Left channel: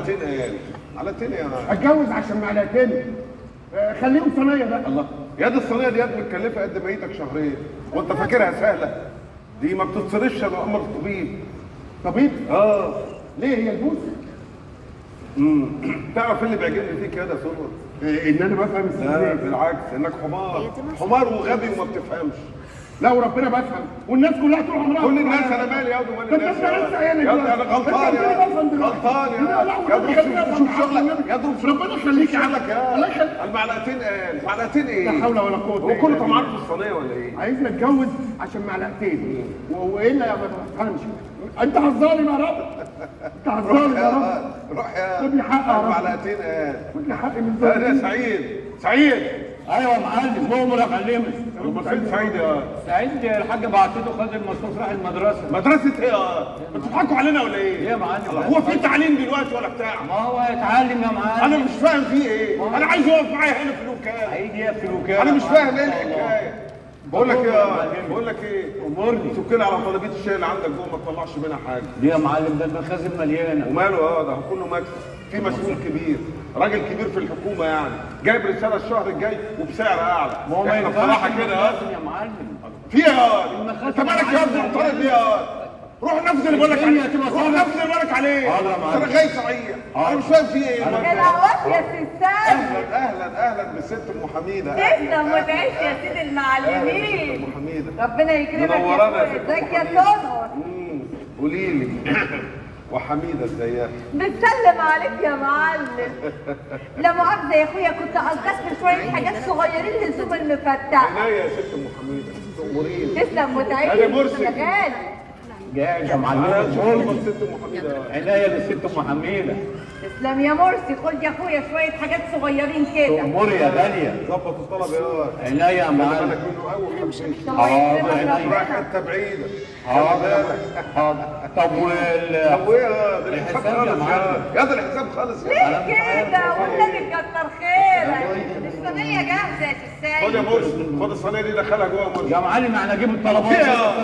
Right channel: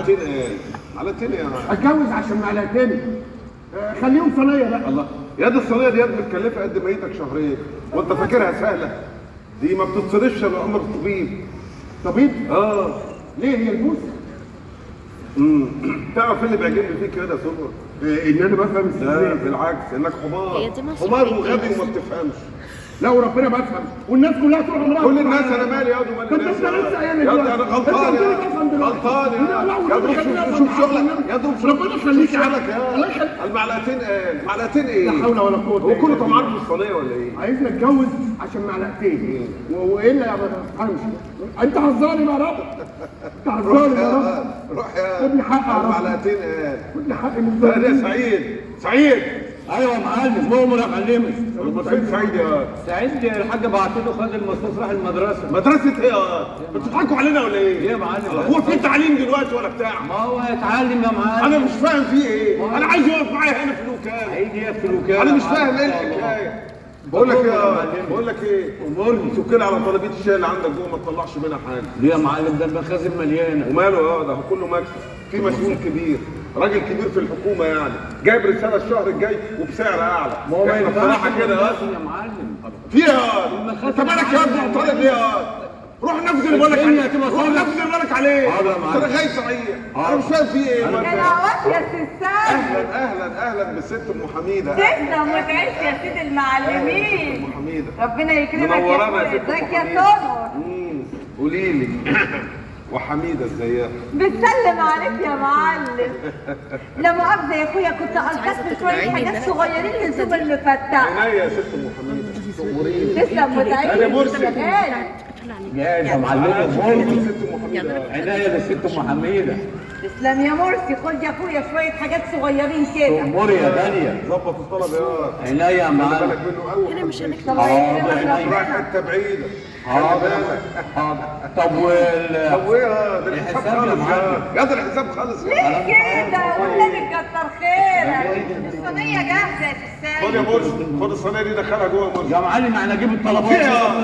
معلقتين قال معلقتين يا اتجوز عشان معلقتين. خليهم صينيه بقى. الله يا دي الصينيه دي متكلفه قد ميتك شهرين وانت فاكرها سهله؟ دي ما بتتصرفش الا امر طبيب. طبيب؟ اه. ليه هي البوسه؟ تعرف اللي بيعجبني فيك كده يا سمر؟ ان انا بفهم لا بالعكس انك حمار حمار وغبي وما بتفهمش. لا وربنا بفهم والناس كلها طول عمرها كل الناس انا مالي يا واد ومال الناس يا واد انا غلطان غلطان يا دوب شوف شغلك يا دوب ربنا يخليك شغلك يا المعلقتين قال معلقتين ايه؟ لا حول ولا قوه. هو كله طمعان في الصينيه ولا ايه؟ عايزني اتجوز عشان معلقتين والا يا ما تفهمش. انت هزاري يا رب. انت هزاري يا رب. روح يا خد لي حقي يا رب. معلقتين قال خد لي حقي لا يا سعيد سعيد. ايوه يا معلم مؤمر يا معلمي. امال فين سعيد يا سعيد الحاج بعت له خد المصروف راح المدرسه. مدرسه ايه يا بتضحكوا علينا ولا ايه؟ ليه يا معلم؟ هو في تعليم دلوقتي ولا بتاع؟ ما هو هيتعلم يا معلم. انا مش فاهم فيه ايه؟ انا عايز يقف معايا هنا في الوكاله. هيجي يقف في الوكاله. انا مش فاهم ايه الحكايه. بقول لك ايه؟ امرني. شكرا على طلبيه الشاي اللي عندك جوه ما تطلعش منها حاجه. ليه يا معلم؟ ده المخازن مليانه. وماله ده كله مكسب. في مسؤول كبير راجل كبير في الحكومه يعني جايب رساله الشهر الجاي وبسعر اعلى. ما هو ما ينفعش بصراحه كده يا معلم. فيها انت مالك يا ابني معترض ليه يا روح نفذ اللي بالك عليه. روح نفذ اللي بالك عليه. انا غايب صحيح. انا مش فاهم فيه ايه. العوض يا ستات. اهلا بالست ام حميده. تسلم وتعيش يا سيدي المعلمين. ام حميده ربنا يكرمك منورانا يا يا ست ازيك يا حميدة. سمر. قولي لي وحميده ازيها؟ بتسلم عليك يا معلم. لا مؤاخذة يا اخويا كنت القيت شوية حاجات صغيرين للزوم المفتح. عينيا يا ست ام حميده تأمريني. تسلم وتعيش انا مرسي. يا غالي. لا يا انا معلم. ست ام حميده. عناية بالست ام حميده. تسلم يا مرسي. خد يا اخويا شوية حاجات صغيرين كده. اموري يا غاليه. ظبط الطلب يا عناية يا خلي معلم. بالك منه قوي. الله يكرمك رايح ربنا. حته بعيده. حاضر حاضر. طب طب وايه ده الحساب الحساب يا خالص معلم. يا ده الحساب خالص. ليه كده؟ والنبي كتر خيرك. الصينية جاهزة يا خد تستاهل. يا مرسي خد الصينيه دي دخلها جوه يا مرسي. يا معلم احنا نجيب الطلبات فيها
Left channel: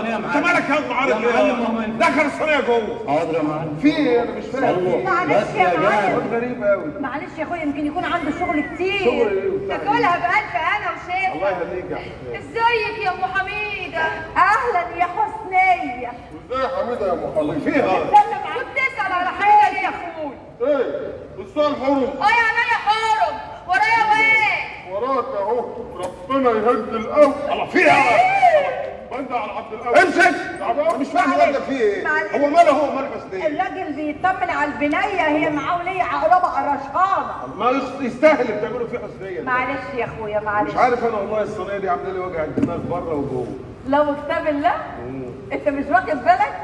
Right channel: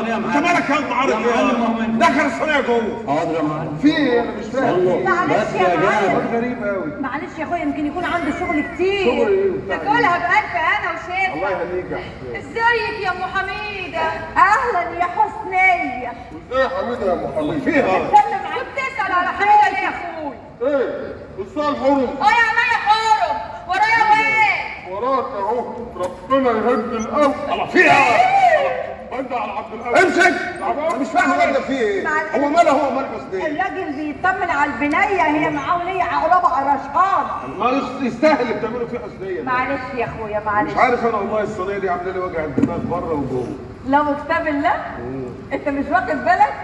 يا انت معلم. مالك يا معارض يا معلم ايه؟ دخل الصينيه جوه. حاضر يا معلم. في ايه انا مش فاهم. معلش بس يا يا معلم. جاد. غريب قوي. معلش يا اخويا يمكن يكون عنده شغل كتير. شغل ايه وبتاع تاكلها بألف انا وشيخ. الله يهنيك يا حسين. ازيك يا ام حميده؟ اهلا يا حسنيه. ازاي يا حميده يا ام حميده؟ فيها استنى معاك تسال على حاجه يا اخوي. ايه؟ وصال حرم يا عينيا حارم. ورايا واقف. وراك اهو ربنا يهدي القوي. الله فيها بند على عبد القوي. امسك انا مش فاهم الراجل فيه ايه؟ هو ماله هو مال حسنيه؟ الراجل بيطمن على البنيه هي معاه وليه عقربه رشقانه. ما يستاهل اللي بتعمله فيه حسنيه. معلش يا اخويا معلش. مش عارف انا والله الصينيه دي عامله لي وجع الدماغ بره وجوه. لو كتاب الله انت مش واخد بالك؟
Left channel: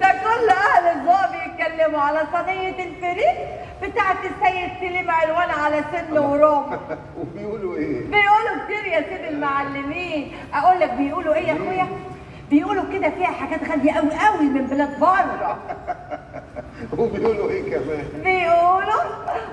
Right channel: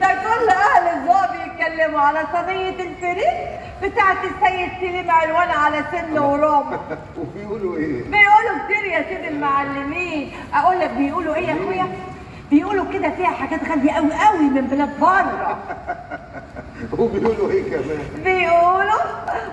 ده كل اهل الذوق بيتكلموا على صينيه الفريك بتاعت السيد سليم علوان على سن ورابع. وبيقولوا ايه؟ بيقولوا كتير يا سيدي المعلمين. اقول لك بيقولوا ايه يا اخويا؟ بيقولوا كده فيها حاجات غاليه قوي قوي من بلاد بره. وبيقولوا ايه كمان؟ بيقولوا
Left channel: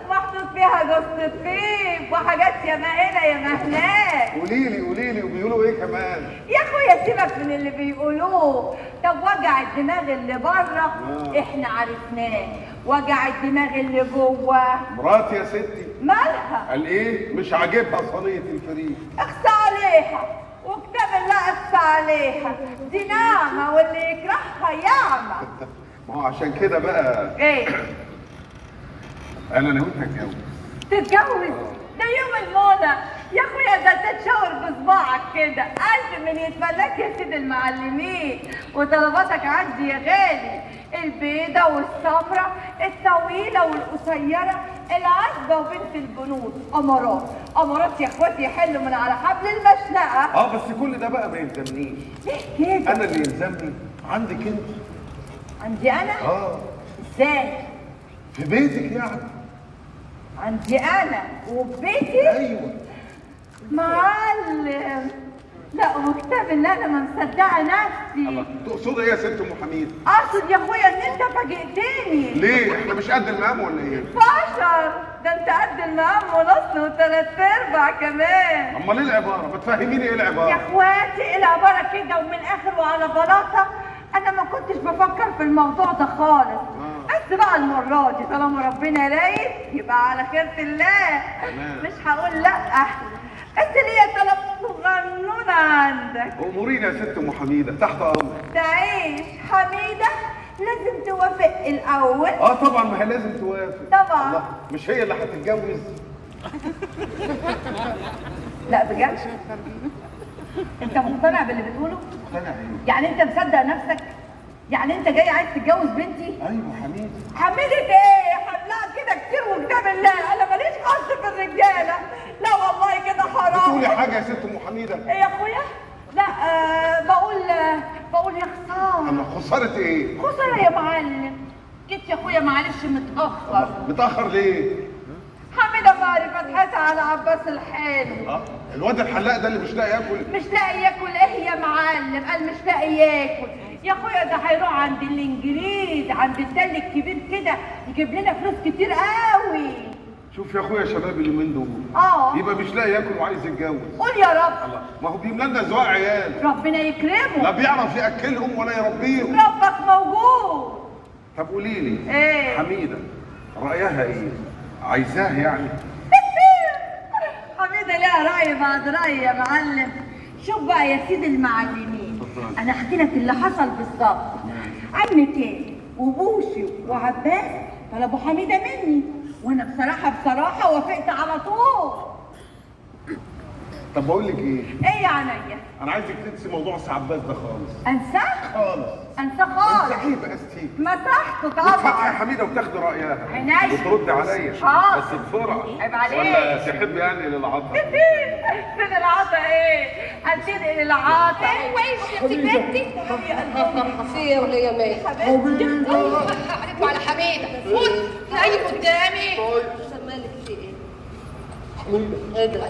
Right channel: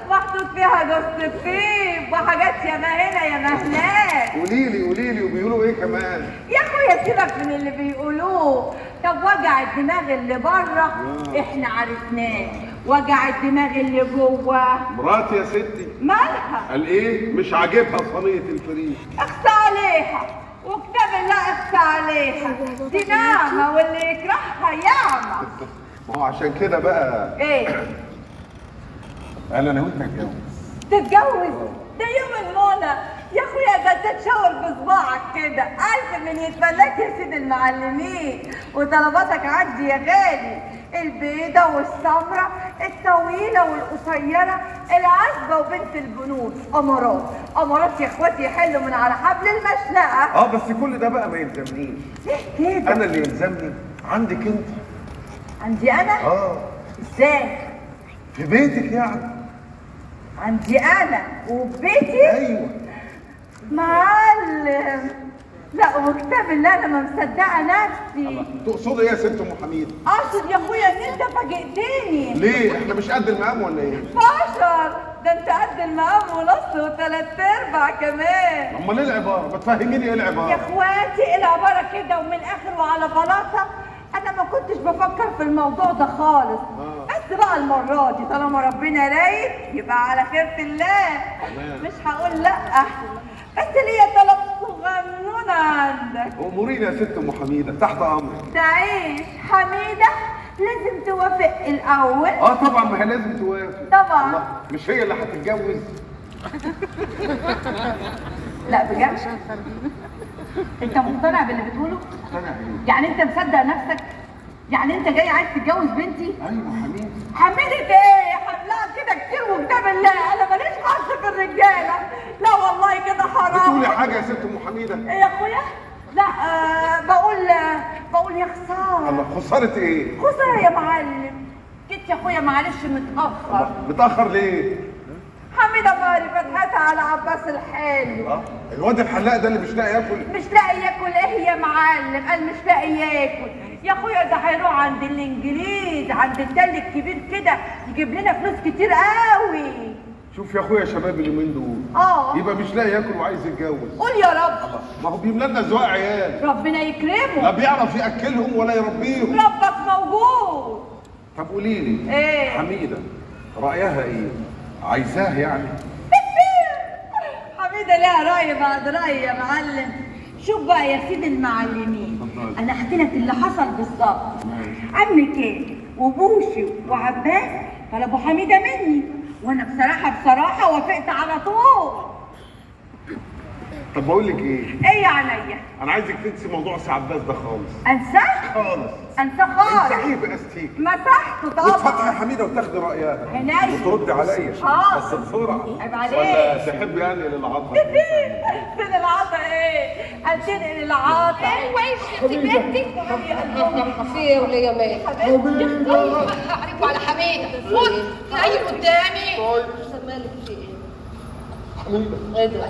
محطوط فيها جوز الطيب وحاجات يا ما هنا يا ما هناك. قولي لي وبيقولوا ايه كمان؟ يا اخويا سيبك من اللي بيقولوه. طب وجع الدماغ اللي بره احنا عرفناه، وجع الدماغ اللي جوه مراتي يا ستي مالها؟ قال ايه؟ مش عاجبها صينيه الفريك. اخفى عليها وكتاب الله اخفى عليها. دي نعمه واللي يكرهها يعمى. ما هو عشان كده بقى ايه؟ قال انا وانت هتجوز. تتجوز؟ ده يوم المنى يا اخويا. ده تتشاور بصباعك كده. الف من يتملاك يا سيد المعلمين. وطلباتك عندي يا غالي. البيضه والسمراء الطويله والقصيره العذبه وبنت البنود. امارات يا اخواتي يحلوا من على حبل المشنقه. بس كل ده بقى ما يلزمنيش. ليه كده؟ انا اللي يلزمني عندك انت. عندي انا؟ ازاي؟ في بيتك يعني. عندي انا وفي بيتي؟ ايوه معلم. لا وكتاب الله انا ما مصدقه نفسي. تقصدي ايه يا ست ام حميد؟ اقصد يا اخويا ان انت فاجئتني. ليه؟ احنا مش قد المقام ولا ايه؟ بشر. ده انت قد المقام ونص وثلاث ارباع كمان. امال ايه العباره؟ ما تفهميني ايه يا العباره؟ اخواتي العباره كده ومن اخر وعلى بلاطه. انا ما كنتش بفكر في الموضوع ده خالص. بس بس بقى المرة دي طالما ربنا رايد يبقى على خيرة الله. مش هقول لأ، بس ليا طلب صغنون عندك. امورينا يا ست ام حميده، تحت امرك. تعيش حميدة لازم توافق الأول. طبعا، ما هي لازم توافق. طبعا. الله، مش هي اللي هتتجوز؟ لا بجد؟ انت مقتنع باللي بتقوله؟ مقتنع ايه؟ يعني انت مصدق نفسك؟ يعني انت جاي عايز تتجوز بنتي؟ ايوه حميده. حميدة ايه؟ حملها كده كتير وكتاب الله، انا ماليش حظ في الرجاله. لا والله كده حرام. بتقولي حاجه يا ست ام حميده؟ ايه يا اخويا؟ لا بقول يا خساره. الله، خساره ايه؟ خساره يا معلم. جيت يا اخويا معلش متاخر. متاخر ليه؟ حميدة ماري فتحتها على عباس الحلو. الواد الحلاق ده اللي مش لاقي ياكل. مش لاقي ياكل ايه يا معلم؟ قال مش لاقي ياكل يا اخويا، ده هيروح عند الانجليز، عند التل الكبير كده يجيب لنا فلوس كتير قوي. شوف يا اخويا شباب اليومين دول يبقى مش لاقي ياكل وعايز يتجوز. قول يا رب. ما هو بيملى لنا ذوق عيال، ربنا يكرمه. لا بيعرف ياكلهم ولا يربيهم. ربك موجود. طب قولي لي ايه؟ حميده رايها ايه؟ عايزاه يعني؟ حميدة ليها رأي بعد رأي يا معلم. شوف بقى يا سيدي المعلمين، أنا أحكي لك اللي حصل بالظبط. عمي كامل وبوشي وعباس طلبوا حميدة مني، وأنا بصراحة وافقت على طول. طب بقول لك ايه؟ إيه يا عينيا؟ انا عايزك تنسي موضوع عباس ده خالص. أنساه؟ خالص. أنساه خالص. انسحيه باستيك. مسحته وتفتحي طبعا. حميده وتاخدي رايها. عينيا. وتردي عليا بس بسرعه. عيب عليك. ولا تحب يعني للعطف؟ فين العطا ايه؟ هتنقل العطا. ايوه يا ستي بنتي. يا قلبي في ايه وليه مال؟ حبيبتي. عليكم على حميده. فوت هاي قدامي. مالك في ايه؟ حميده. ايه ده؟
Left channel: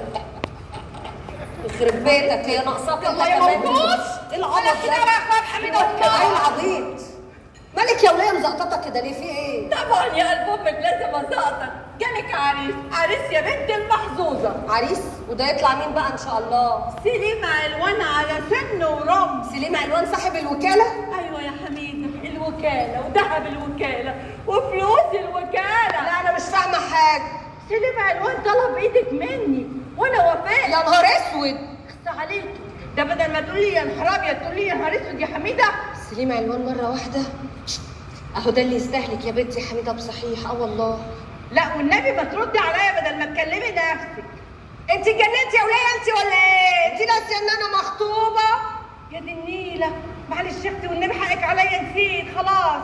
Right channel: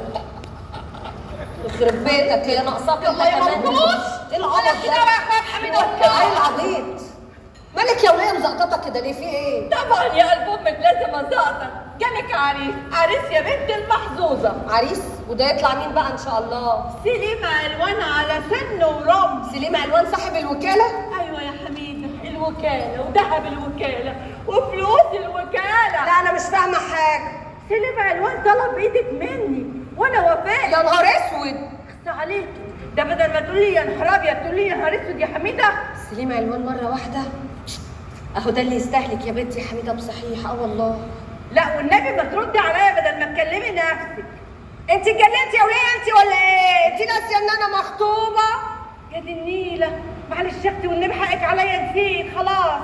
يخرب بيتك هي ناقصاك انت كمان. ايه العبط ده؟ حميده ايه العبيط؟ مالك يا وليه مزقططه كده ليه؟ في ايه؟ طبعا يا قلب امك لازم ازقطك. جالك عريس يا بنت المحظوظه. عريس؟ وده يطلع مين بقى ان شاء الله؟ سليم علوان على سن ورمز. سليم علوان صاحب الوكاله؟ ايوه يا حميده، الوكاله وذهب الوكاله وفلوس الوكاله. لا انا مش فاهمه حاجه. سليم علوان طلب ايدك مني وانا وافقت. يا نهار اسود. اخص عليكي، ده بدل ما تقولي يا نهار ابيض تقولي يا نهار اسود يا حميده. سليم علوان مره واحده؟ اهو ده اللي يستهلك يا بنتي يا حميده بصحيح. والله. لا والنبي ما تردي عليا بدل ما تكلمي نفسك. انت اتجننتي يا وليه انت ولا ايه؟ انت ناسيه ان انا مخطوبه؟ يا دي النيله، معلش يا اختي والنبي حقك عليا، نسيت خلاص.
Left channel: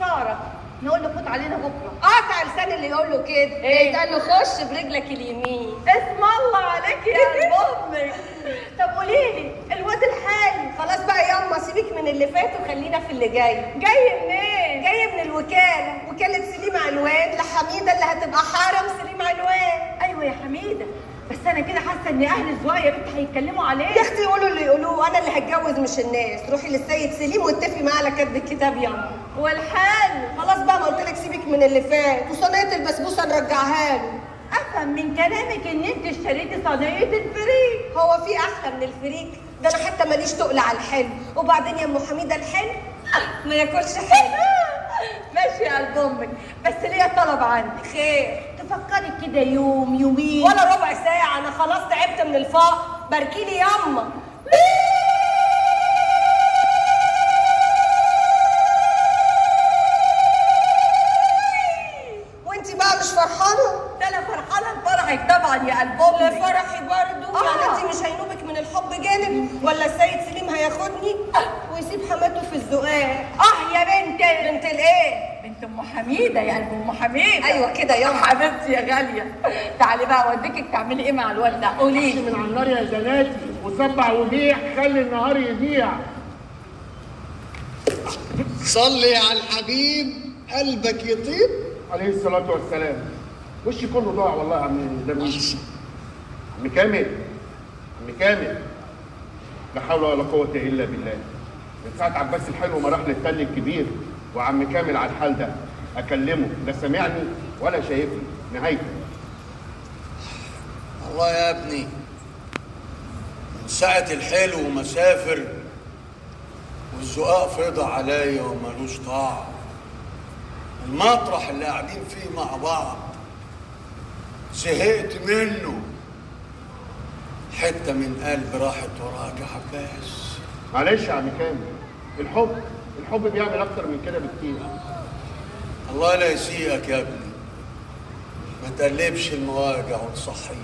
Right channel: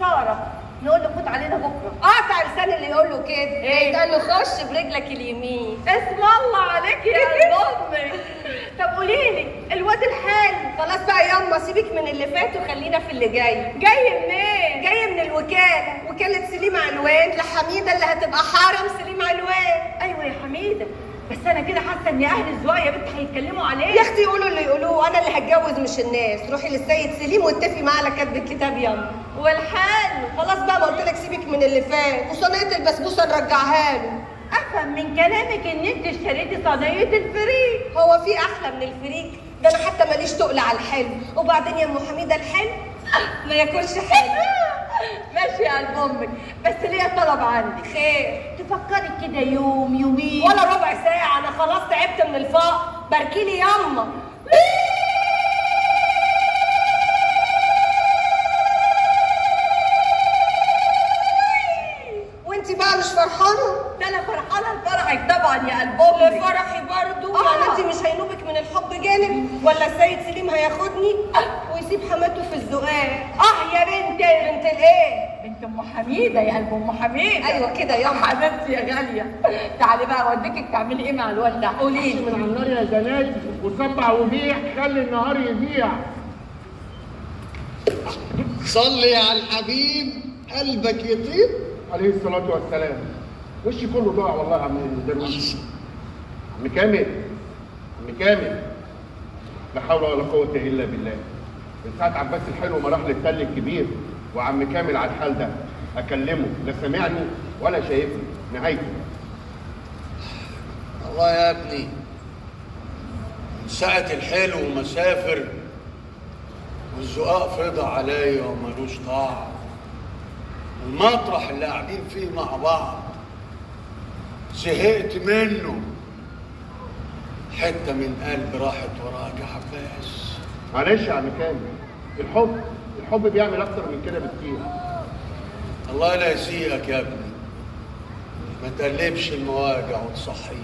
خساره، نقول له فوت علينا بكره. قاطع لسان اللي يقول له كده. ايه ده؟ له خش برجلك اليمين. اسم الله عليك يا امي. طب قولي لي الواد الحالي. خلاص بقى ياما سيبك من اللي فات وخلينا في اللي جاي. جاي منين؟ جاي من الوكاله، وكاله سليم علوان لحميده اللي هتبقى حرم سليم علوان. ايوه يا حميده، بس انا كده حاسه ان اهل الزواج يا بنت هيتكلموا عليه. يا اختي يقولوا اللي يقولوه، انا اللي هتجوز مش الناس. روحي للسيد سليم واتفقي معاه على كتب الكتاب ياما. والحال خلاص بقى ما قلت لك سيبك من اللي فات، وصينيه البسبوسه نرجعها له. افهم من كلامك ان انت اشتريتي صينيه الفريك. هو في احلى من الفريك ده؟ انا حتى ماليش تقل على الحلو. وبعدين يا ام حميده الحلو ما ياكلش حلو. ماشي يا قلب امك، بس ليا طلب عندك. خير؟ تفكري كده يوم يومين ولا ربع ساعه، انا خلاص تعبت من الفقر. باركيلي ياما. وانت بقى مش فرحانه؟ ده انا فرحانه لفرحك طبعا يا قلب امك. لفرحي برضه؟ يعني انت مش هينوبك من الحب جانب؟ ولا السيد سليم هياخدني ويسيب حماته في الزقاق؟ يا بنتي. بنت الايه؟ بنت ام حميده يا قلب ام حميده. ايوه كده ياما. حبيبتي يا غاليه، تعالي بقى اوديكي تعملي ايه مع الواد ده؟ قولي من على النار يا زناتي وسبع وبيع، خلي النهار يضيع. صلي على الحبيب قلبك يطيب. عليه الصلاة والسلام. وشي كله ضاع والله يا عم درويش. عم كامل، عم كامل، لا حول ولا قوة إلا بالله. من ساعة عباس الحلو ما راح للتل الكبير وعم كامل على الحال ده، أكلمه لا سامعني ولا شايفني. نهايته. الله يا ابني، من ساعة الحلو مسافر والزقاق فضى عليا ومالوش طاعة. المطرح اللي قاعدين فيه مع بعض زهقت منه. حتة من قلب راحت وراك يا عباس. معلش يا عم كامل، الحب بيعمل اكتر من كده بكتير. الله لا يسيئك يا ابني، ما تقلبش المواجع وتصحيه.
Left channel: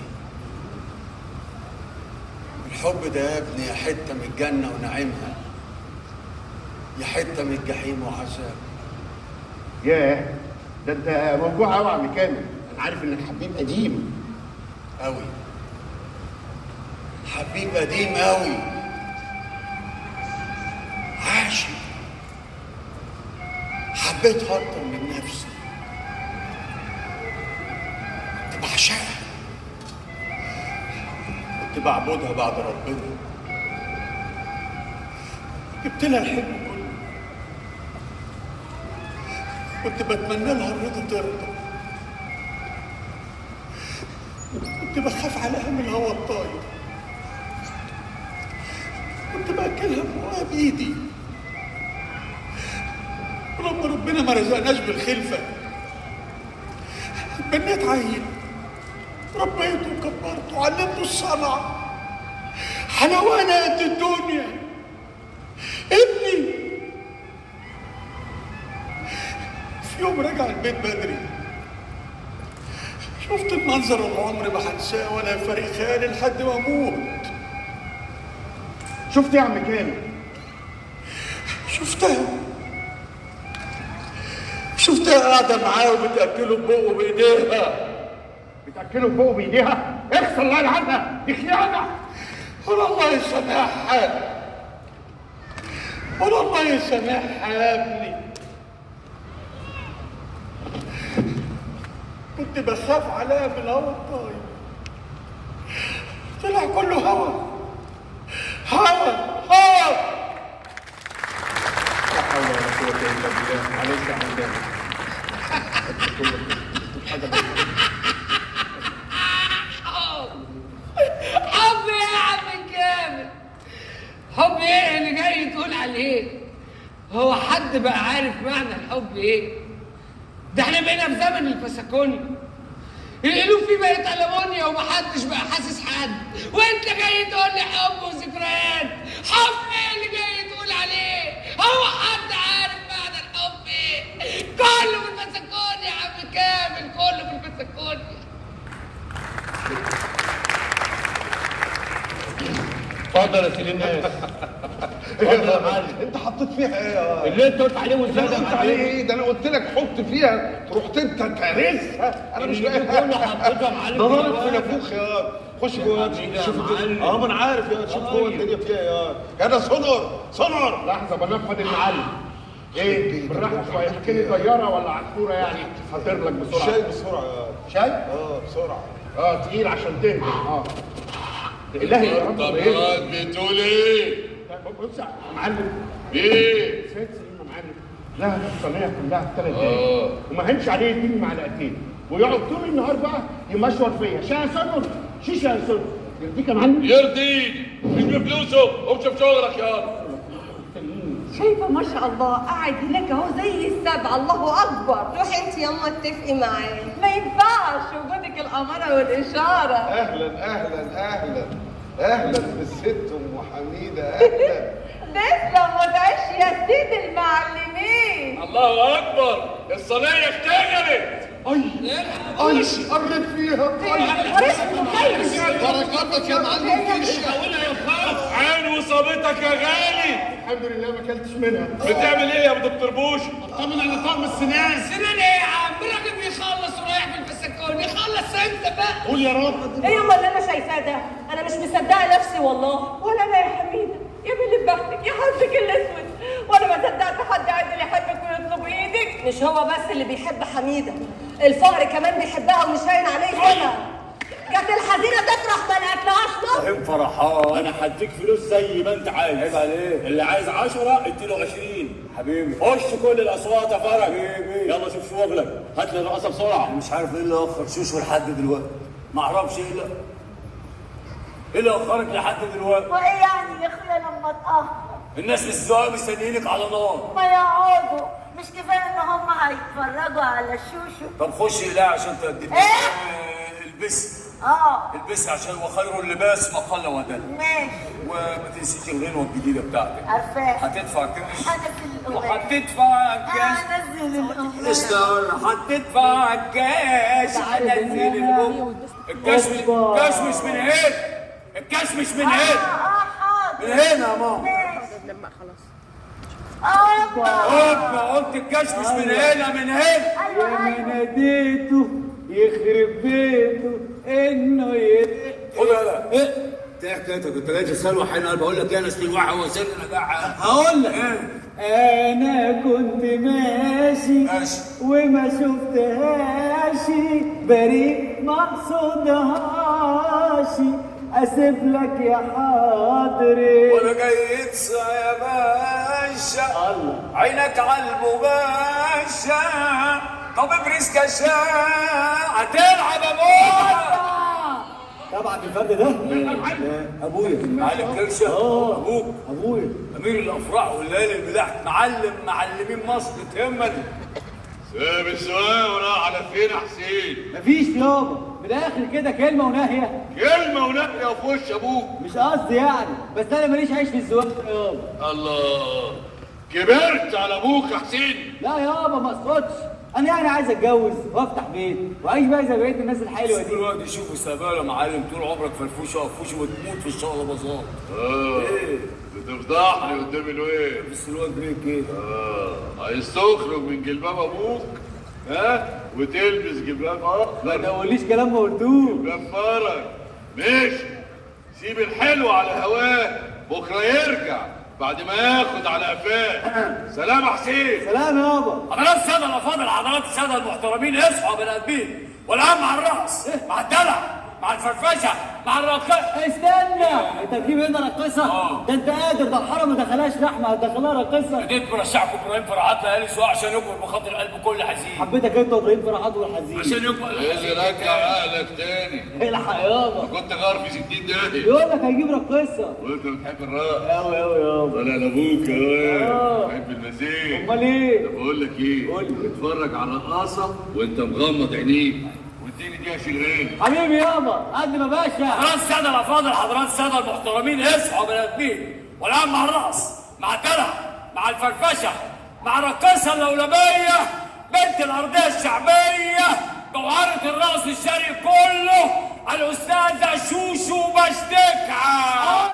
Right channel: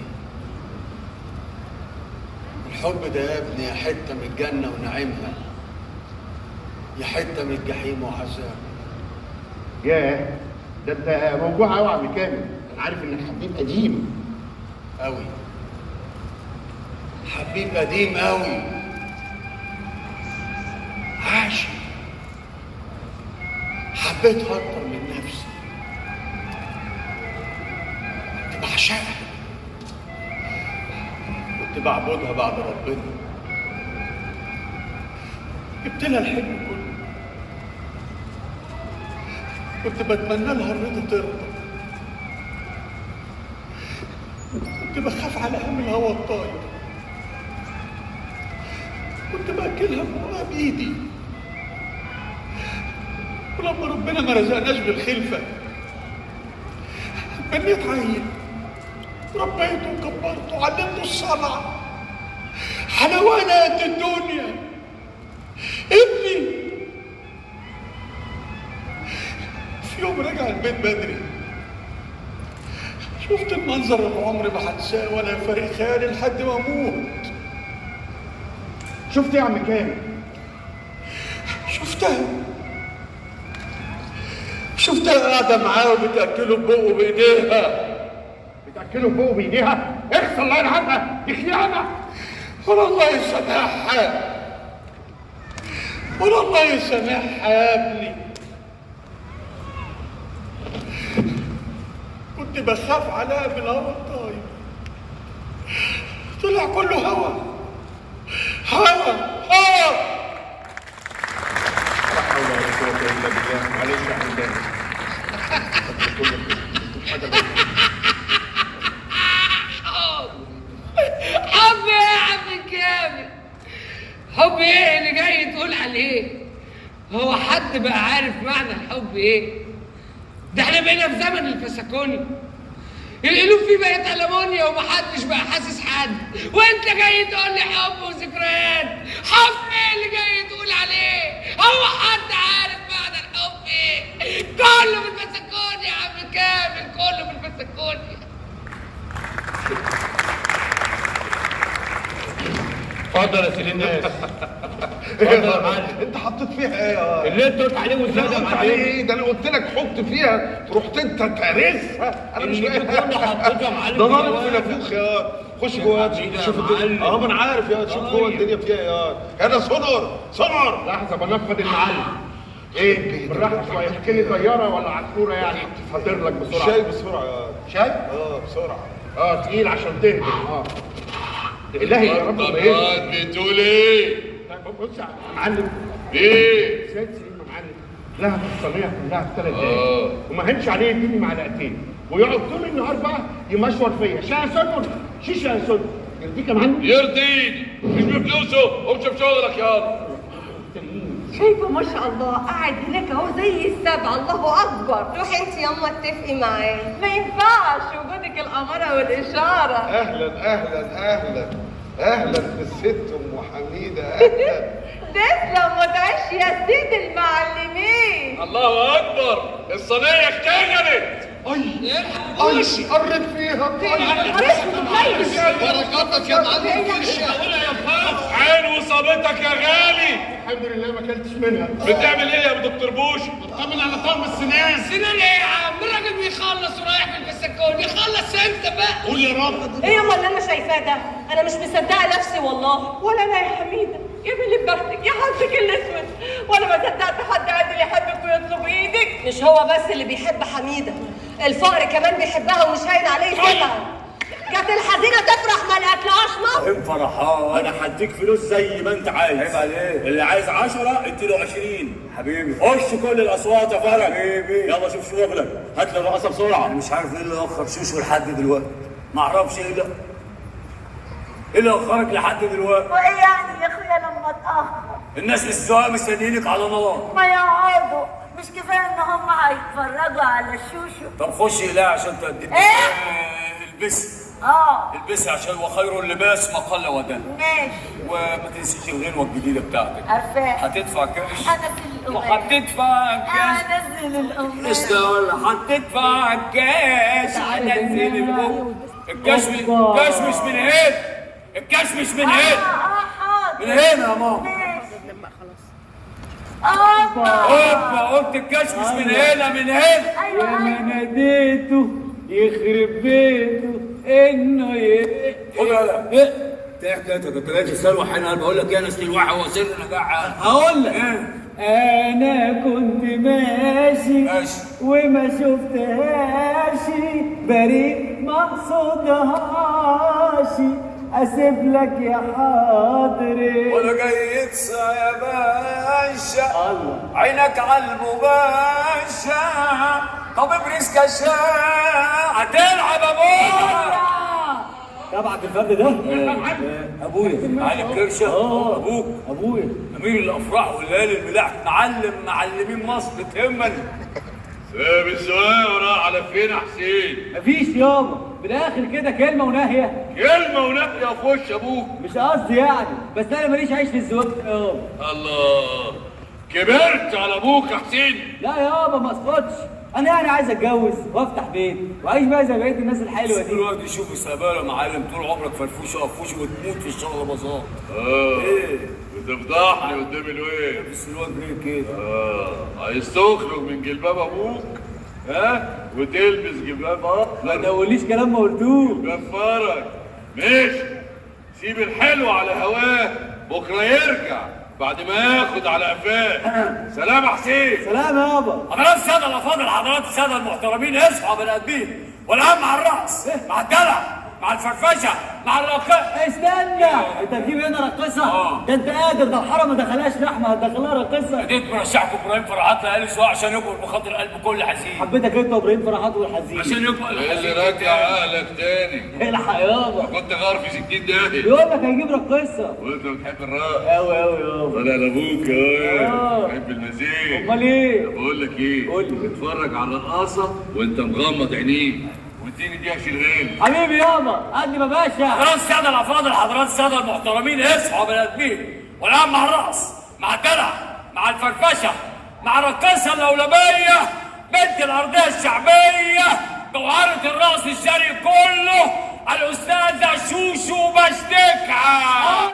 الحب ده يا ابني يا حته من الجنه ونعيمها، يا حته من الجحيم وعذاب. ياه، ده انت موجوع قوي يا عم كامل. انا عارف ان الحبيب قديم قوي، حبيب قديم قوي، عاشق، حبيتها اكتر من نفسي، كنت بعشقها، كنت بعبدها بعد ربنا، جبت لها الحلم كله، كنت بتمنى لها الرضا ترضى، كنت بخاف عليها من الهوى الطاير، كنت باكلها بقها بايدي. لما ربنا ما رزقناش بالخلفه بنيت عيل، ربيته وكبرته وعلمته الصنعه، حلوانات الدنيا ابني. في يوم رجع البيت بدري، شفت المنظر اللي عمري ما هنساه ولا يفارق خيالي لحد ما اموت. شفت يا عم كامل؟ شفتها قاعدة معاه وبتأكله ببقه بإيديها. بتاكله فوق بايديها؟ اخسر الله يرحمها، دي خيانه. ولا الله يسامحها، ولا الله يسامحها يا ابني. كنت بخاف عليها من الهوا الطاير، طلع كله هوا. لا حول ولا قوه الا بالله. معلش يا عم كامل. حب ايه يا عم كامل؟ حب ايه اللي جاي تقول عليه؟ هو حد بقى عارف معنى الحب ايه؟ ده احنا بقينا في زمن الفسكوني، القلوب فيه بقت ألمونيا ومحدش بقى حاسس حد، وانت جاي تقول لي حب وذكريات. حب ايه اللي جاي تقول عليه؟ هو حد عارف معنى الحب ايه؟ كله في الفسكوني يا عم كامل، كله في الفسكوني. اتفضل يا سيدي الناس. اتفضل يا معلم. انت حطيت فيها ايه يا اللي انت قلت عليه والزياده يا معلم. ايه ده؟ انا قلت لك حط فيها، رحت انت تهرسها. انا مش اللي كله حطيتها يا معلم. ده ضرب في نافوخ يا. خش جوه شوف الدنيا. ما انا عارف يا. شوف جوه الدنيا فيها يا. انا صنر. لحظه بنفض المعلم. ايه بالراحه شويه، احكي لي طياره ولا عصفوره يعني؟ هطير لك بسرعه. شاي بسرعه يا. شاي؟ بسرعه. تقيل عشان تهدى. الهي يا رب. ايه بتقول ايه؟ بص يا معلم. ايه؟ شويه سليم يا معلم. لها الصينيه كلها في 3 دقايق وما هنش عليه يديني معلقتين ويقعد طول النهار بقى يمشور فيا. شاي يا سنر، شيشه يا سنر. يديك يا معلم. يرضيك مش بفلوسه، قوم شوف شغلك يا. شايفه ما شاء الله قاعد هناك اهو زي السبع. الله اكبر. روحي انت يما اتفقي معاه. ما ينفعش وجودك الاماره والاشاره. اهلا بالست ام حميده. اهلا. تسلم وتعيش يا سيد المعلمين. الله اكبر، الصينيه اشتغلت. اي قرب فيها. بركاتك يا معلم كرشه. عين وصابتك يا غالي. الحمد لله ما اكلتش منها. بتعمل ايه يا ابو دكتور بوش؟ بطمن على طعم السنان. سنان ايه يا عم؟ الراجل بيخلص ورايح في الفسكون، يخلص امتى بقى؟ قول يا رب. ايه يما اللي انا شايفاه ده؟ انا مش مصدقه نفسي والله. ولا انا يا حميده يا اللي بختك يا حظك الاسود، ولا ما صدقت حد عادل يحبك ويطلب ايدك. مش هو بس اللي بيحب حميده، الفقر كمان بيحبها ومش هاين عليه سمعه. كانت الحزينه تفرح ما لقتلهاش نص. فرحان. انا هديك فلوس زي ما انت عايز. عيب عليك. اللي عايز 10 اديله 20. حبيبي خش كل الاصوات يا فرج. حبيبي يلا شوف شغلك. هات لي الرقصه بسرعه. مش عارف ايه اللي اخر شوشو لحد دلوقتي. ما اعرفش ايه اللي اخرك لحد دلوقتي. وايه يعني يا اخويا لما اتاخر؟ الناس السواق مستنيينك على نار. ما يقعدوا مش كفايه ان هم هيتفرجوا على الشوشو؟ طب خشي لا عشان تقدمي. البسي. البسي عشان وخير اللباس ما قل ودل. ماشي. وما تنسيش الغنوه الجديده بتاعتك. عارفاها. هتدفع كاش. هنزل وهتدفع كاش. هنزل الأغنية. هتدفع كاش. هنزل الأغنية. الكاش مش من هنا. الكاش مش من هنا. من هنا يا ماما. اوبا قلت الكاش مش من هنا من هنا. يا ما ناديته يخرب بيته انه خد يلا. ايه حكايتك؟ كنت جاي تسال حين بقول لك يا ناس الوعي هو سر نجاح. هقول لك انا كنت ماشي وما شفتهاش بريء ما اقصدهاش اسيب لك يا حاضري وانا جاي يتصى يا باشا عينك على المباشا. طب ابرز كشاع هتلعب ابوك. طبعا الفرد ده ابويا علي الكرشه. ابويا امير الافراح والليالي الملاح معلمين مصر تهمني. ساب السواق وراح على فين يا حسين؟ مفيش يابا بالاخر كده كلمه وناهيه. كلمه وناهيه في وش ابوك. مش قصدي يعني بس انا ماليش عيش في الزواج يابا. الله كبرت على ابوك يا حسين. لا يابا ما اسقطش. انا يعني عايز اتجوز وافتح بيت واعيش بقى زي بقيه الناس الحلوه دي. الواد يشوف السباله يا معلم طول عمرك فرفوش وقفوش وتموت في الشغل بازار. ايه بتفضحني قدام الواد. بس الواد بيه كده. عايز تخرج من جلباب ابوك وتلبس جلباب ما تقوليش كلام ما قلتوش. جلباب فرج. ماشي سيب الحلو على هواه بكره يرجع بعد ما ياخد على قفاه. سلام يا حسين. سلام يابا. حضرات الساده الافاضل حضرات الساده المحترمين اصحوا يا بني ادمين والعم مع الراس مع الدلع مع الفرفشه مع الرقاصه. استنى انت تجيب هنا رقاصه؟ ده انت قادر ده الحرم ما دخلهاش لحمه هتدخلها رقاصه. اديت برشحكم ابراهيم فرحات ليالي السواق عشان يكبر بخاطر قلب كل حزين. حبيتك انت وابراهيم فرحات والحزين عشان يكبر اللي راجع عقلك تاني. الحق يابا. كنت غار في 60 دقيقة. يقول لك هيجيب رقاصه. وانت بتحب الرق قوي يابا. ولا انا ابوك بحب المزيج. امال ايه؟ بقول لك ايه؟ قول لي. اتفرج على القاصه وانت مغمض عينيك واديني دي شغال. حبيبي يابا قدم يا باشا. حضرات الساده الافاضل حضرات الساده المحترمين اصحوا يا بني ادمين والعم مع الراس مع الدلع مع الفرفشه مع الرقاصه اللولبيه بنت الارضيه الشعبيه جوهره الراس الشرقي كله الاستاذه شوشو بشتكعه.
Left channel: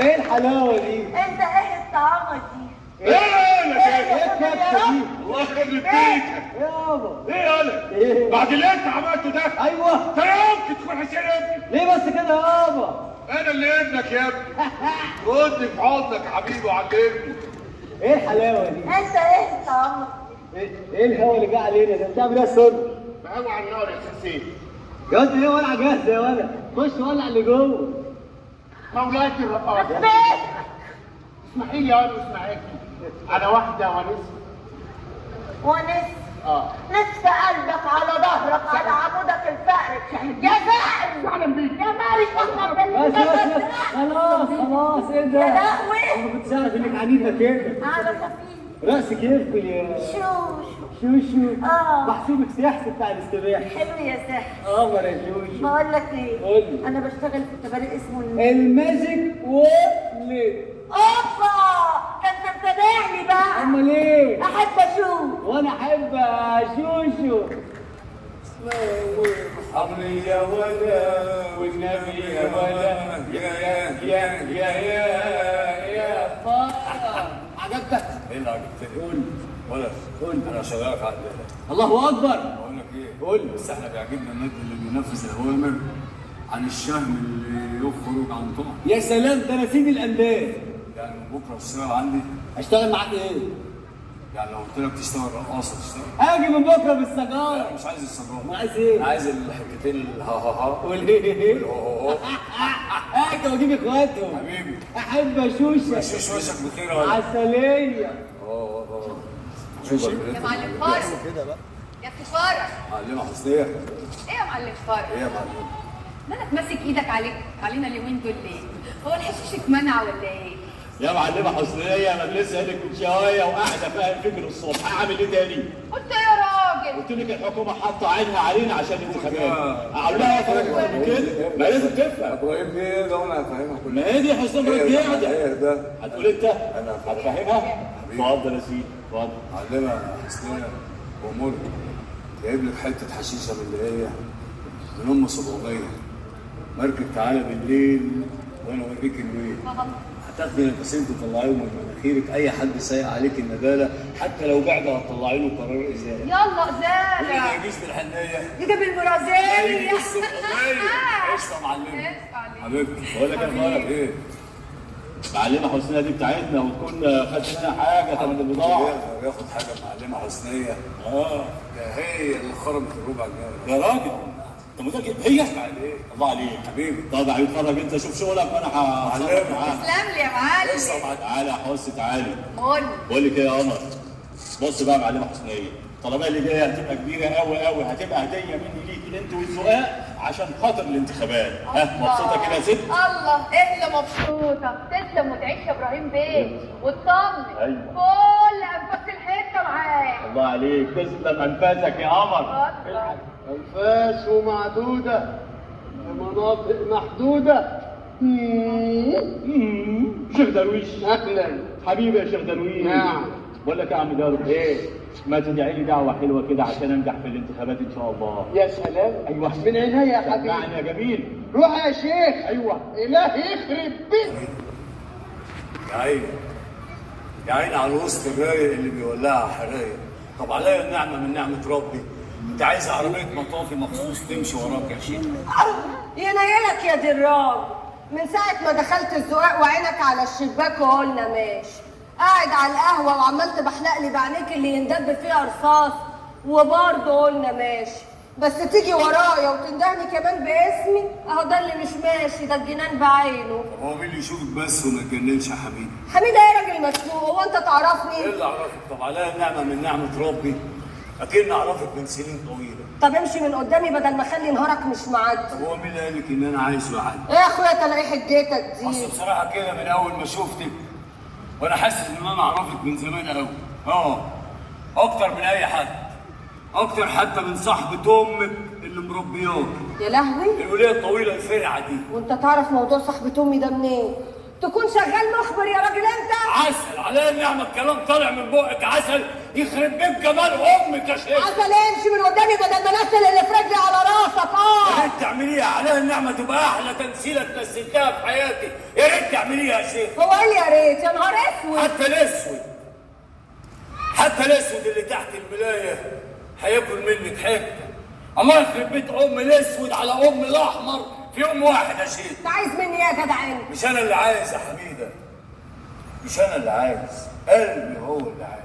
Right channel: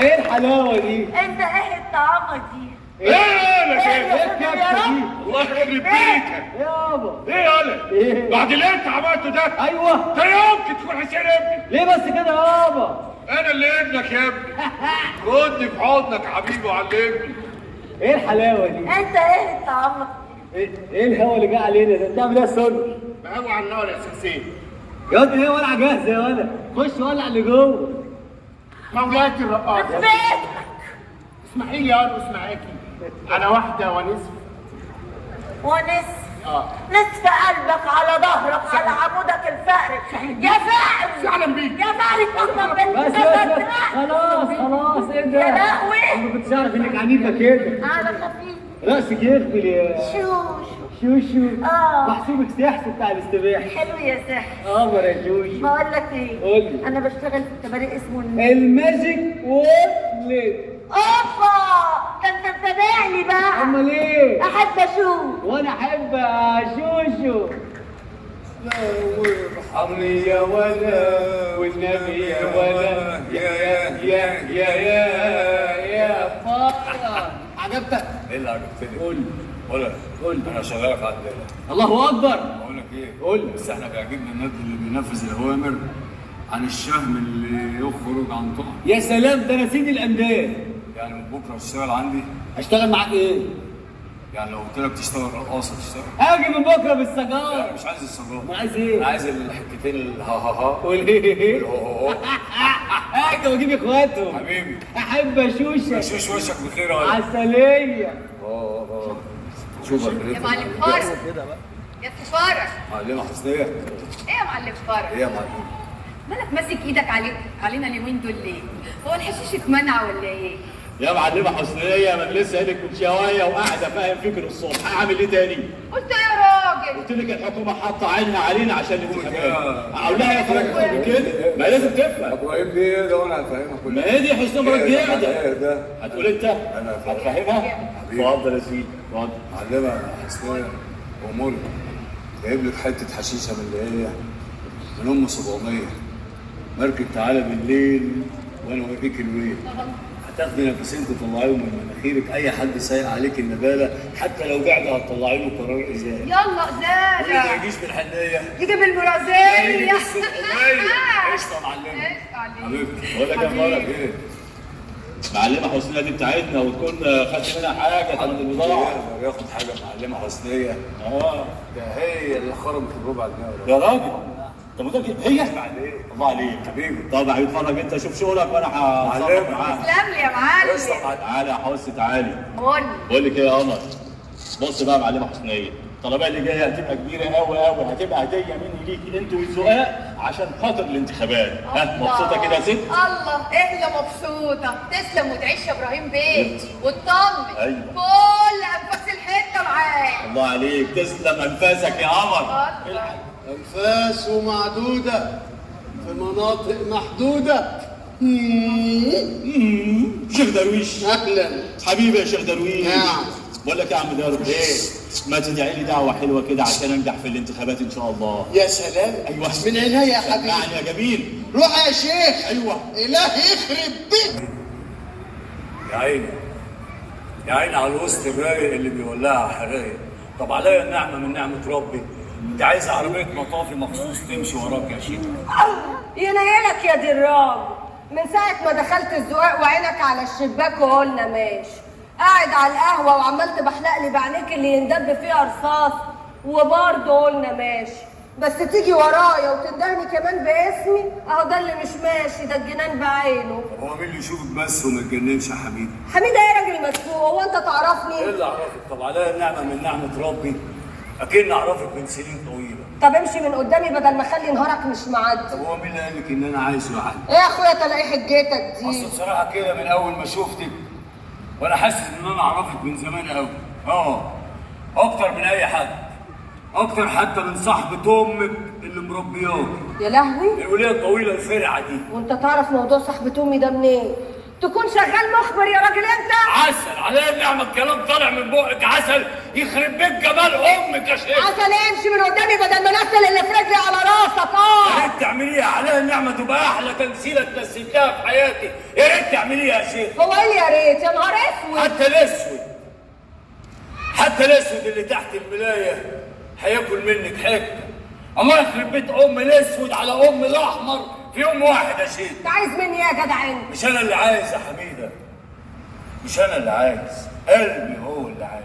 ايه الحلاوه دي؟ انت ايه الطعامه دي؟ ايه يا الكبسه دي؟ الله يخرب بيتك. يابا ايه يا إيه؟ بعد اللي انت عملته ده ايوه. ده يمكن تكون حسين ابني. ليه بس كده يابا؟ انا اللي ابنك يا ابني. ردني في حضنك يا حبيبي وعلمني. ايه الحلاوه دي؟ انت ايه الطعامه؟ ايه الهوا اللي جه علينا ده؟ بتعمل ايه يا سر؟ بقوي على النار يا سيسي. يا واد ايه ولع جاهزه يا ولد؟ خش ولع اللي جوه. مولاتي الرقاصه بيت اسمحي لي يا اسمعاكي. انا واحده ونصف. ونصف اه نصف قلبك على ظهرك على عمودك الفقري يا فقري فعلا بيك. يا فقري كنا بس خلاص خلاص ايه ده؟ يا لهوي. انا ما كنتش عارف انك عنيفه كده. على خفيف راسك يغفل يا شوش شوشو. اه محسوبك سحس بتاع الاستباحه. حلو يا سحر قمر يا شوشو. بقول لك ايه قولي. انا بشتغل في التباريق اسمه الماجيك وورلد. اوبا ده انت متابعني بقى امال ايه؟ احب اشوف وانا احب شوشو. ارحمني يا ولا والنبي يا ولا يا فرح. عجبتك؟ ايه اللي عجبتني؟ قول قول انا شغالك على الدنيا. الله اكبر. بقول لك ايه؟ قول بس احنا بيعجبنا النادي اللي بينفذ الاوامر عن الشهم اللي يخرج عن طاعه. يا سلام ده انا سيد الانداد. يعني من بكره تشتغل عندي؟ اشتغل معاك ايه؟ يعني لو قلت لك تشتغل رقاصه تشتغل؟ هاجي من بكره لا بالسجاره. مش عايز السجاره. ما عايز ايه؟ عايز الحتتين الها ها ها والايه؟ والهو هو. انت بجيب اخواتهم. حبيبي احب اشوشك. شوش وشك بخير يا ولد. عسليه. شوف يا معلم فرج يا أخي فرج. معلمه حسنيه. ايه يا معلم فرج؟ ايه يا معلم؟ مالك ماسك ايدك علينا اليومين دول ليه؟ هو الحشيش اتمنع ولا ايه؟ يا معلمه حسنيه انا لسه قايلك من شويه وقاعده فاهم فكر الصبح. هعمل ايه تاني؟ قلت ايه يا راجل؟ قلت لك الحكومه حاطه عينها علينا عشان الانتخابات. اقول لها يا فرج كده ما لازم تفهم. ابراهيم بيه ده وانا هفهمها كلها. ما هي دي حسنيه مرات قاعده. ايه ده؟ هتقول انت؟ انا هتفهمها؟ اتفضل يا سيدي اتفضل. معلمه حسنيه ومولك جايب لك حته حشيشه من اللي هي من ام 700. مركب تعالى بالليل وانا اوريك الويل. هتاخدي نفسين تطلعيهم من مناخيرك. اي حد سايق عليك النباله حتى لو قاعد هتطلعي له قرار ازاله. يلا اللي ما ازاله يجيش بالحنيه يجي بالمرازيل يجي بالسقايه. قشطه معلمه حبيبتي. بقول لك يا فرج ايه؟ معلمه حسنيه دي بتاعتنا وتكون خدت منها حاجه تاخد البضاعه. ياخد حاجه معلمه حسنيه. ده هي اللي خربت الربع جنيه. يا راجل انت متاكد هي؟ الله عليك حبيبي. طب يا حبيبي اتفرج انت شوف شغلك وانا هتصرف معاك. تسلم لي يا معلم. تعالى يا حس تعالى. قولي بقول لك ايه يا قمر؟ بص بقى يا معلمه حسنيه، الطلبيه اللي جايه هتبقى كبيره قوي قوي، هتبقى هديه مني ليك انت والزقاق عشان خاطر الانتخابات. ها مبسوطه كده يا ست؟ الله ايه اللي مبسوطه. تسلم وتعيش يا ابراهيم بيه واطمن. أيوة. كل انفاس الحته معاك. الله عليك تسلم انفاسك يا قمر. أنفاس معدودة في مناطق محدودة. شيخ درويش أهلا. حبيبي يا شيخ درويش. نعم. بقول لك يا عم درويش ايه؟ ما تدعي لي دعوه حلوه كده عشان انجح في الانتخابات ان شاء الله. يا سلام. ايوه من عينيا يا حبيبي. يعني يا جميل. روح يا شيخ. ايوه. إله يخرب بيك. يا عيني يا عيني على الوسط الرايق اللي بيولعها حرايق. طب عليا النعمه من نعمه ربي. انت عايز عربيه مطافي مخصوص تمشي وراك يا شيخ. ينيلك يا دران، من ساعة ما دخلت الزقاق وعينك على الشباك وقلنا ماشي، قاعد على القهوة وعمال تبحلق لي بعينيك اللي يندب فيها رصاص وبرضه قلنا ماشي، بس تيجي ورايا وتندهني كمان باسمي، اهو ده اللي مش ماشي، ده الجنان بعينه. طب هو مين اللي يشوفك بس وما يتجننش يا حبيبي؟ حميدة يا راجل مسلوق، هو انت تعرفني؟ ايه اللي اعرفك؟ طب عليا النعمه من نعمه ربي اكن اعرفك من سنين طويله. طب امشي من قدامي بدل ما اخلي نهارك مش معدي. طب هو مين اللي قال لك ان انا عايش لوحدي؟ ايه يا اخويا تلاقي حجتك دي؟ اصل بصراحه كده من اول ما شفتك وانا حاسس ان انا اعرفك من زمان قوي. اكتر من اي حد، اكتر حتى من صاحبه امك اللي مربياك. يا لهوي، الوليه الطويله الفرعه دي. وانت تعرف موضوع صاحبة امي ده منين؟ تكون شغال مخبر يا راجل انت؟ عسل عليا النعمه، الكلام طالع من بقك عسل يخرب بيت جمال امك يا شيخ. عسل امشي من قدامي بدل ما انزل اللي في رجلي على راسك. انت تعملي ايه؟ عليا النعمه النعمه تبقى احلى تمثيله تمثلتها في حياتي، يا ريت تعمليها يا شيخ. هو ايه يا ريت؟ يا نهار اسود. حتى الاسود اللي تحت الملايه هياكل منك حته. الله يخرب بيت ام الاسود على ام الاحمر في يوم واحد يا شيخ. انت عايز مني ايه يا جدع انت؟ مش انا اللي عايز يا حميده، مش انا اللي عايز، قلبي هو اللي عايز.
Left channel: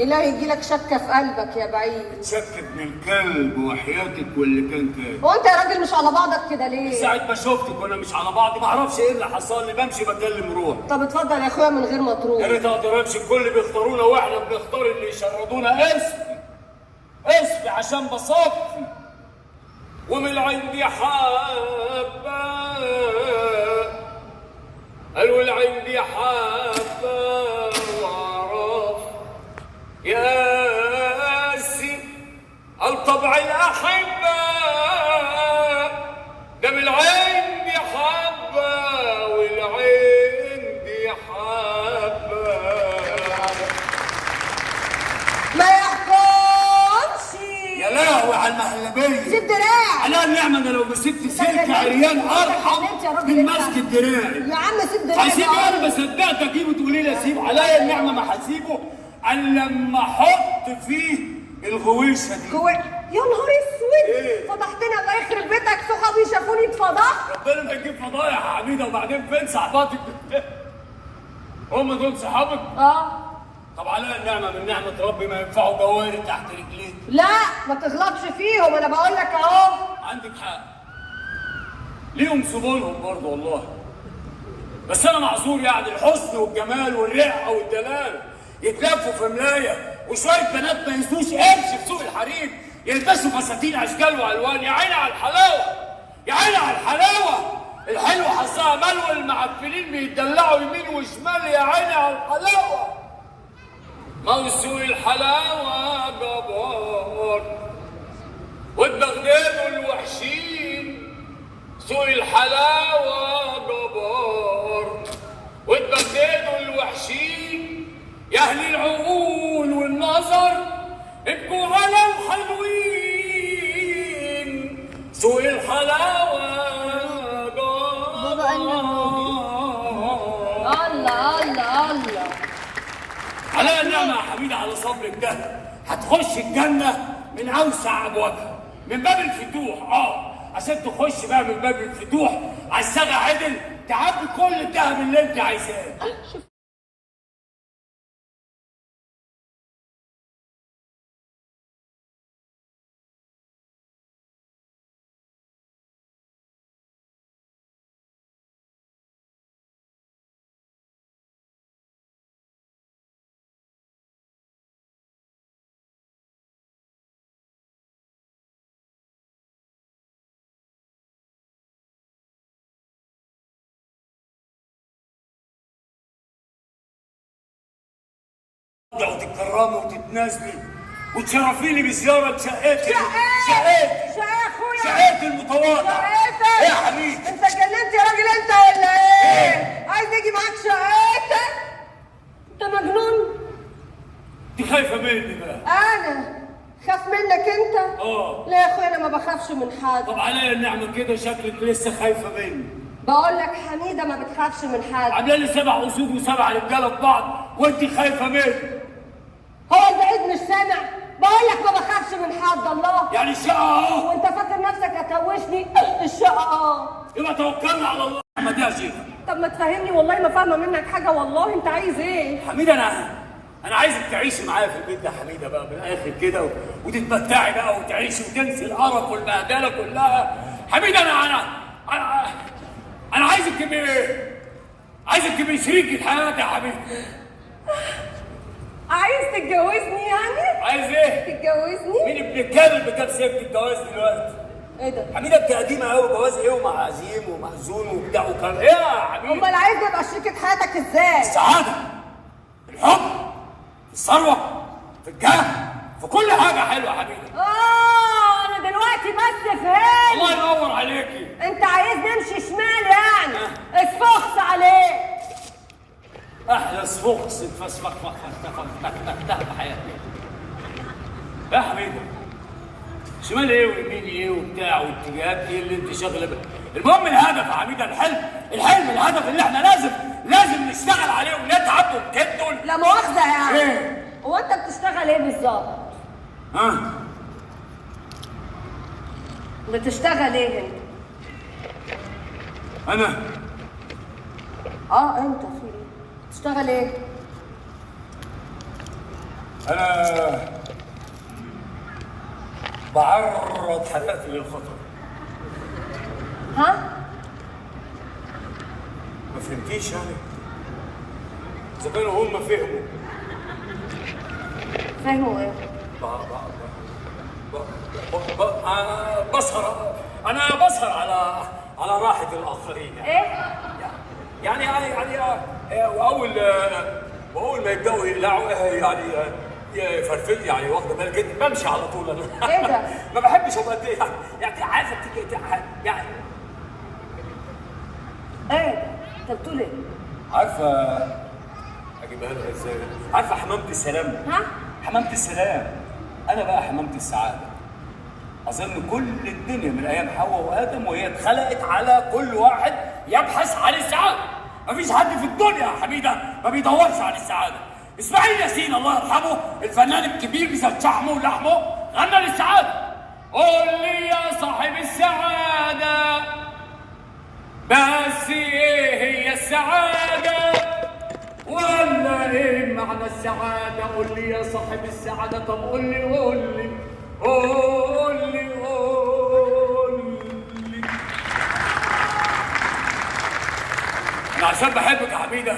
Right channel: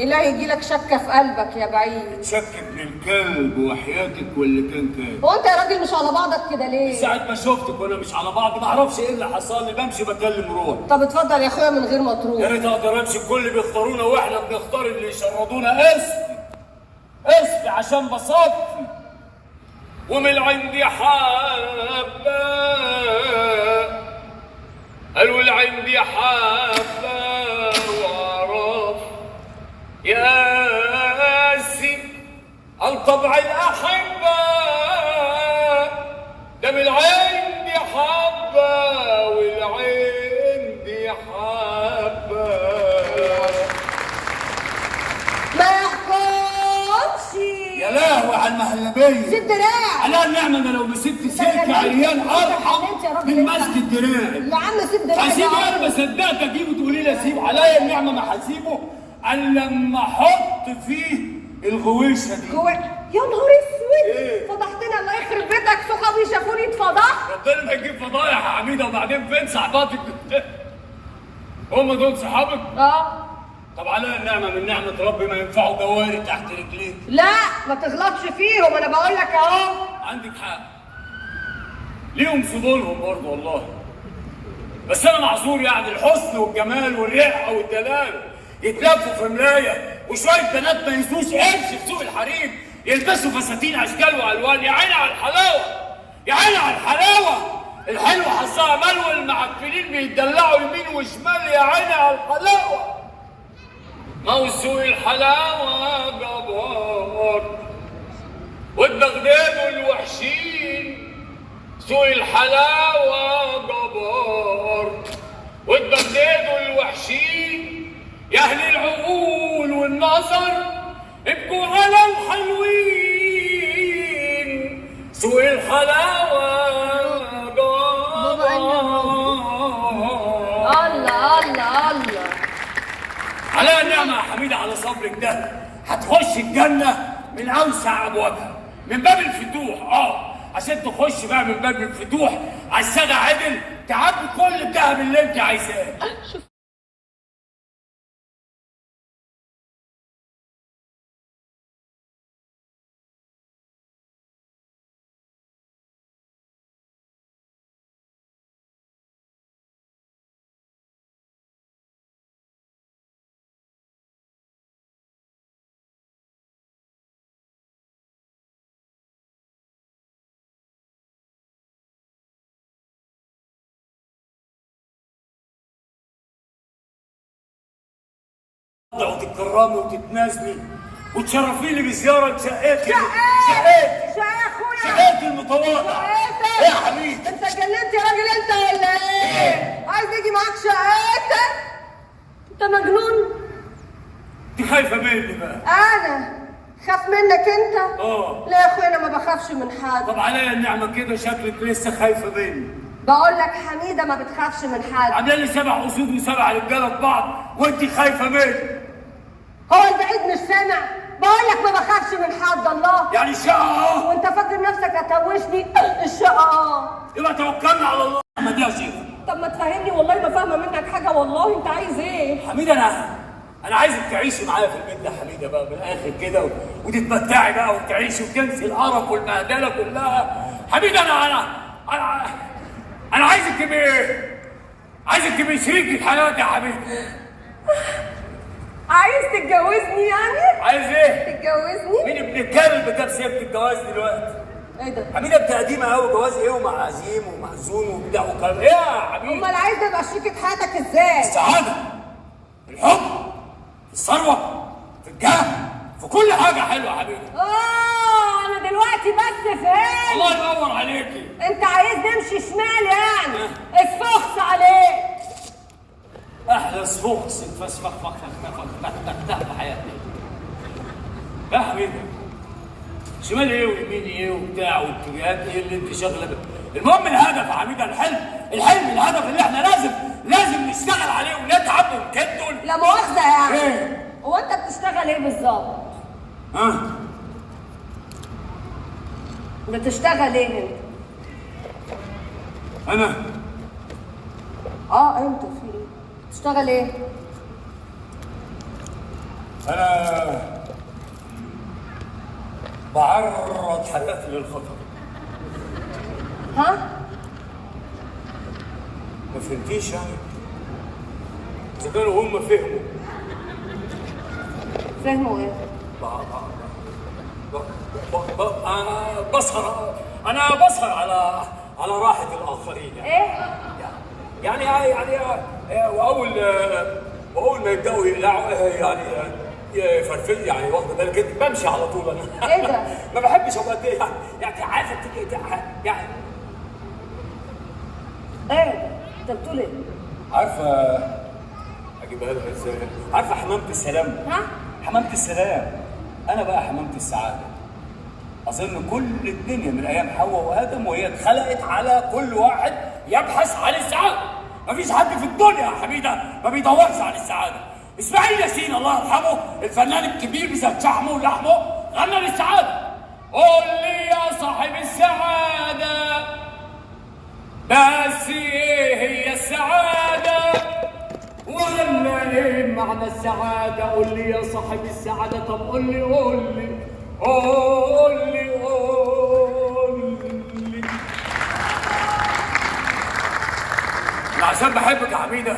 إلهي يجيلك شكة في قلبك يا بعيد. شك ابن الكلب وحياتك واللي كان هو انت يا راجل مش على بعضك كده ليه؟ ساعة ما شفتك وانا مش على بعض ما اعرفش ايه اللي حصل لي، بمشي بكلم روح. طب اتفضل يا اخويا من غير ما يا تروح. ريت اقدر امشي، الكل بيختارونا واحنا بنختار اللي يشردونا. اسفي عشان بصفي ومن عندي حبة، قالوا عندي حبة وعرف ياسي الطبع الأحبة، ده من عندي حبة والعندي حبة. ما يحكمش. يا لهوي على المهلبية. سيب دراعي. على النعمة انا لو مسكت سلك عريان ارحم من مسك دراعي. يا عم سيب دراعي. هسيب انا ما صدقت اجيبه تقولي لي اسيب عليا النعمة، ما هسيبه الا لما احط فيه الغويشة دي. يا نهار اسود. إيه؟ فضحتني الله يخرب بيتك، صحابي شافوني اتفضحت. ربنا ما يجيب فضايح يا حميدة. وبعدين فين صحباتك؟ هم دول صحابك؟ طب على النعمة من نعمة ربي ما ينفعوا جواري تحت رجليك. لا ما تغلطش فيهم، انا بقول لك اهو. عندك حق، ليهم زبونهم برضه والله، بس انا معذور يعني. الحسن والجمال والرقه والدلال يتلفوا في ملايه، وشويه بنات ما ينسوش قرش في سوق الحريم يلبسوا فساتين اشكال والوان. يا عيني على الحلاوه، يا عيني على الحلاوه. الحلوه حظها مال والمعفنين بيتدلعوا يمين وشمال. يا عيني على الحلاوه. ما هو سوق الحلاوه جبار والدغدغ الوحشين. سوق الحلاوة جبار والدغدغ الوحشين. يا أهل العقول والنظر ابقوا على الحلوين. سوق الحلاوة جبار. الله على النعمة يا حميدة على صبرك ده هتخش الجنة من أوسع أبوابها، من باب الفتوح. عشان تخش بقى من باب الفتوح على السادة عدل تعبي كل الذهب اللي انت عايزاه. وتتكرمي وتتنازلي وتشرفيني بزياره لشقتي. شقتي المتواضعه. ايه يا حبيبي؟ انت اتكلمت يا راجل انت ولا ايه؟ عايز يجي معاك شقتك؟ انت مجنون؟ انت خايفه مني بقى؟ انا خاف منك انت؟ لا يا اخويا انا ما بخافش من حد. طب عليا النعمه كده شكلك لسه خايفه مني. بقول لك حميده ما بتخافش من حد. عامله لي 7 اسود و7 رجاله ببعض وانت خايفه مني. هو البعيد مش سامع؟ بقول لك ما بخافش من حد. الله يعني الشقه وانت فاكر نفسك هتوشني؟ الشقه يبقى توكلنا على الله. ما دي يا شيخ. طب ما تفهمني والله ما فاهمه منك حاجه والله. انت عايز ايه؟ حميده انا عايزك تعيشي معايا في البيت ده حميده بقى من الاخر كده وتتمتعي بقى وتعيشي وتنسي القرف والبهدله كلها. حميده انا عايزك تبقي شريكة حياتي يا حبيبي. عايز تتجوزني يعني؟ عايز ايه؟ تتجوزني؟ مين ابن الكلب جاب سيره الجواز دلوقتي؟ ايه ده؟ حميده انت قديمه قوي. جواز ايه ومعازيم ومأذون وبتاع وكلام ايه يا حبيبي؟ امال عايز تبقى شريكة حياتك ازاي؟ السعاده، الحب، الثروه، في الجاه، في كل حاجه حلوه يا حبيبي. انا دلوقتي بس فهمت. الله ينور عليكي. انت عايز نمشي شمال يعني؟ اسفخس عليك. احلى سفوكس اتفسفخ حياتي. يا حبيبي شمال ايه ويمين ايه وبتاع واتجاهات ايه اللي انت شاغله بيه. المهم الهدف يا حبيبي، الحلم الهدف اللي احنا لازم نشتغل عليه ونتعب ونكد. لا مؤاخذة يعني. ايه؟ هو انت بتشتغل ايه بالظبط؟ ها؟ بتشتغل ايه انت؟ انا؟ انت في ايه؟ بتشتغل ايه؟ انا بعرض حاجات للخطر. ها؟ ما فهمتيش يعني؟ اذا كانوا هم فهموا ايه؟ بسهر على راحة الآخرين. ايه؟ يعني وأول ما يبدأوا يقلعوا يعني يفرفل يعني واخد بالك كده بمشي على طول أنا. ايه ده؟ ما بحبش أبقى يعني عارفة يعني ايه ده؟ انت بتقول ايه؟ عارفة أجيبها لك إزاي؟ عارفة حمامة السلام؟ ها؟ حمامة السلام. أنا بقى حمامة السعادة. أظن كل الدنيا من أيام حواء وآدم وهي اتخلقت على كل واحد يبحث عن السعادة. مفيش حد في الدنيا يا حميدة ما بيدورش عن السعادة. إسماعيل ياسين الله يرحمه الفنان الكبير بذات شحمه ولحمه غنى للسعادة. قول لي يا صاحب السعادة بس إيه هي السعادة؟ ولا إيه معنى السعادة؟ قول لي يا صاحب السعادة. طب قول لي أنا عشان بحبك يا حميدة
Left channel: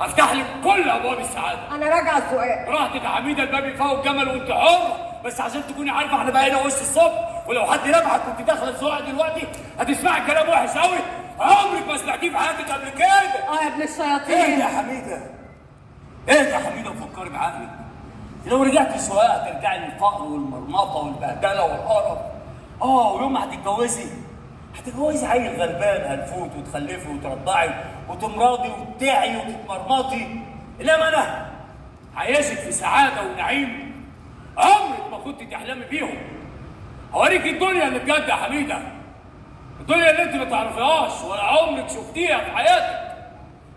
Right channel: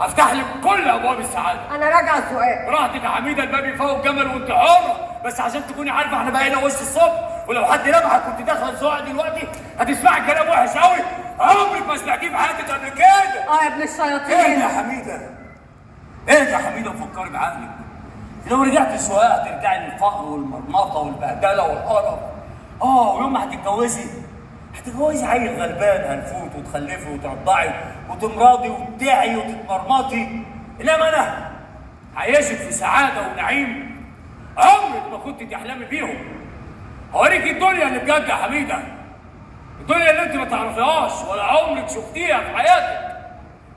هفتح لك كل أبواب السعادة. انا راجعة السؤال. براحتك يا حميدة، الباب يفوق جمل وأنت حر، بس عشان تكوني عارفة احنا بقينا وش الصبح، ولو حد لمحك كنت داخلة سواق دلوقتي هتسمعي كلام وحش قوي عمرك ما سمعتيه في حياتك قبل كده. يا ابن الشياطين. ايه يا حميدة؟ ايه يا حميدة فكري بعقلك. لو رجعتي سواقة هترجعي للفقر والمرمطة والبهدلة والقرف. ويوم ما هتتجوزي عيل غلبان هنفوت وتخلفي وترضعي وتمرضي وتدعي وتتمرمطي. انما انا عايشك في سعادة ونعيم عمرك ما كنت تحلمي بيهم. هوريك الدنيا اللي بجد يا حميدة، الدنيا اللي انت ما تعرفيهاش ولا عمرك شفتيها في حياتك.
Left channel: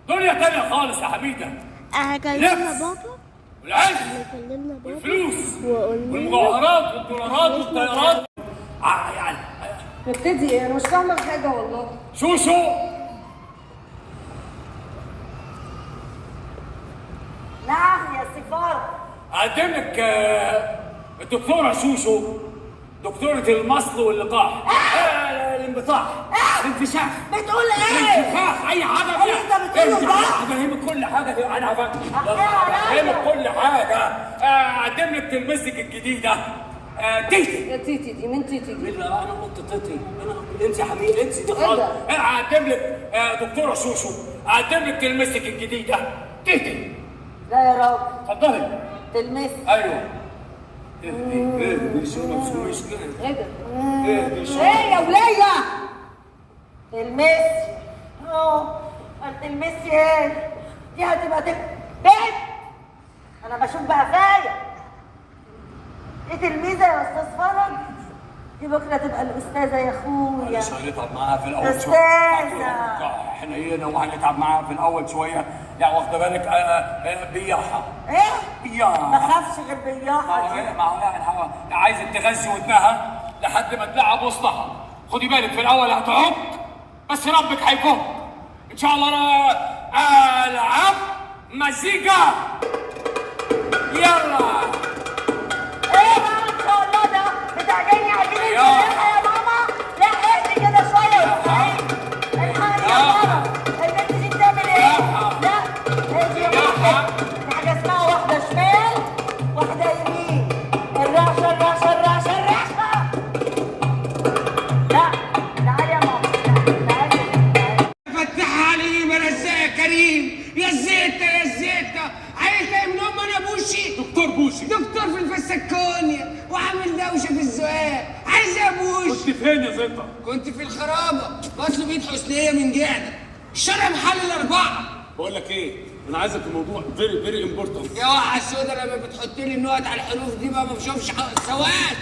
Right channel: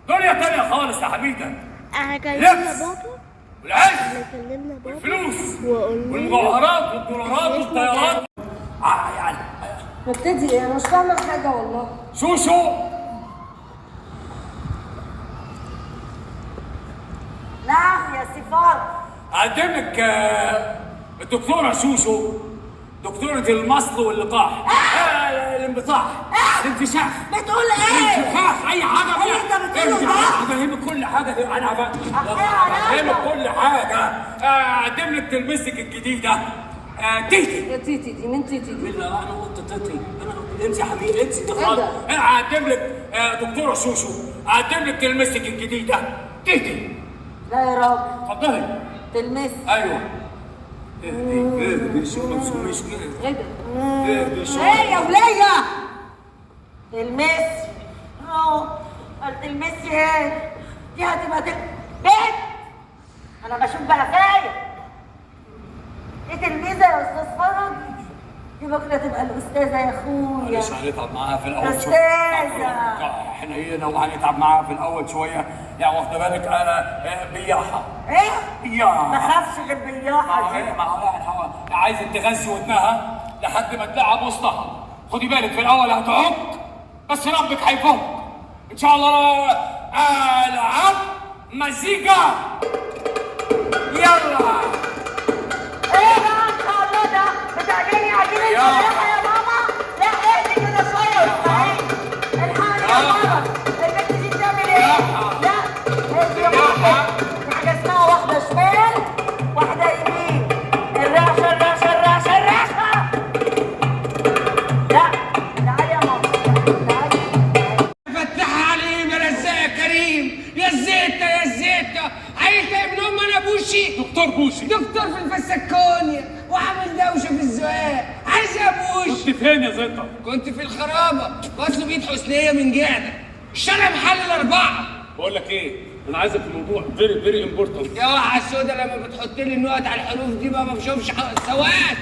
دنيا تانية خالص يا حميدة. لبس العز الفلوس والمجوهرات والدولارات والطيارات يعني نبتدي ايه؟ انا مش فاهمة حاجة والله. شوشو نعم يا سفارة. اقدم لك الدكتورة شوشو، دكتورة المصل واللقاح. الانبطاح الانفشاح. بتقول ايه؟ الانفخاخ اي حاجة. ايه انت بتقوله ده؟ هفهمك كل حاجة. انا هفهمك كل حاجة. اقدم لك تلبسك الجديدة تيتي. تيتي دي مين تيتي؟ انا قلت تيتي. انا امشي يا حبيبي امشي ده خالص. اقدم لك دكتورة شوشو، اقدم لك تلبسك الجديدة تيتي. لا يا راجل. اتفضلي. تلمسي. ايوه. ايه ده؟ ايه يا ولية؟ تلمسي. تلمسي ايه؟ دي هتبقى بنت. انا بشوف بقى فايق. ايه تلميذة يا استاذ فرج؟ دي بكره تبقى الاستاذة يا اخويا. معلش هنتعب معاها في الاول شوية. استاذة. احنا هنا وهنتعب معاها في الاول شوية. يعني واخدة بالك بياحة. ايه؟ بياحة. ما خافش غير بياحة دي. يعني عايزة تغذي ودنها لحد ما تلعب وسطها. خدي بالك في الاول هتعض بس ربك هيفوت ان شاء الله. العب مزيكا يلا. ايه بقى ان شاء الله ده؟ بتعجبني عجينة الفلاحة يا ماما؟ لا اهدي كده شوية يا اسماعيل. الحقني يا ماما. البنت دي بتعمل ايه؟ لا اهدي يا ماما. في حاجة اسمها واحدة شمال واحدة يمين. الرعشة الرعشة. لا تعالي يا ماما. تعالي. فتح عليم يا رزاق يا كريم. يا الزيتة يا الزيتة. عايز ابن ام انا بوشي. دكتور بوشي. دكتور في الفسكونيا وعامل دوشه في الزقاق. عايز يا بوشي. كنت فين يا زيطة؟ كنت في الخرابه واصله بيت حسنيه من جهه الشارع محل الاربعه. بقول لك ايه؟ انا عايزك في موضوع فيري امبورتنت. يا وحش السودا لما بتحط لي النقط على الحروف دي ما بشوفش سواد.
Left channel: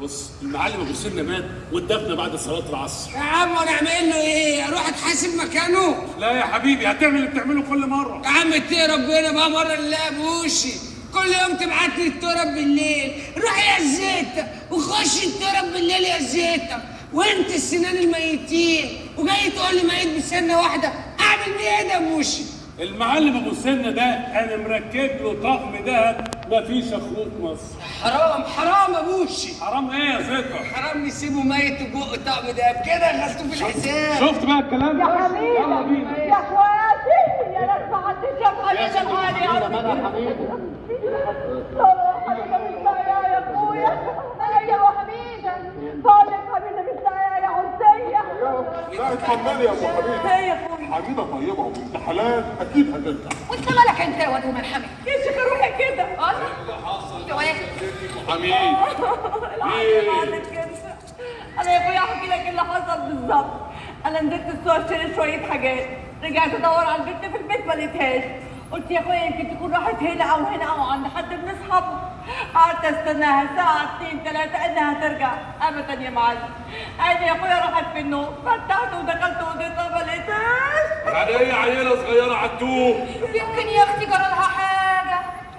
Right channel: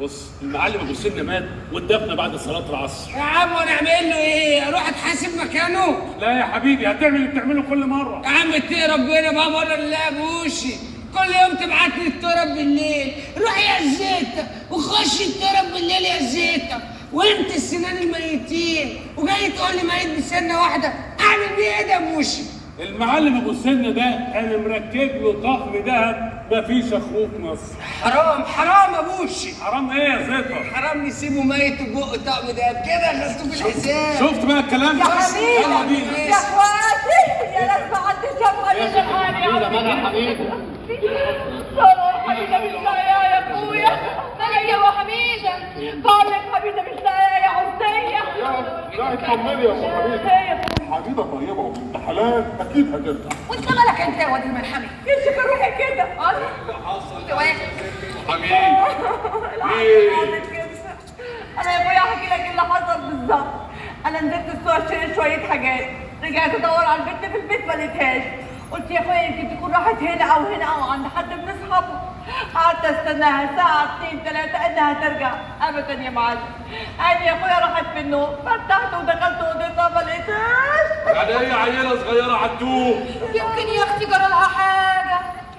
بص المعلم ابو سنه مات واتدفن بعد صلاه العصر. يا عم انا اعمل له ايه؟ اروح اتحاسب مكانه؟ لا يا حبيبي هتعمل اللي بتعمله كل مره. يا عم اتقي ربنا بقى مره لله يا بوشي. كل يوم تبعت لي التراب بالليل، روح يا زيتة وخش التراب بالليل يا زيتة، وانت السنان الميتين وجاي تقول لي ميت بسنه واحده، اعمل بيه ايه ده يا بوشي؟ المعلم ابو سنه ده انا مركب له طقم ذهب مفيش اخوك مصر. حرام يا بوشي. حرام ايه يا زيتة؟ حرام نسيبه ميت وبق طقم دهب كده غلطوه في الحساب. شفت بقى الكلام يا ده؟ حبيبي يلا بينا يا اخواتي يا ناس ما حدش شافها من الحال يا حبيبي. حميدة مش لاقيه يا اخويا. ايوه حميده. بقول لك حميدة مش لاقيه يا حسية. لا اطمني يا ام حبيبي. ايه يا اخويا؟ حبيبه طيبه وبنت حلال اكيد هترجع. وانت مالك انت يا واد الملحمي؟ ايش روحي كده؟ انت واحد انا يا اخويا احكي لك اللي حصل بالظبط. انا نزلت السوق اشتري شويه حاجات، رجعت ادور على البنت في البيت ما لقيتهاش. قلت يا اخويا يمكن تكون راحت هنا او هنا او عند حد من اصحابها. قعدت استناها ساعه 2 3 انها ترجع، ابدا يا معلم. عيني يا اخويا راحت في النوم، فتحت ودخلت اوضتها ما لقيتهاش. يعني هي عيله صغيره عتوه. يمكن يا اختي جرى لها حاجه.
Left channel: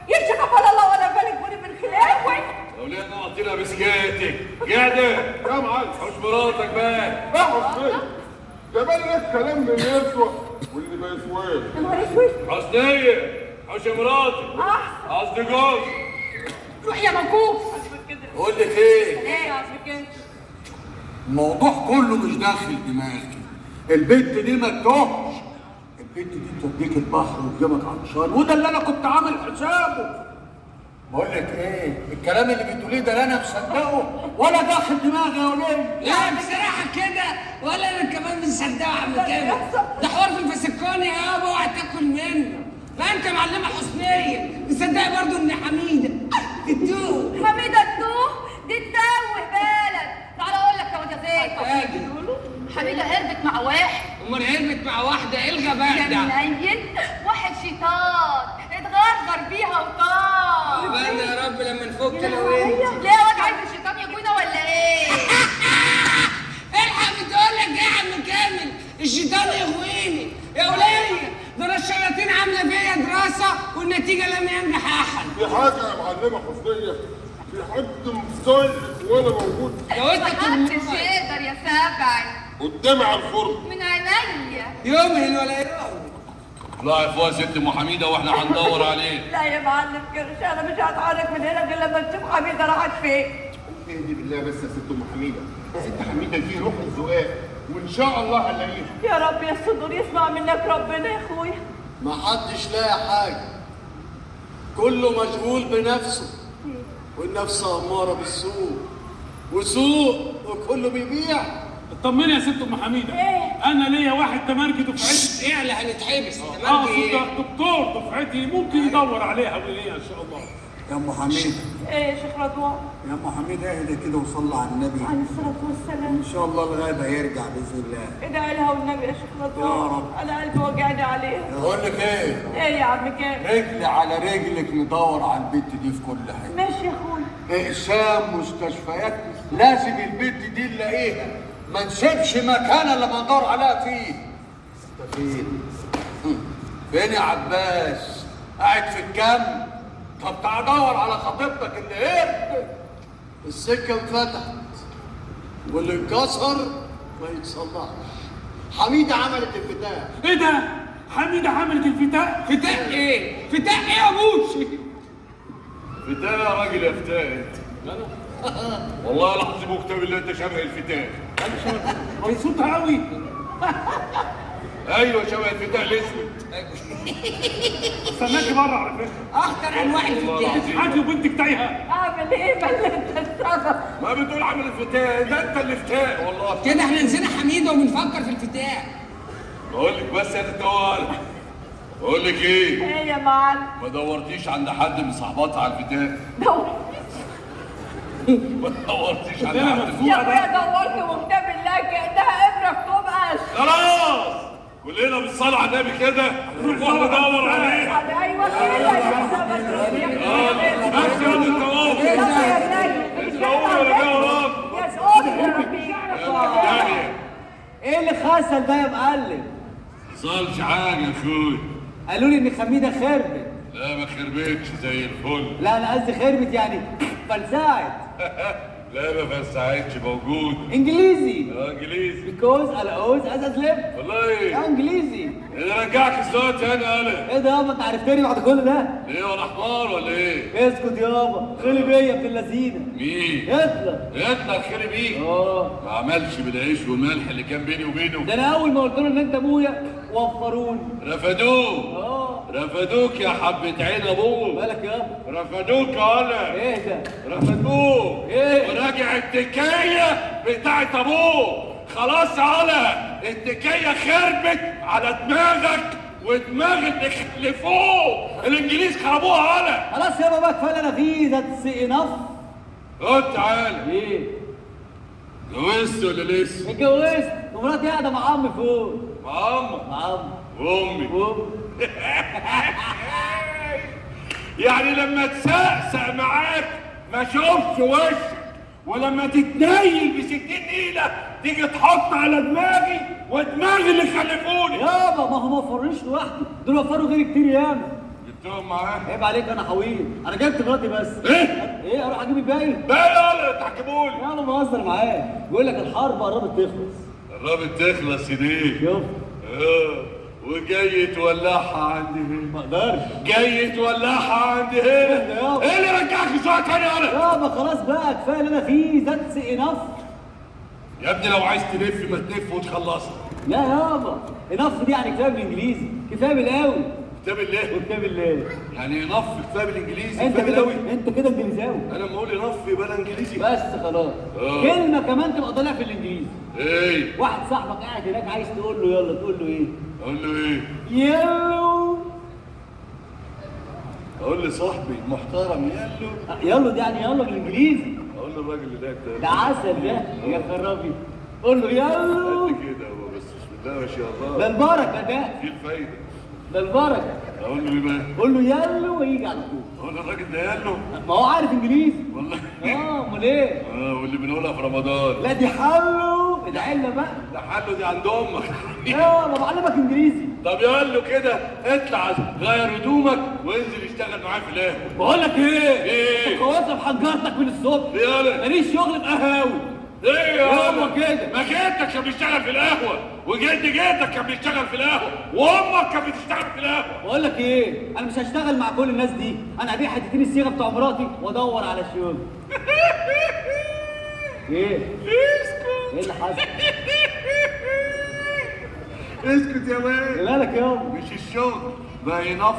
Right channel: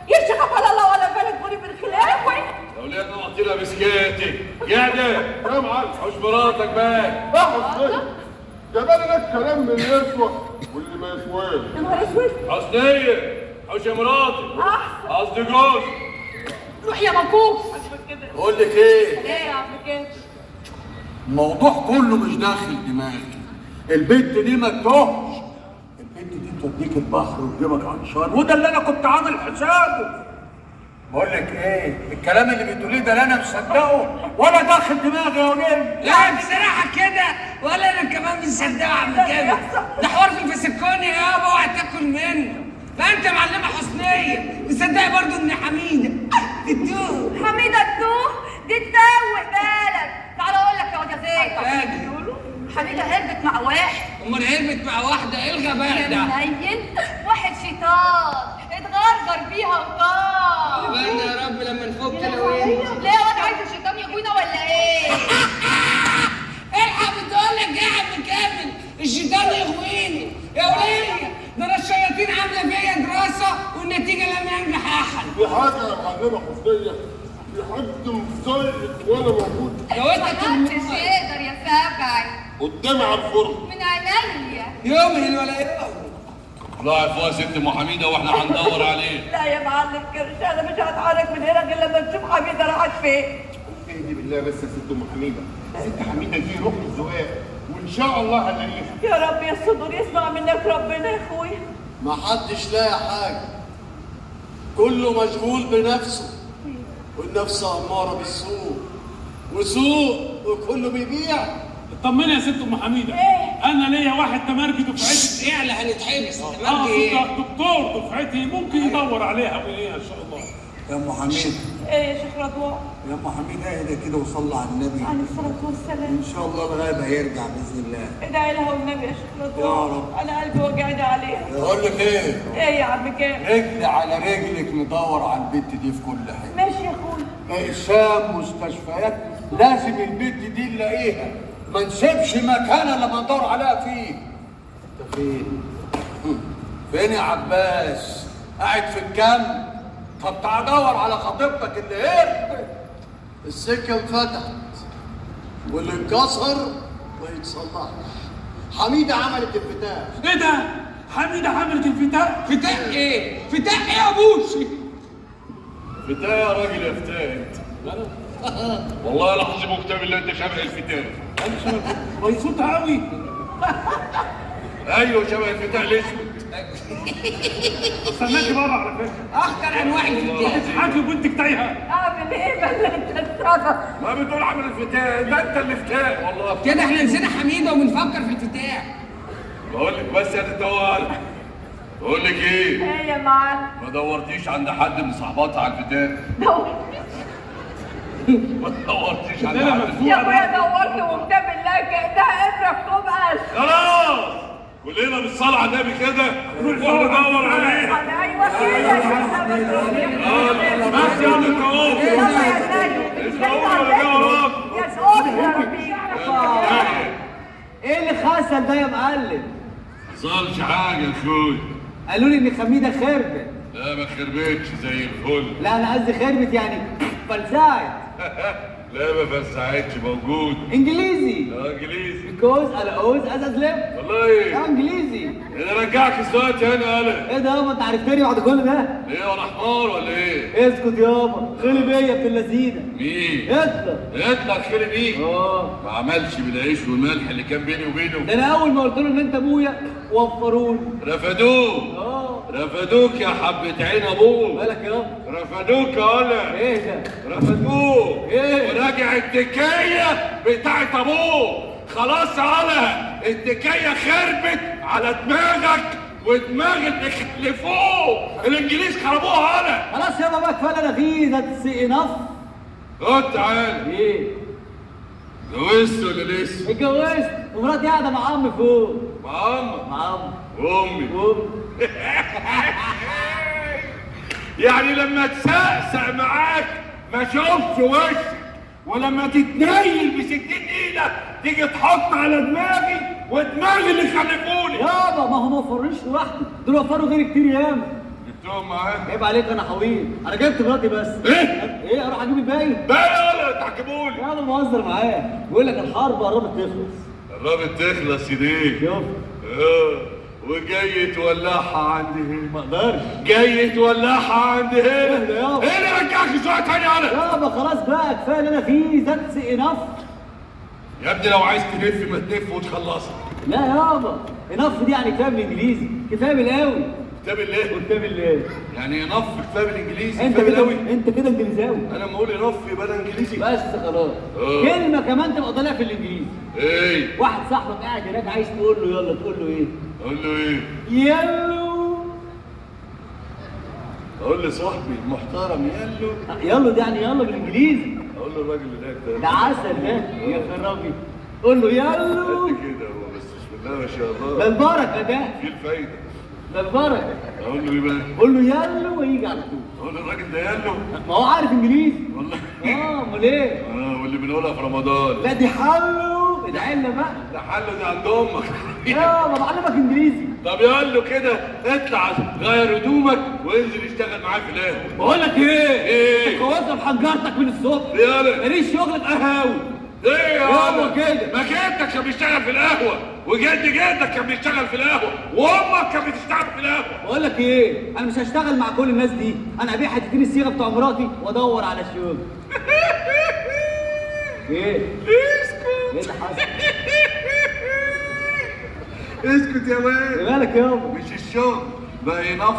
يرشق ولا الله ولا بالك بولي بالخلاف وين؟ لو لقينا نعطينا بسكاتك قاعده يا معلم حوش مراتك بقى. يا حسين ده بالي ناس كلام من اللي يسوى واللي ما يسواش. يا نهار اسود. حسنيه حوش يا مراتك قصدي جوز. روح يا منكوف. بقول لك ايه؟ ايه يا عم كده؟ الموضوع كله مش داخل دماغي. البنت دي ما تتوهش. البنت دي توديك البحر وتجيبك عطشان، وده اللي انا كنت عامل حسابه. بقول لك ايه؟ الكلام اللي بتقوليه ده لا انا مصدقه ولا داخل دماغي يا وليه. لا بصراحه كده ولا انا كمان مصدقه يا عم كامل. ده حوار في الفسكوني يابا، اوعى تاكل منه. فانت معلمه حسنيه مصدقه برضو ان حميده بتتوه. حميده تتوه؟ دي تتوه بالك. تعالى اقول لك يا واد زيد. حميده هربت مع واحد. امال هربت مع واحده؟ ايه الغباء ده؟ منين؟ واحد شيطان اتغدر بيها وطار. يبقى يا رب لما نفك انا وانت. ليه واد عايز الشيطان يجونا ولا ايه؟ الحق بتقول لك ايه يا عم كامل؟ الشيطان يغويني يا وليه. ده الشياطين عامله فيا دراسه والنتيجه لم ينجح احد. في حاجه يا معلمه حسنيه، في حد مزيف وانا موجود محدش يقدر يا سبعي. قدامي على الفرن. من عينيا. يومهن ولا يوم. لا فوق ست ام حميده واحنا هندور عليه. لا يا معلم كرش انا مش هتحرك من هنا غير لما نشوف حميده راحت فين. اهدي بالله بس يا ست ام حميده. ست حميده دي روح الزقاق وان شاء الله هنلاقيها. يا رب يا صدور يسمع منك ربنا يا اخويا. ما حدش لاقي حاجه، كله مشغول بنفسه، والنفس اماره بالسوء، وسوق وكله بيبيع. اطمني يا ست ام حميده. انا ليا واحد تمرجي دفعتي. ايه اللي هنتحبس؟ تمرجي ايه؟ دكتور دفعتي ممكن يدور عليها وليها ان شاء الله. يا ام حميد، ايه يا شيخ رضوان؟ يا ام حميد اهدى كده وصلي على النبي. عليه الصلاه والسلام. ان شاء الله الغايب هيرجع باذن الله. ادعي لها والنبي يا شيخ رضوان. يا رب. انا قلبي وجعني عليها. بقول لك ايه؟ ايه يا عم كامل؟ رجلي على رجلك ندور على البت دي في كل حته. ماشي يا اخويا. اقسام مستشفيات لازم البت دي نلاقيها، ما نسيبش مكان لما ندور عليها فيه. انت فين؟ فين يا عباس؟ قاعد في الجنب؟ طب تعال دور على خطيبتك اللي هربت. السكه انفتحت واللي انكسر ما يتصلحش. حميده عملت الفتاح. ايه ده؟ حميده عملت الفتاح؟ فتاح ايه؟ فتاح ايه يا بوشي؟ فتاة يا راجل يا فتاة انت. والله العظيم كتاب اللي انت شبه الفتاة. مبسوطة قوي. ايوه شبه الفتاة الاسود. استناكي بره على فكرة. اخطر انواع الفتاح. حاجة وبنتك تايهة. اعمل ايه بقى انت السبب؟ ما بتقول عامل الفتاة، ده انت اللي فتاة والله. كده احنا نسينا حميده وبنفكر في الفتاح. بقول لك بس يا تتوال. بقول لك ايه؟ ايه يا معلم؟ ما دورتيش عند حد من صحباتها على الفتاة؟ ما دورتيش عند حد. يا ابويا دورت وكتاب الله كانها ابره في طبقش. خلاص كلنا بالصلاة على النبي كده نروح ندور عليه. ايوه كده. بس يا انت اهو. يا صوت ايه اللي خسل ده يا معلم؟ حصلش حاجه يا اخوي. قالوا لي ان خميده خربت. لا ما خربتش زي الفل. لا انا قصدي خربت يعني فرزعت. لا ما فرسعتش، موجود. انجليزي. انجليزي. بيكوز انا عاوز ازلم. والله انجليزي. اذا رجعك السؤال تاني انا. ايه ده يابا انت عرفتني بعد كل ده؟ ايه وانا حمار ولا ايه؟ اسكت يابا، خلي بيا يا ابن اللذينه. مين؟ هتلر. هتلر خلي بيه؟ ما عملش بالعيش والملح اللي كان بيني وبينه. ده انا اول ما قلت له ان انت ابويا وفروني. رفدوه. رفدوك يا حبة عين ابوه. مالك يابا؟ رفدوك يا ولا. ايه ده؟ رفدوه. ايه؟ وراجع التكية بتاعت ابوه. خلاص على التكية خربت على دماغك ودماغ اللي خلفوه. الانجليز خربوها على. خلاص يابا بقى كفايه انا فيه، ذاتس انف. خد تعالى. ايه؟ اتجوزت ولا لسه؟ اتجوزت ومراتي قاعده مع عمي فوق. مع امك؟ مع عمي. وامي؟ وامي. يعني لما تسقسق معاك ما اشوفش وشك، ولما تتنيل ب60 ايده تيجي تحط على دماغي ودماغي اللي خلفوني. يابا ما هو ما وفرنيش لوحدي، دول وفروا غيري كتير ياما. جبتهم معاك؟ عيب عليك انا حويل، انا جبت مراتي بس. ايه اروح اجيب الباقي؟ باقي ولا تعجبوني؟ انا بهزر معاه، بيقول لك الحرب قربت تخلص. قربت تخلص ايديك. شوف. وجاي تولعها عندي هنا. ما اقدرش. جاي تولعها عندي هنا. ايه اللي رجعك سؤال تاني انا؟ يابا خلاص بقى كفايه اللي انا فيه، ذاتس انف. يا ابني لو عايز تلف ما تلف وتخلصها. لا يابا انف دي يعني كفايه بالانجليزي، كفايه بالقوي. كتاب الله. كتاب الله. يعني نف كتاب الانجليزي. انت كده انت كده انجليزاوي. انا لما اقول نف يبقى انا انجليزي. بس خلاص. كلمه كمان تبقى طالع في الانجليزي. ايه؟ واحد صاحبك قاعد هناك عايز تقول له يلا، تقول له ايه؟ اقول له ايه؟ يلو. اقول لصاحبي المحترم يلو. يلا ده يعني يلا بالانجليزي. اقول له الراجل ده ده عسل ده يا خرابي. قول له يلو. كده هو بس بسم الله ما شاء الله. ده البركه ده. في الفايده. ده البركه. اقول له ايه بقى؟ قول له يلو ويجي على طول. اقول له الراجل ده يلو. ما هو عارف انجليزي. والله. امال ايه؟ واللي بنقولها في رمضان. لا دي حلو، ادعي لنا بقى. ده حل ده عند امك. ما بعلمك انجليزي. طب يلا كده اطلع غير هدومك وانزل اشتغل معايا في القهوه. بقول لك ايه؟ ايه؟ انت كوزه بحنجرتك من الصبح. يلا. ماليش شغل في قهاوي. ايه يا يلا كده. ما جدك كان بيشتغل في القهوه، وجد جدك كان بيشتغل في القهوه، وامك كانت بتشتغل في القهوه. بقول لك ايه؟ انا مش هشتغل مع كل الناس دي، انا ابيع حتتين الصيغه بتوع مراتي وادور على شغل. ايه؟ اسكت. ايه اللي حصل؟ اسكت يا مان. ايه مالك يابا؟ مش الشغل بقى ينف.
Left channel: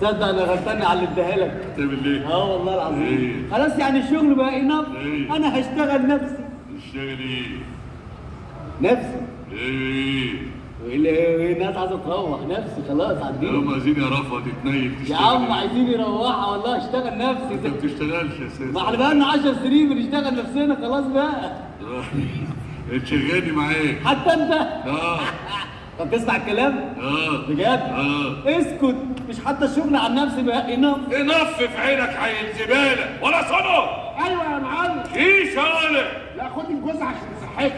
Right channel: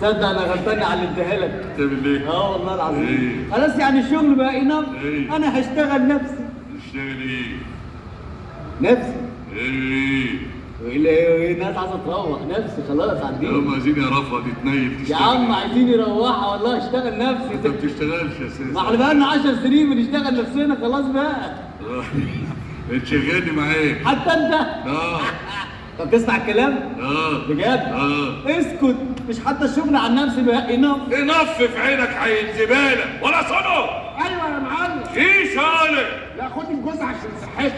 تصدق انا غلطان على اللي اديها لك. تعمل ايه؟ والله العظيم. ايه؟ خلاص يعني الشغل بقى ينام. ايه؟ انا هشتغل نفسي. تشتغل ايه؟ نفسي. ايه؟ وايه الناس عايزه تروح نفسي خلاص عندي. هم عايزين يعرفوا تتنيل. يا عم عايزين يروحوا والله اشتغل نفسي. انت ما بتشتغلش اساسا. ما احنا بقالنا 10 سنين بنشتغل نفسنا خلاص بقى. تشغلني معاك. حتى انت؟ طب تسمع الكلام؟ بجد؟ اسكت، مش حتى الشغل عن نفسي بقى انف في عينك عيل زباله ولا صنم. ايوه يا معلم. ايه صالح؟ لا خد الجوز عشان صحتك.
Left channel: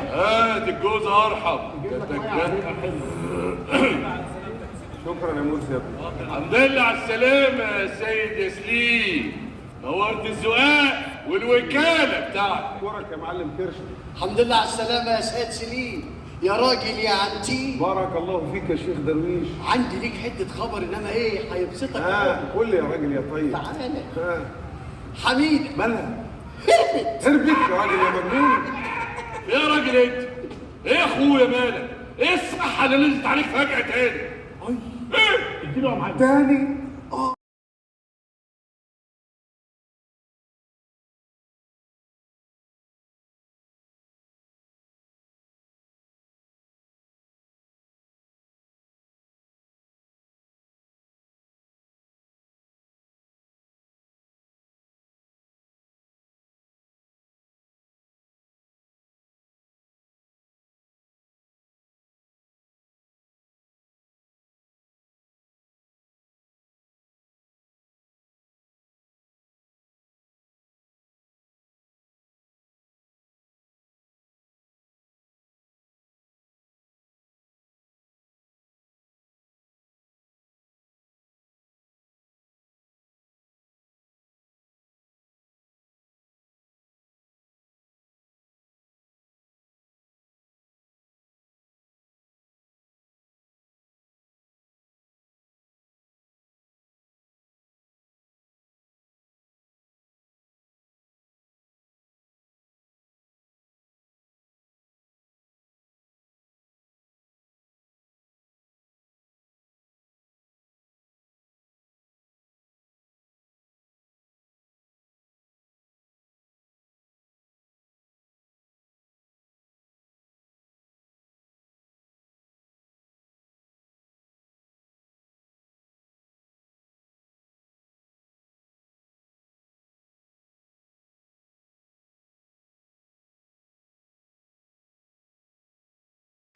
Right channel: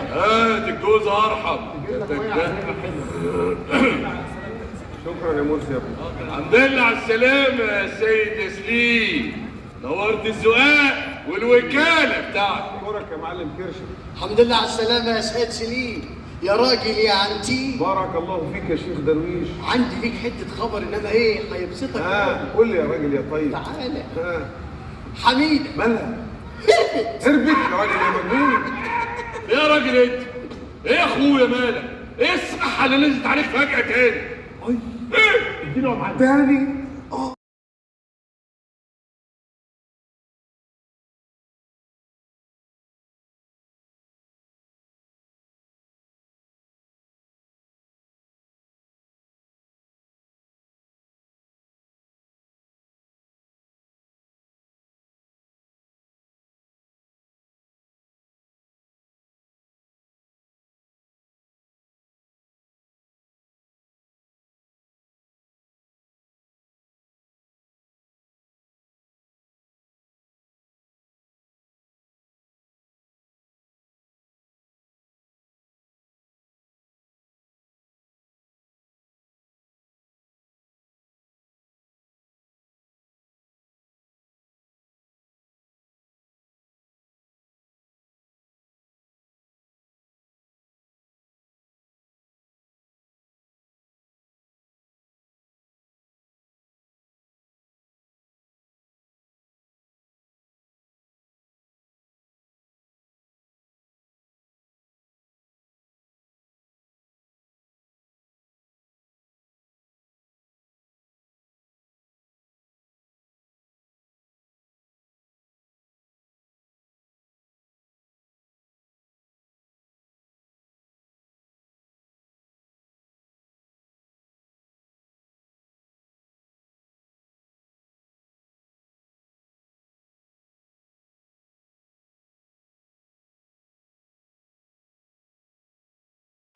دي الجوز ارحم. شكرا يا مرسي. الحمد لله على السلامه يا سيد تسليم. نورت الزقاق والوكاله بتاعتك. اشكرك يا معلم كرشه. الحمد لله على السلامه يا سيد سليم. يا راجل يا عنتي. بارك الله فيك يا شيخ درويش. عندي ليك حته خبر انما ايه هيبسطك. قول لي يا راجل يا طيب. تعالى. حميده مالها؟ هربت يا راجل يا مجنون. يا راجل انت ايه يا اخويا مالك؟ ايه الصحه اللي نزلت عليك فجاه تاني؟ ايه؟ اديله يا معلم. تاني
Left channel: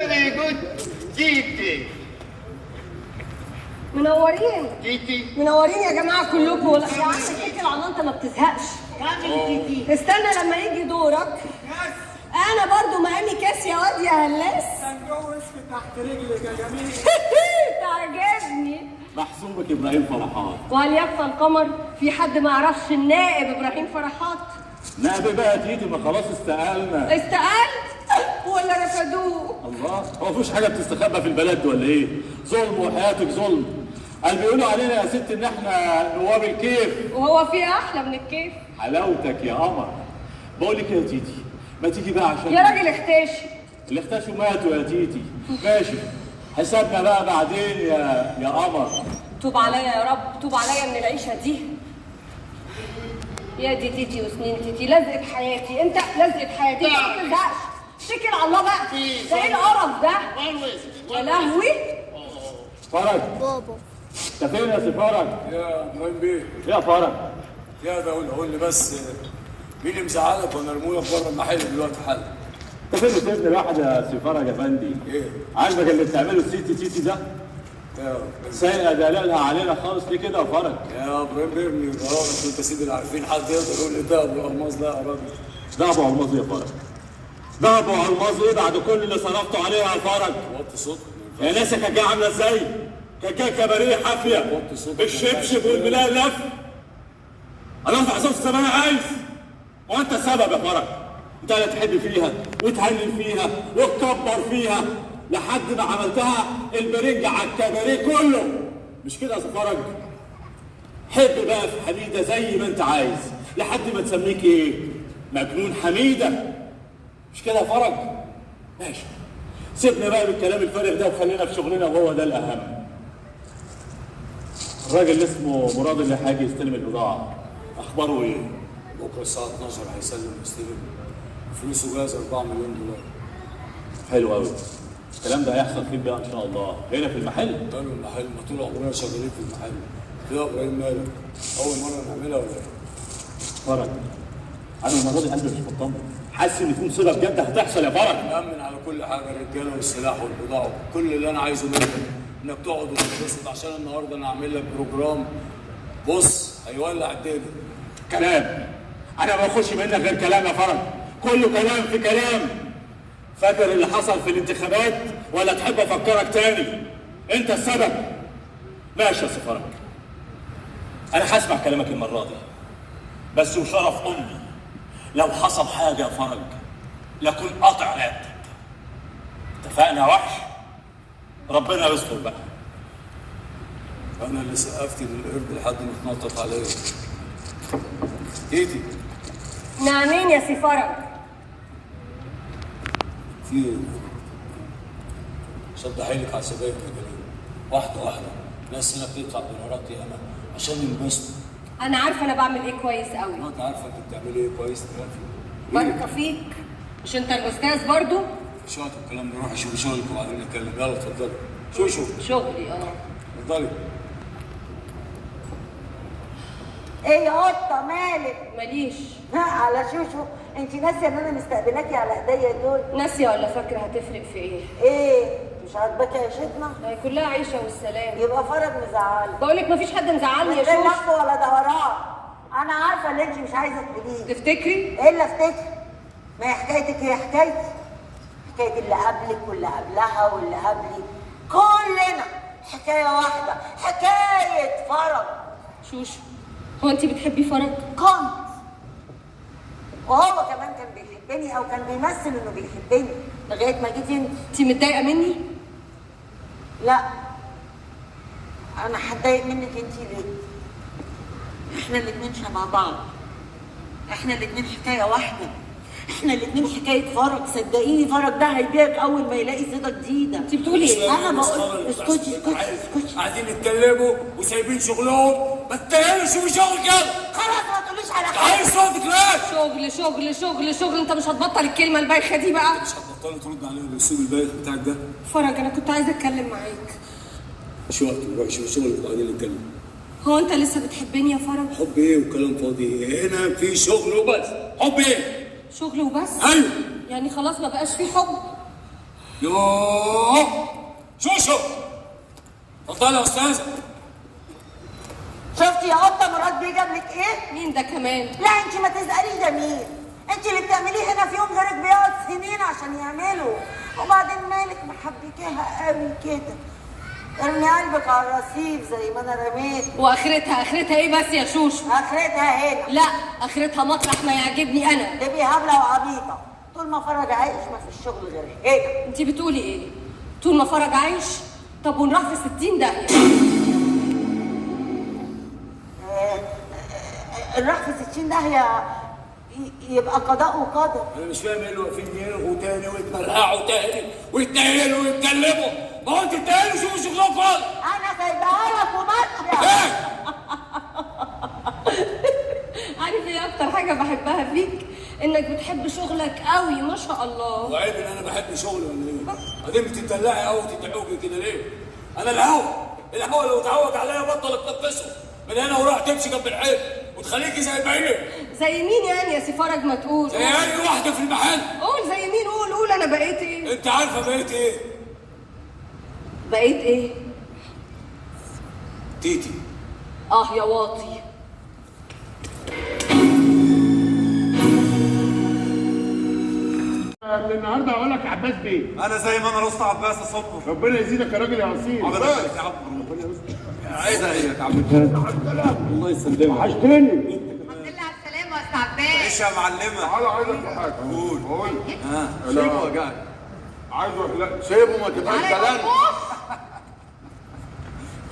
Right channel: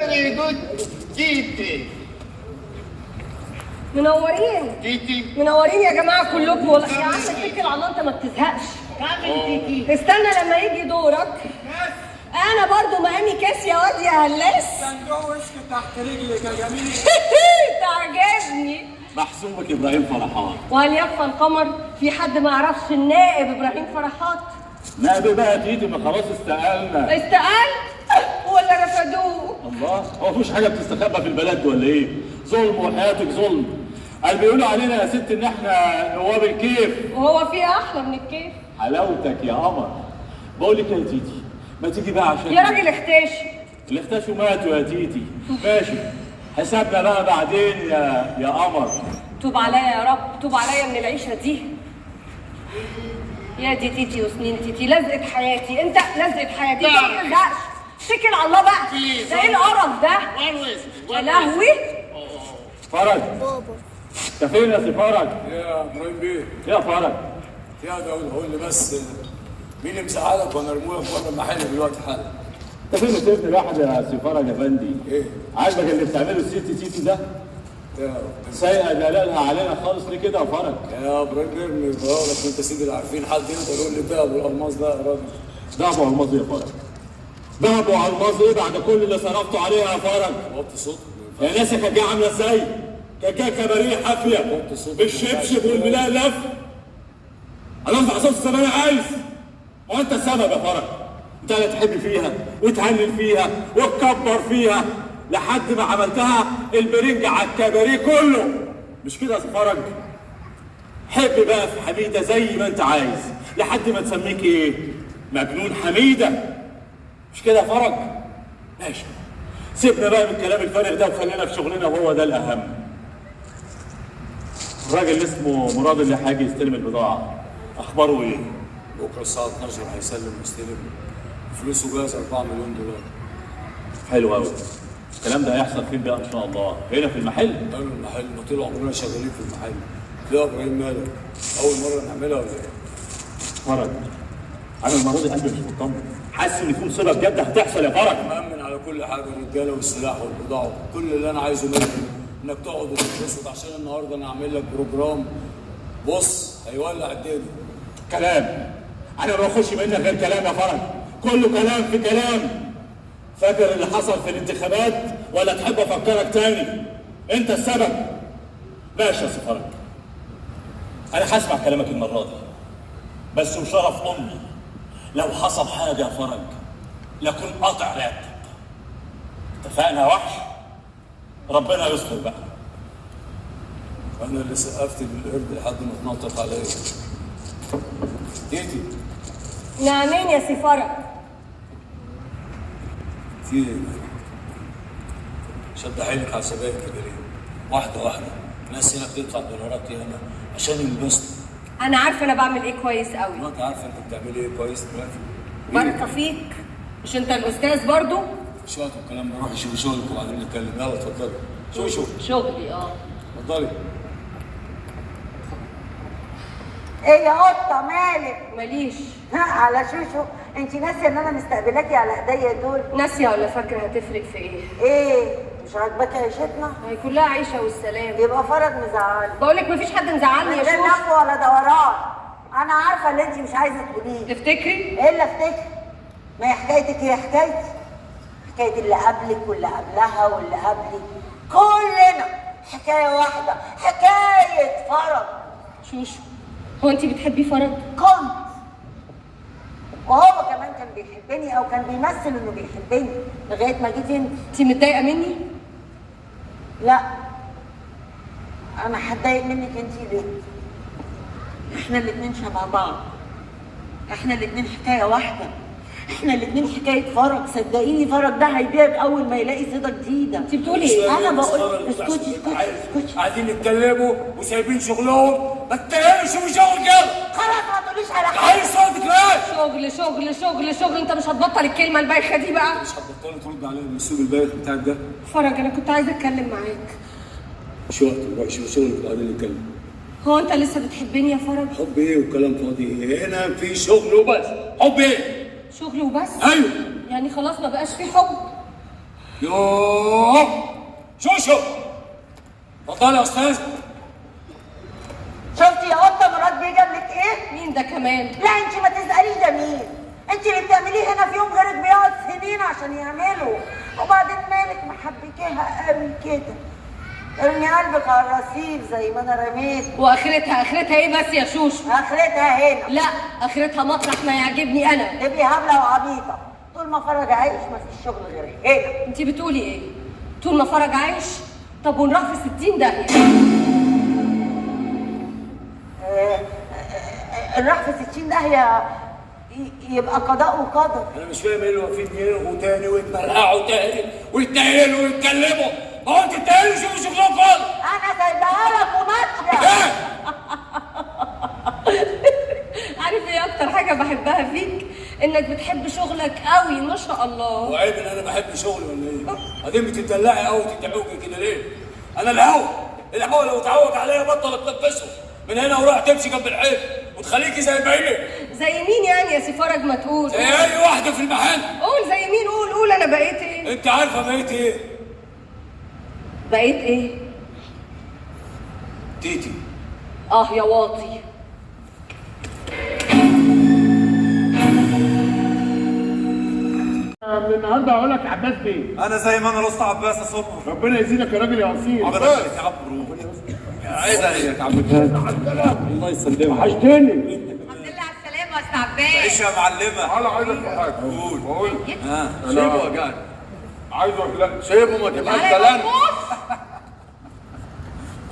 فيري جود تيتي. منورين تيتي منورين يا جماعه كلكم والله. يا عم اتكل على الله، انت ما بتزهقش. استنى لما يجي دورك. انا برضو مقامي كاس يا واد يا هلاس. وشك تحت رجلك يا جميل. تعجبني. محسوبك ابراهيم فرحات. وهل يخفى القمر؟ في حد ما يعرفش النائب ابراهيم فرحات؟ نائب بقى تيجي، ما خلاص استقالنا. استقلت ولا رفضوه؟ الله، هو مفيش حاجه بتستخبى في البلد ولا ايه؟ ظلم وحياتك ظلم. قال بيقولوا علينا يا ست ان احنا نواب الكيف. وهو في احلى من الكيف؟ حلاوتك يا قمر. بقول لك يا تيتي، ما تيجي بقى عشان يا راجل اختشي. اللي اختشوا ماتوا يا تيتي. ماشي، حسابنا بقى بعدين يا قمر. توب عليا يا رب، توب عليا من العيشه دي. يا دي تيتي وسنين تيتي، لزقة حياتي، انت لزقة حياتي. انت ما تلزقش، اتكل على الله بقى. ده ايه القرف ده؟ يا لهوي. فرج، بابا انت فين يا سي فرج؟ يا ابراهيم بيه، يا فرج، يا ده قول لي بس مين اللي مزعلك وانا ارمولك بره المحل دلوقتي حالا؟ انت فين سيبني لوحدي يا سي فرج يا فندي؟ ايه؟ عاجبك اللي بتعمله السيتي تيتي ده؟ يا سايقه دلالها علينا خالص ليه كده يا فرج؟ يا ابراهيم بيه من غيرك انت سيدي اللي عارفين، حد يقدر يقول لي ده ابو الالماس ده يا راجل؟ ده ابو الماظ يا فرج. ده ابو الماظ ايه بعد كل اللي صرفته عليه يا فرج؟ وطي صوتك. يا ناس كانت جايه عامله ازاي؟ كانت جايه كباريه حافيه بالشبشب والملالف. انا انفع صوت زي ما انا عايز. وانت السبب يا فرج. انت اللي تحب فيها وتهلل فيها وتكبر فيها لحد ما عملتها البرنج على الكباريه كله. مش كده يا فرج؟ حب بقى في حميده زي ما انت عايز لحد ما تسميك ايه؟ مجنون حميده. مش كده يا فرج؟ ماشي، سيبنا بقى من الكلام الفارغ ده وخلينا في شغلنا وهو ده الاهم. الراجل اللي اسمه مراد اللي هيجي يستلم البضاعه اخباره ايه؟ بكره الساعه 12 هيسلم يستلم، فلوسه جاهزه 4 مليون دولار. حلو قوي. الكلام ده هيحصل فين بقى ان شاء الله؟ هنا في المحل؟ قدام المحل، ما طول عمرنا شغالين في المحل. يا ابراهيم مالك؟ اول مره نعملها ولا ايه؟ فرج، انا المره دي قلبي مش مطمن، حاسس ان في مصيبه بجد هتحصل يا فرج. مأمن على كل حاجه، الرجاله والسلاح والبضاعه، كل اللي انا عايزه منك انك تقعد وتتبسط عشان النهارده انا هعمل لك بروجرام بص هيولع الدنيا. كلام، انا ما باخدش منك غير كلام يا فرج، كله كلام في كلام. فاكر اللي حصل في الانتخابات ولا تحب افكرك تاني؟ انت السبب. ماشي يا سي فرج، انا هسمع كلامك المره دي، بس وشرف امي لو حصل حاجه يا فرج لكن قطع رقبتك. اتفقنا يا وحش؟ ربنا يستر بقى. انا اللي سقفت للقرد لحد ما اتنطط عليا. ايدي نعمين يا سي فرج. في ايه؟ شد حيلك على سبايك يا كريم، واحده واحده. الناس هنا بتدفع دولارات ياما عشان ينبسطوا. انا عارفه انا بعمل ايه كويس قوي. ما انت عارفه انت بتعملي ايه كويس دلوقتي. بركه فيك. مش انت الاستاذ برضو؟ مش وقت الكلام ده، روحي شوفي شغلك وبعدين نتكلم. يلا اتفضلي. شوفي شغلي اتفضلي. ايه يا قطه مالك؟ ماليش. على شوشو، انت ناسيه ان انا مستقبلاكي على ايديا دول؟ ناسيه ولا فاكره هتفرق في ايه؟ ايه مش عاجباكي عيشتنا؟ هي كلها عيشه والسلام. يبقى فرج مزعلك. بقول لك مفيش حد مزعلني يا لا شوشو. لف ولا دوران. انا عارفه اللي انت مش عايزه تقوليه. تفتكري؟ ايه اللي افتكري؟ ما هي حكايتك هي حكايتي، حكايه اللي قبلك واللي قبلها واللي قبلي، كلنا حكايه واحده، حكايه فرج. شوشو، هو انت بتحبي فرج؟ كنت، وهو كمان كان بيحبني او كان بيمثل انه بيحبني لغايه ما جيت انت. انت متضايقه مني؟ لا، انا هتضايق منك انت ليه؟ احنا الاتنين شبه بعض، احنا الاتنين حكايه واحده، احنا الاتنين حكايه فرج. صدقيني فرج ده هيبيعك اول ما يلاقي صيده جديده. انت بتقولي ايه؟ انا بقول اسكتي اسكتي. قاعدين يتكلموا وسايبين شغلهم، ما تتكلمش في شغل كده. خلاص ما تقوليش على تعالي حاجه. صوتك ليه؟ شغل شغل شغل شغل. انت مش هتبطل الكلمه البايخه دي بقى؟ مش هتبطلي ترد عليا بالاسلوب البايخ بتاعك ده. فرج، انا كنت عايزه اتكلم معاك. مش وقت دلوقتي، شوف شغلك وبعدين نتكلم. هو انت لسه بتحبني يا فرج؟ حب ايه وكلام فاضي ايه؟ هنا في شغل وبس. حب ايه؟ شغل وبس؟ ايوه. يعني خلاص ما بقاش في حب؟ يوه شوشو اتفضلي يا استاذ. شفتي يا قطه مراد بيه جاب لك ايه؟ مين ده كمان؟ لا انت ما تساليش ده مين؟ انت اللي بتعمليه هنا في يوم غيرك بيقعد سنين عشان يعمله، وبعدين مالك محبكيها قوي كده؟ ارمي قلبك على الرصيف زي ما انا رميت. واخرتها ايه بس يا شوشو؟ اخرتها هنا. لا اخرتها مطرح ما يعجبني انا. تبقي هبله وعبيطه، طول ما فرج عايش ما فيش شغل غير هنا. انت بتقولي ايه؟ طول ما فرج عايش؟ طب ونروح في 60 داهيه. نروح في 60 داهيه يبقى قضاء وقدر. انا مش فاهم ايه اللي واقفين يرغوا تاني ويتمرقعوا تاني ويتنيلوا ويتكلموا. ما هو انت تاني شوفوا شغلكم خالص. انا سايبها لك وماشيه. عارف ايه اكتر حاجه بحبها فيك؟ انك بتحب شغلك قوي ما شاء الله. وعيب ان انا بحب شغلي ولا ايه؟ بعدين بتدلعي قوي وتتعوجي كده ليه؟ انا الهوا لو اتعوج عليا بطل اتنفسه من هنا وراح تمشي جنب الحيط وتخليكي زي بعينك. زي مين يعني يا سي فرج؟ ما تقول. زي اي واحده في المحل. قول زي مين؟ قول انا بقيت ايه؟ انت عارفه بقيت ايه؟ بقيت ايه؟ تيتي. يا واطي. من النهارده هقول لك عباس بيه. انا زي ما انا رست عباس يا صبحي. ربنا يزيدك يا راجل يا اصيل. عباس يا عم عايز عليك يا عم. الله يسلمك. وحشتني. الحمد لله على السلامه يا استاذ عباس. عيش يا معلمه. تعالى عايزك في حاجه. قول. سيبه يا جدع. عايزك لا سيبه ما تبقاش كلام.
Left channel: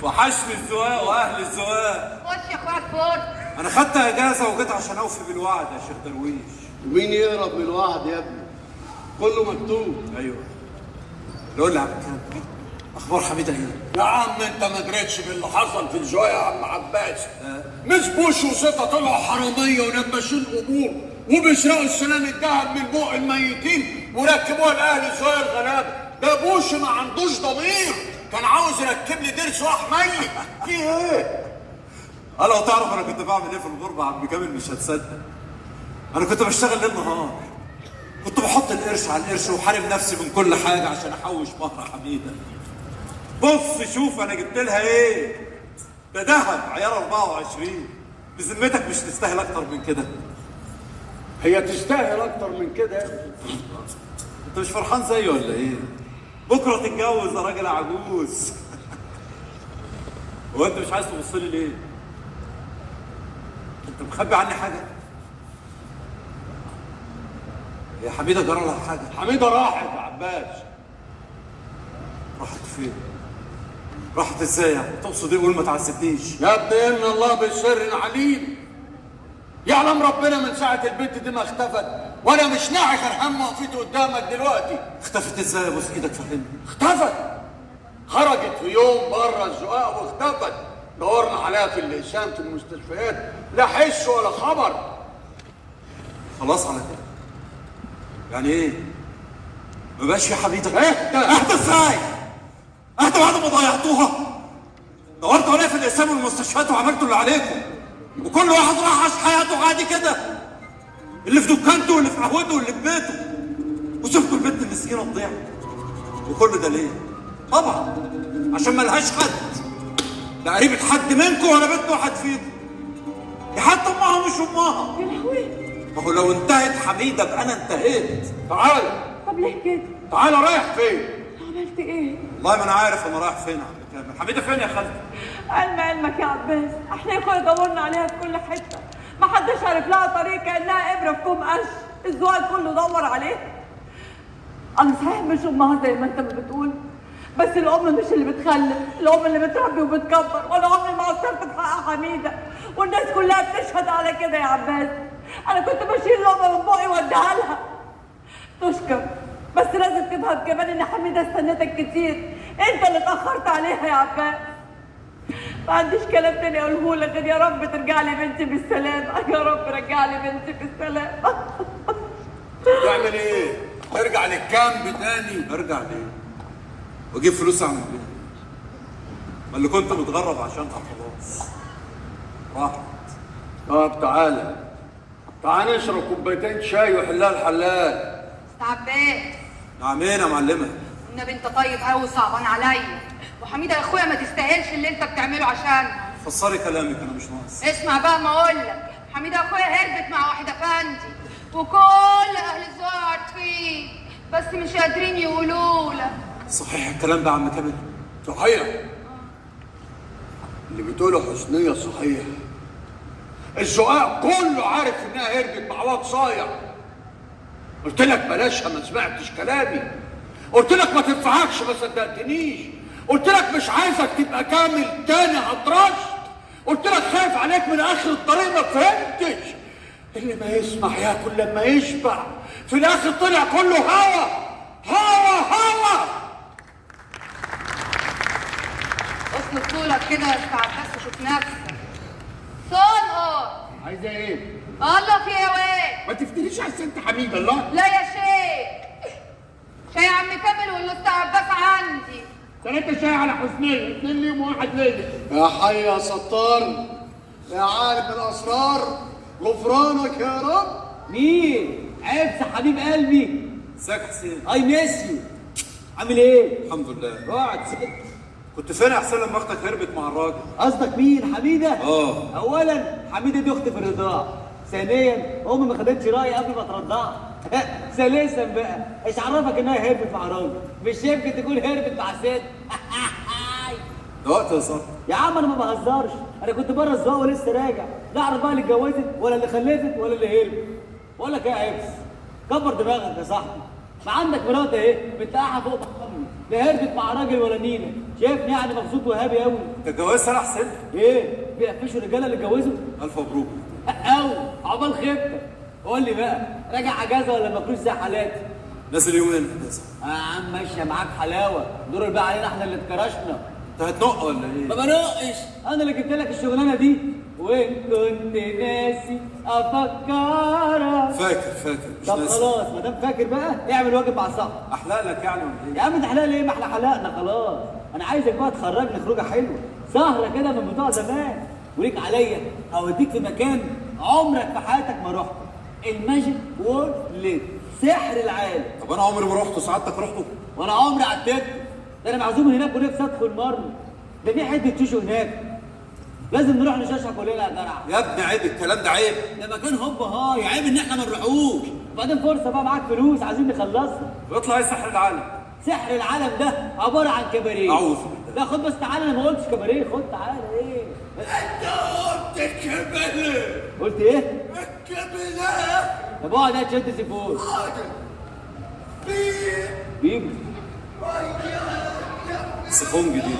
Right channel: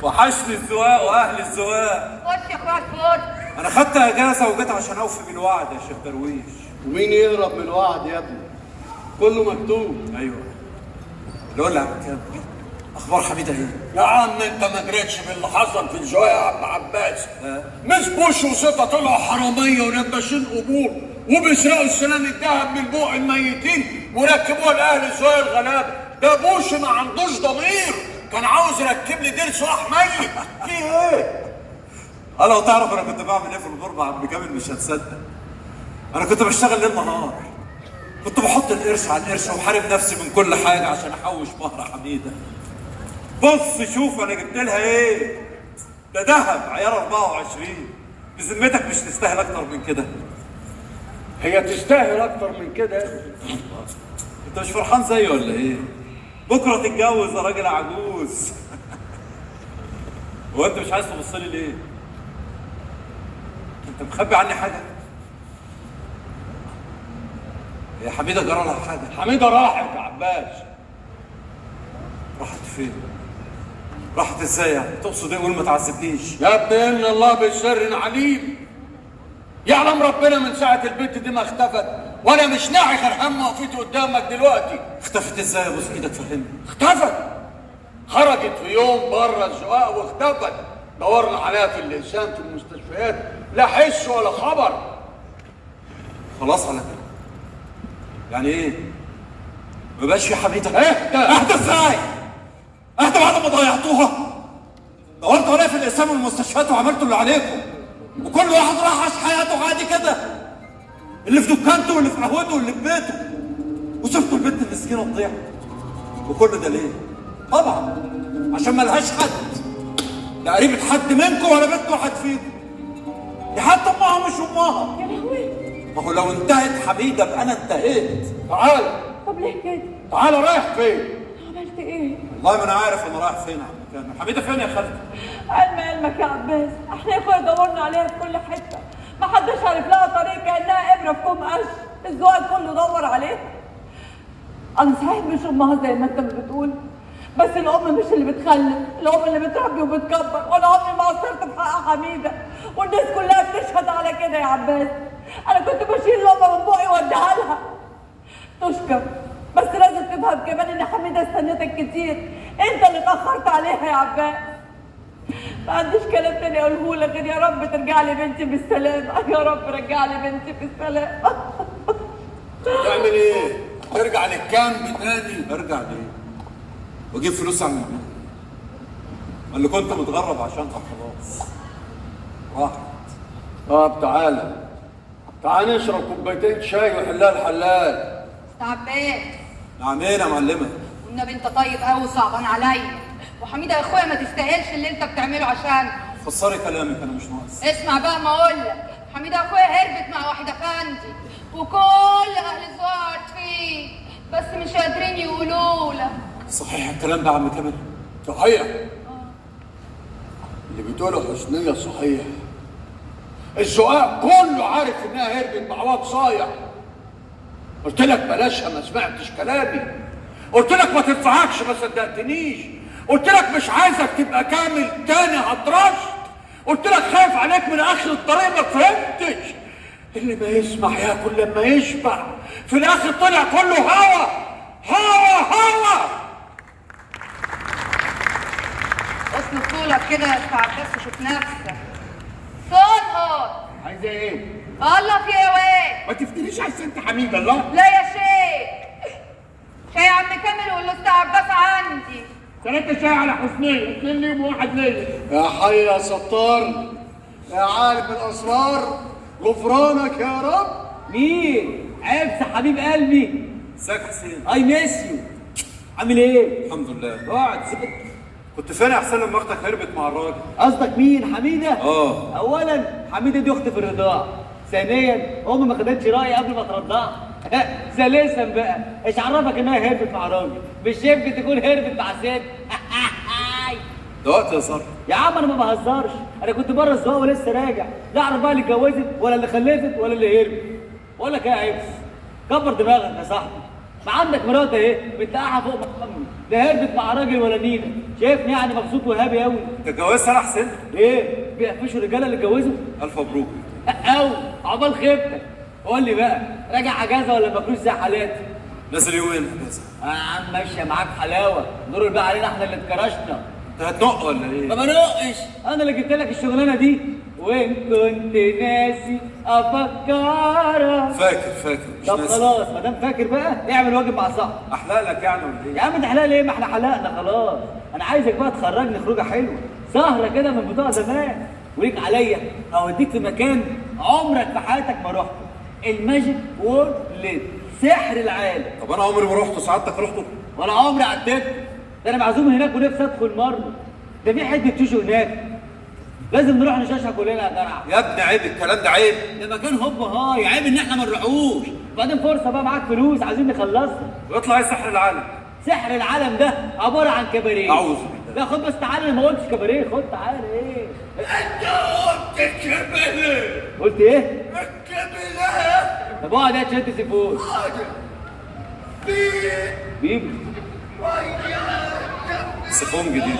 وحشني الزواق واهل الزواق. خش يا اخويا الفل. انا خدت اجازه وجيت عشان اوفي بالوعد يا شيخ درويش. مين يهرب من الوعد يا ابني؟ كله مكتوب. ايوه. قول لي يا عم كام اخبار حميده ايه؟ يا عم انت ما دريتش باللي حصل في الجوع يا عم عباس. مش بوش وسطه طلعوا حراميه ونباشين قبور وبيسرقوا السنان الذهب من بوق الميتين وركبوها لاهل الزوايا الغلابه. ده بوش ما عندوش ضمير، كان عاوز يركب لي دير صلاح ميت. في ايه؟ لو تعرف انا كنت بعمل ايه في الغربه يا عم كامل مش هتصدق. انا كنت بشتغل ليل نهار. كنت بحط القرش على القرش وحارب نفسي من كل حاجه عشان احوش مهر حميده. بص شوف انا جبت لها ايه؟ ده ذهب عيار 24. بذمتك مش تستاهل اكتر من كده؟ هي تستاهل اكتر من كده. انت مش فرحان زيي ولا ايه؟ بكره تتجوز يا راجل عجوز. هو انت مش عايز تبص لي ليه؟ انت مخبي عني حاجه؟ يا حميده جرى لها حاجه؟ حميده راحت يا عباس. راحت فين؟ راحت ازاي يعني؟ تقصد ايه؟ قول ما تعذبنيش. يا ابني ان الله بالسر عليم. يعلم ربنا من ساعه البنت دي ما اختفت وانا مش ناعي غير هم وقفتي قدامك دلوقتي. اختفت ازاي يا بوس ايدك فهمني؟ اختفت. خرجت في يوم بره الزقاق واختفت. دورنا عليها في اللسان في المستشفيات لا حس ولا خبر. خلاص على كده. يعني ايه؟ ما بقاش في حميده؟ اهدى ازاي؟ اهدى بعد ما ضيعتوها؟ دورتوا عليا في الاقسام والمستشفيات وعملتوا اللي عليكم وكل واحد راح عاش حياته عادي كده، اللي في دكانته واللي في قهوته واللي في بيته، وسبتوا البنت المسكينه تضيع. وكل ده ليه؟ طبعا عشان ملهاش حد، لا قريبة حد منكم ولا بنت واحد فيكم. دي حتى امها مش امها. ما هو لو انتهت حميده ابقى انا انتهيت. تعالى. طب ليه كده؟ تعالى رايح فين؟ عملت ايه؟ والله ما انا عارف انا رايح فين يا عم كامل. حميده فين يا خالتي؟ علمك يا عباس، احنا يا اخويا دورنا عليها في كل حته، ما حدش عارف لها طريق كانها ابره في كوم قش، الزواج كله دور عليها. انا صحيح مش امها زي ما انت بتقول، بس الام مش اللي بتخلف، الام اللي بتربي وبتكبر، وانا عمري ما قصرت في حق حميده، والناس كلها بتشهد على كده يا عباس. انا كنت بشيل لقمه من بقي واديها لها. تشكر، بس لازم تفهم كمان ان حميده استنتك كتير، انت اللي اتاخرت عليها يا عباس. ما عنديش كلام تاني اقوله لك غير يا رب ترجع لي بنتي بالسلامه، يا رب رجع لي بنتي بالسلامه. تعمل ايه؟ ترجع للكامب تاني؟ ارجع ليه؟ واجيب فلوس اعمل ايه؟ ما اللي كنت متغرب عشانها خلاص راحت. طب تعالى نشرب كوبايتين شاي وحلال حلال. عباس نعمين يا معلمه؟ والنبي انت طيب قوي وصعبان عليا، وحميده يا اخويا ما تستاهلش اللي انت بتعمله عشان. فسري كلامك انا مش ناقص. اسمع بقى ما اقول لك، حميده يا اخويا هربت مع واحد افندي وكل اهل الزهر فيه، بس مش قادرين يقولوا لك. صحيح الكلام ده يا عم كامل؟ صحيح اللي بتقوله حسنية صحيح. الزقاق كله عارف انها هربت مع واد صايع. قلت لك بلاشها ما سمعتش كلامي. قلت لك ما تنفعكش ما صدقتنيش. قلت لك مش عايزك تبقى كامل تاني هترش. قلت لك خايف عليك من اخر الطريق ما فهمتش. اللي ما يسمع ياكل لما يشبع. في الاخر طلع كله هوا هوا هوا. اصل طولك كده يدفع بس شوف نفسك. صدقه عايزه ايه؟ الله في ايه؟ ما تفتكريش على ست حميده الله. لا يا شيخ، شاي يا عم كامل والاستاذ عباس عندي. 3 شاي على حسنيه، 2 ليهم وواحد ليا. يا حي يا ستار يا عارف الاسرار غفرانك يا رب. مين؟ عبس حبيب قلبي. ازيك حسين؟ اي ميس يو. عامل ايه؟ الحمد لله. اقعد ست. كنت فين يا حسين لما اختك هربت مع الراجل؟ قصدك مين؟ حميده؟ اه. اولا حميده دي اختي في الرضاعه. ثانيا امي ما خدتش رايي قبل ما ترضعها. ثالثا بقى ايش عرفك انها هربت مع راجل؟ مش يمكن تكون هربت مع ست. ده وقت هزار. يا عم انا ما بهزرش، انا كنت بره الزواج ولسه راجع، لا اعرف بقى اللي اتجوزت ولا اللي خلفت ولا اللي هربت. بقول لك ايه يا عبس؟ كبر دماغك يا صاحبي. ما عندك مرات اهي بتقعها فوق محمد، لا هربت مع راجل ولا نيله، شايفني يعني مبسوط وهابي قوي. انت اتجوزت انا حسين؟ ايه؟ بيقفشوا الرجاله اللي اتجوزوا؟ الف مبروك. قوي عقبال خيبتك. قول لي بقى راجع اجازه ولا مفلوس زي حالاتي؟ نازل يومين اجازه. يا عم ماشيه معاك حلاوه، دور بقى علينا احنا اللي اتكرشنا. انت هتنق ولا ايه؟ ما بنقش، انا اللي جبت لك الشغلانه دي، وان كنت ناسي افكرك. فاكر مش طب ناسي. خلاص ما دام فاكر بقى اعمل واجب مع صاحبك. احلق لك يعني ولا ايه؟ يا عم ده حلال ايه؟ ما احنا حلقنا خلاص. انا عايزك بقى تخرجني خروجه حلوه، سهره كده من بتوع زمان، وليك عليا اوديك في مكان عمرك في حياتك ما رحته، الماجيك وورلد، سحر العالم. طب انا عمري ما رحته، سعادتك رحته؟ وانا عمري عديت، ده انا معزوم هناك ونفسي ادخل مره، ده في حته تيشو هناك، لازم نروح نشاشها كلنا يا جدع. يا ابني عيب الكلام ده، عيب. ده مكان هوب هاي، عيب ان احنا ما نروحوش، وبعدين فرصه بقى معاك فلوس عايزين نخلصها. ويطلع ايه سحر العالم؟ سحر العالم ده عباره عن كباريه. اعوذ لا خد بس تعالى، انا ما قلتش كباريه، خد تعالى. ايه؟ انت قلت الكبلة. قلت ايه؟ الكبلة. طب اقعد يا تشد سيفون. بيبي سيفون جديد.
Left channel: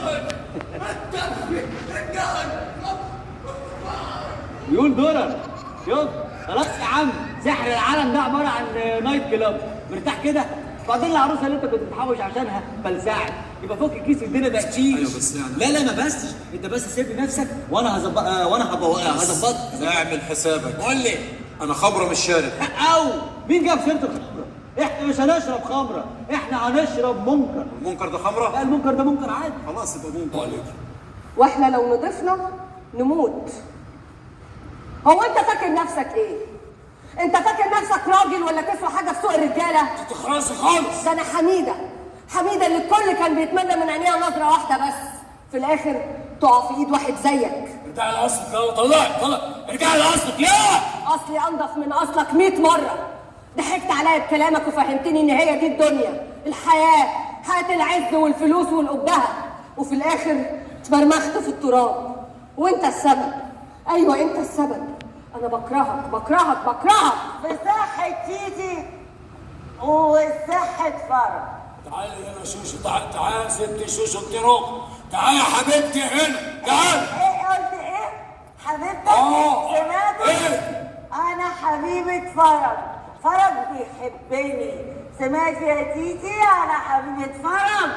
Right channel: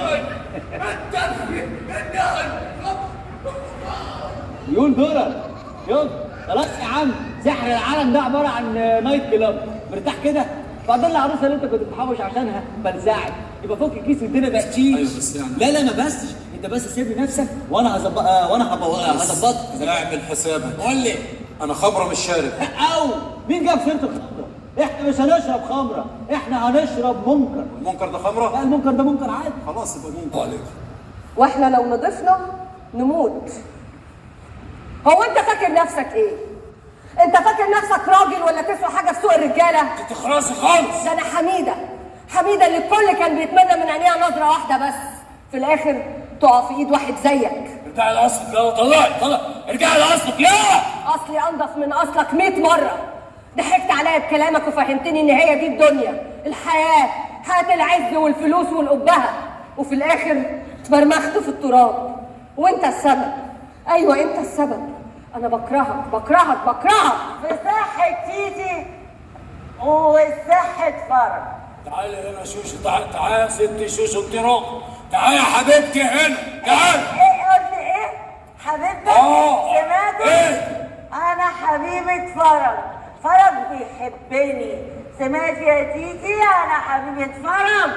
مليون دولار. شوف خلاص يا عم، سحر العالم ده عباره عن نايت كلاب، مرتاح كده. بعدين العروسه اللي انت كنت بتحوش عشانها فلسعت، يبقى فك الكيس والدنيا بقت شيش. ايوه بس يعني لا ما بسش، انت بس سيب لي نفسك وانا هظبطك. اعمل حسابك. قول لي انا خمره مش شارب. او مين جاب سيره الخمره؟ احنا مش هنشرب خمره، احنا هنشرب منكر. المنكر ده خمره؟ لا المنكر ده منكر عادي. خلاص يبقى منكر عليك. واحنا لو نضفنا نموت. هو انت فاكر نفسك ايه؟ انت فاكر نفسك راجل ولا تسوى حاجه في سوق الرجاله؟ انت خلاص خالص. ده انا حميده اللي الكل كان بيتمنى من عينيها نظره واحده بس، في الاخر تقع في ايد واحد زيك. ارجعي لاصلك يلا، طلع ارجعي لاصلك يا اصلي انضف من اصلك 100 مره. ضحكت عليا بكلامك وفهمتني ان هي دي الدنيا، حياه العز والفلوس والقبهه، وفي الاخر اتمرمخت في التراب. وانت السبب. ايوه انت السبب. انا بكرهك في صحة تيتي وصحة فرج. تعالي هنا شوشو، تعالي يا ست شوشو انت روح. تعالي يا حبيبتي هنا، تعالي. ايه قلت ايه؟ حبيبتك؟ سمعت؟ ايه؟ انا حبيبة فرج بيحبني. سمعت يا تيتي؟ انا حبيبة فرج.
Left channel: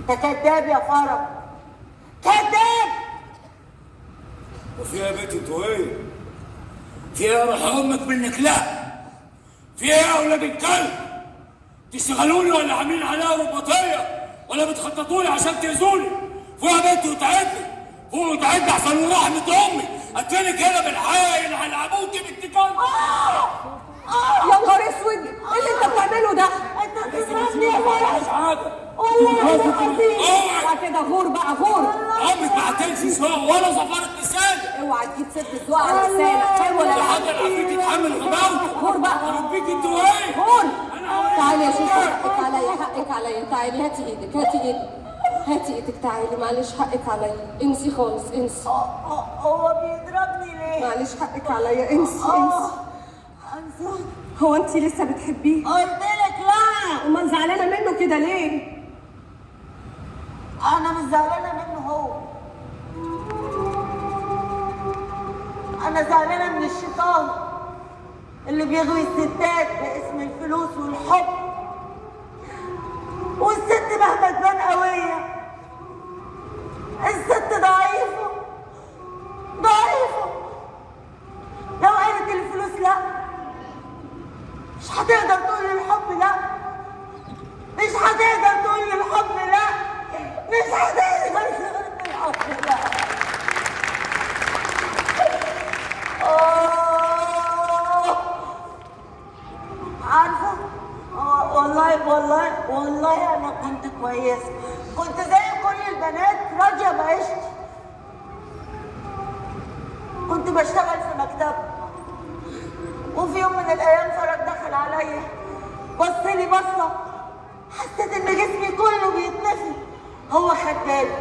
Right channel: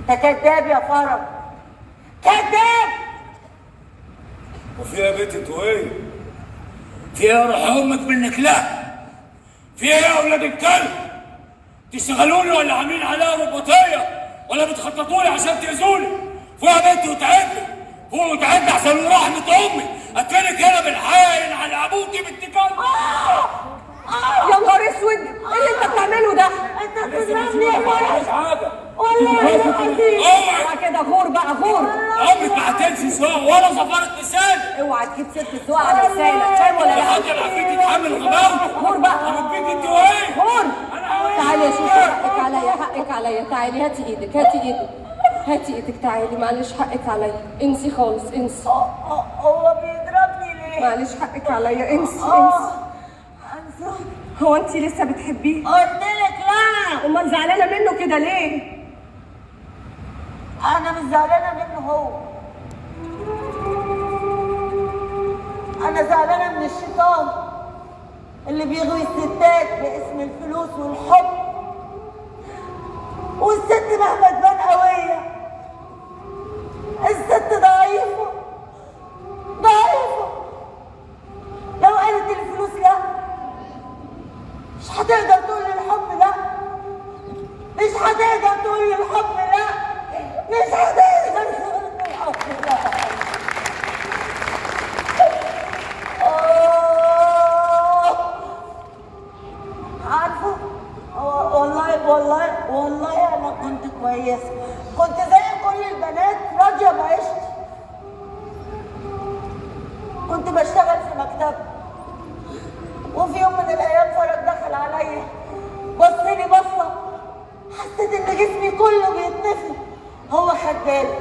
انت كداب يا فرج، كداب. وفي يا بنت انتوا ايه؟ في ايه روح امك منك؟ لا في ايه يا اولاد الكلب؟ تشتغلوني ولا عاملين عليها رباطيه ولا بتخططوا لي عشان تاذوني؟ فوق يا بنت وتعبني، فوق وتعبني عشان رحمه امي اكلك هنا بالحاين على ابوكي بنت كلب. يا نهار اسود، ايه اللي انت بتعمله ده؟ انت بتضربني العفريت يتحمل غباوته. غور بقى. انا بيك انت وايه؟ غور. تعالي يا شيخة، حقك عليا، حقك عليا. تعالي هاتي ايدك، هاتي ايدك، هاتي ايدك. تعالي، معلش حقك عليا. انسي خالص، انسي. هو بيضربني ليه؟ معلش حقك عليا، انسي انسي. هو انت لسه بتحبيه؟ قلت لك لا. امال زعلانه منه كده ليه؟ انا مش زعلانه منه هو، انا زعلانه من الشيطان اللي بيغوي الستات باسم الفلوس والحب. والست مهما تبان قويه، الست ضعيفه ضعيفه. لو قالت الفلوس لا، مش هتقدر تقول الحب لا، مش هتقدر تقول الحب لا، مش هتقدر تقول الحب لا. عارفه، والله انا كنت كويسه، كنت زي كل البنات راضيه بعيشتي. كنت بشتغل في مكتب، وفي يوم من الايام فرج دخل عليا، بص لي بصه، حسيت ان جسمي كله بيتنفض. هو خد باله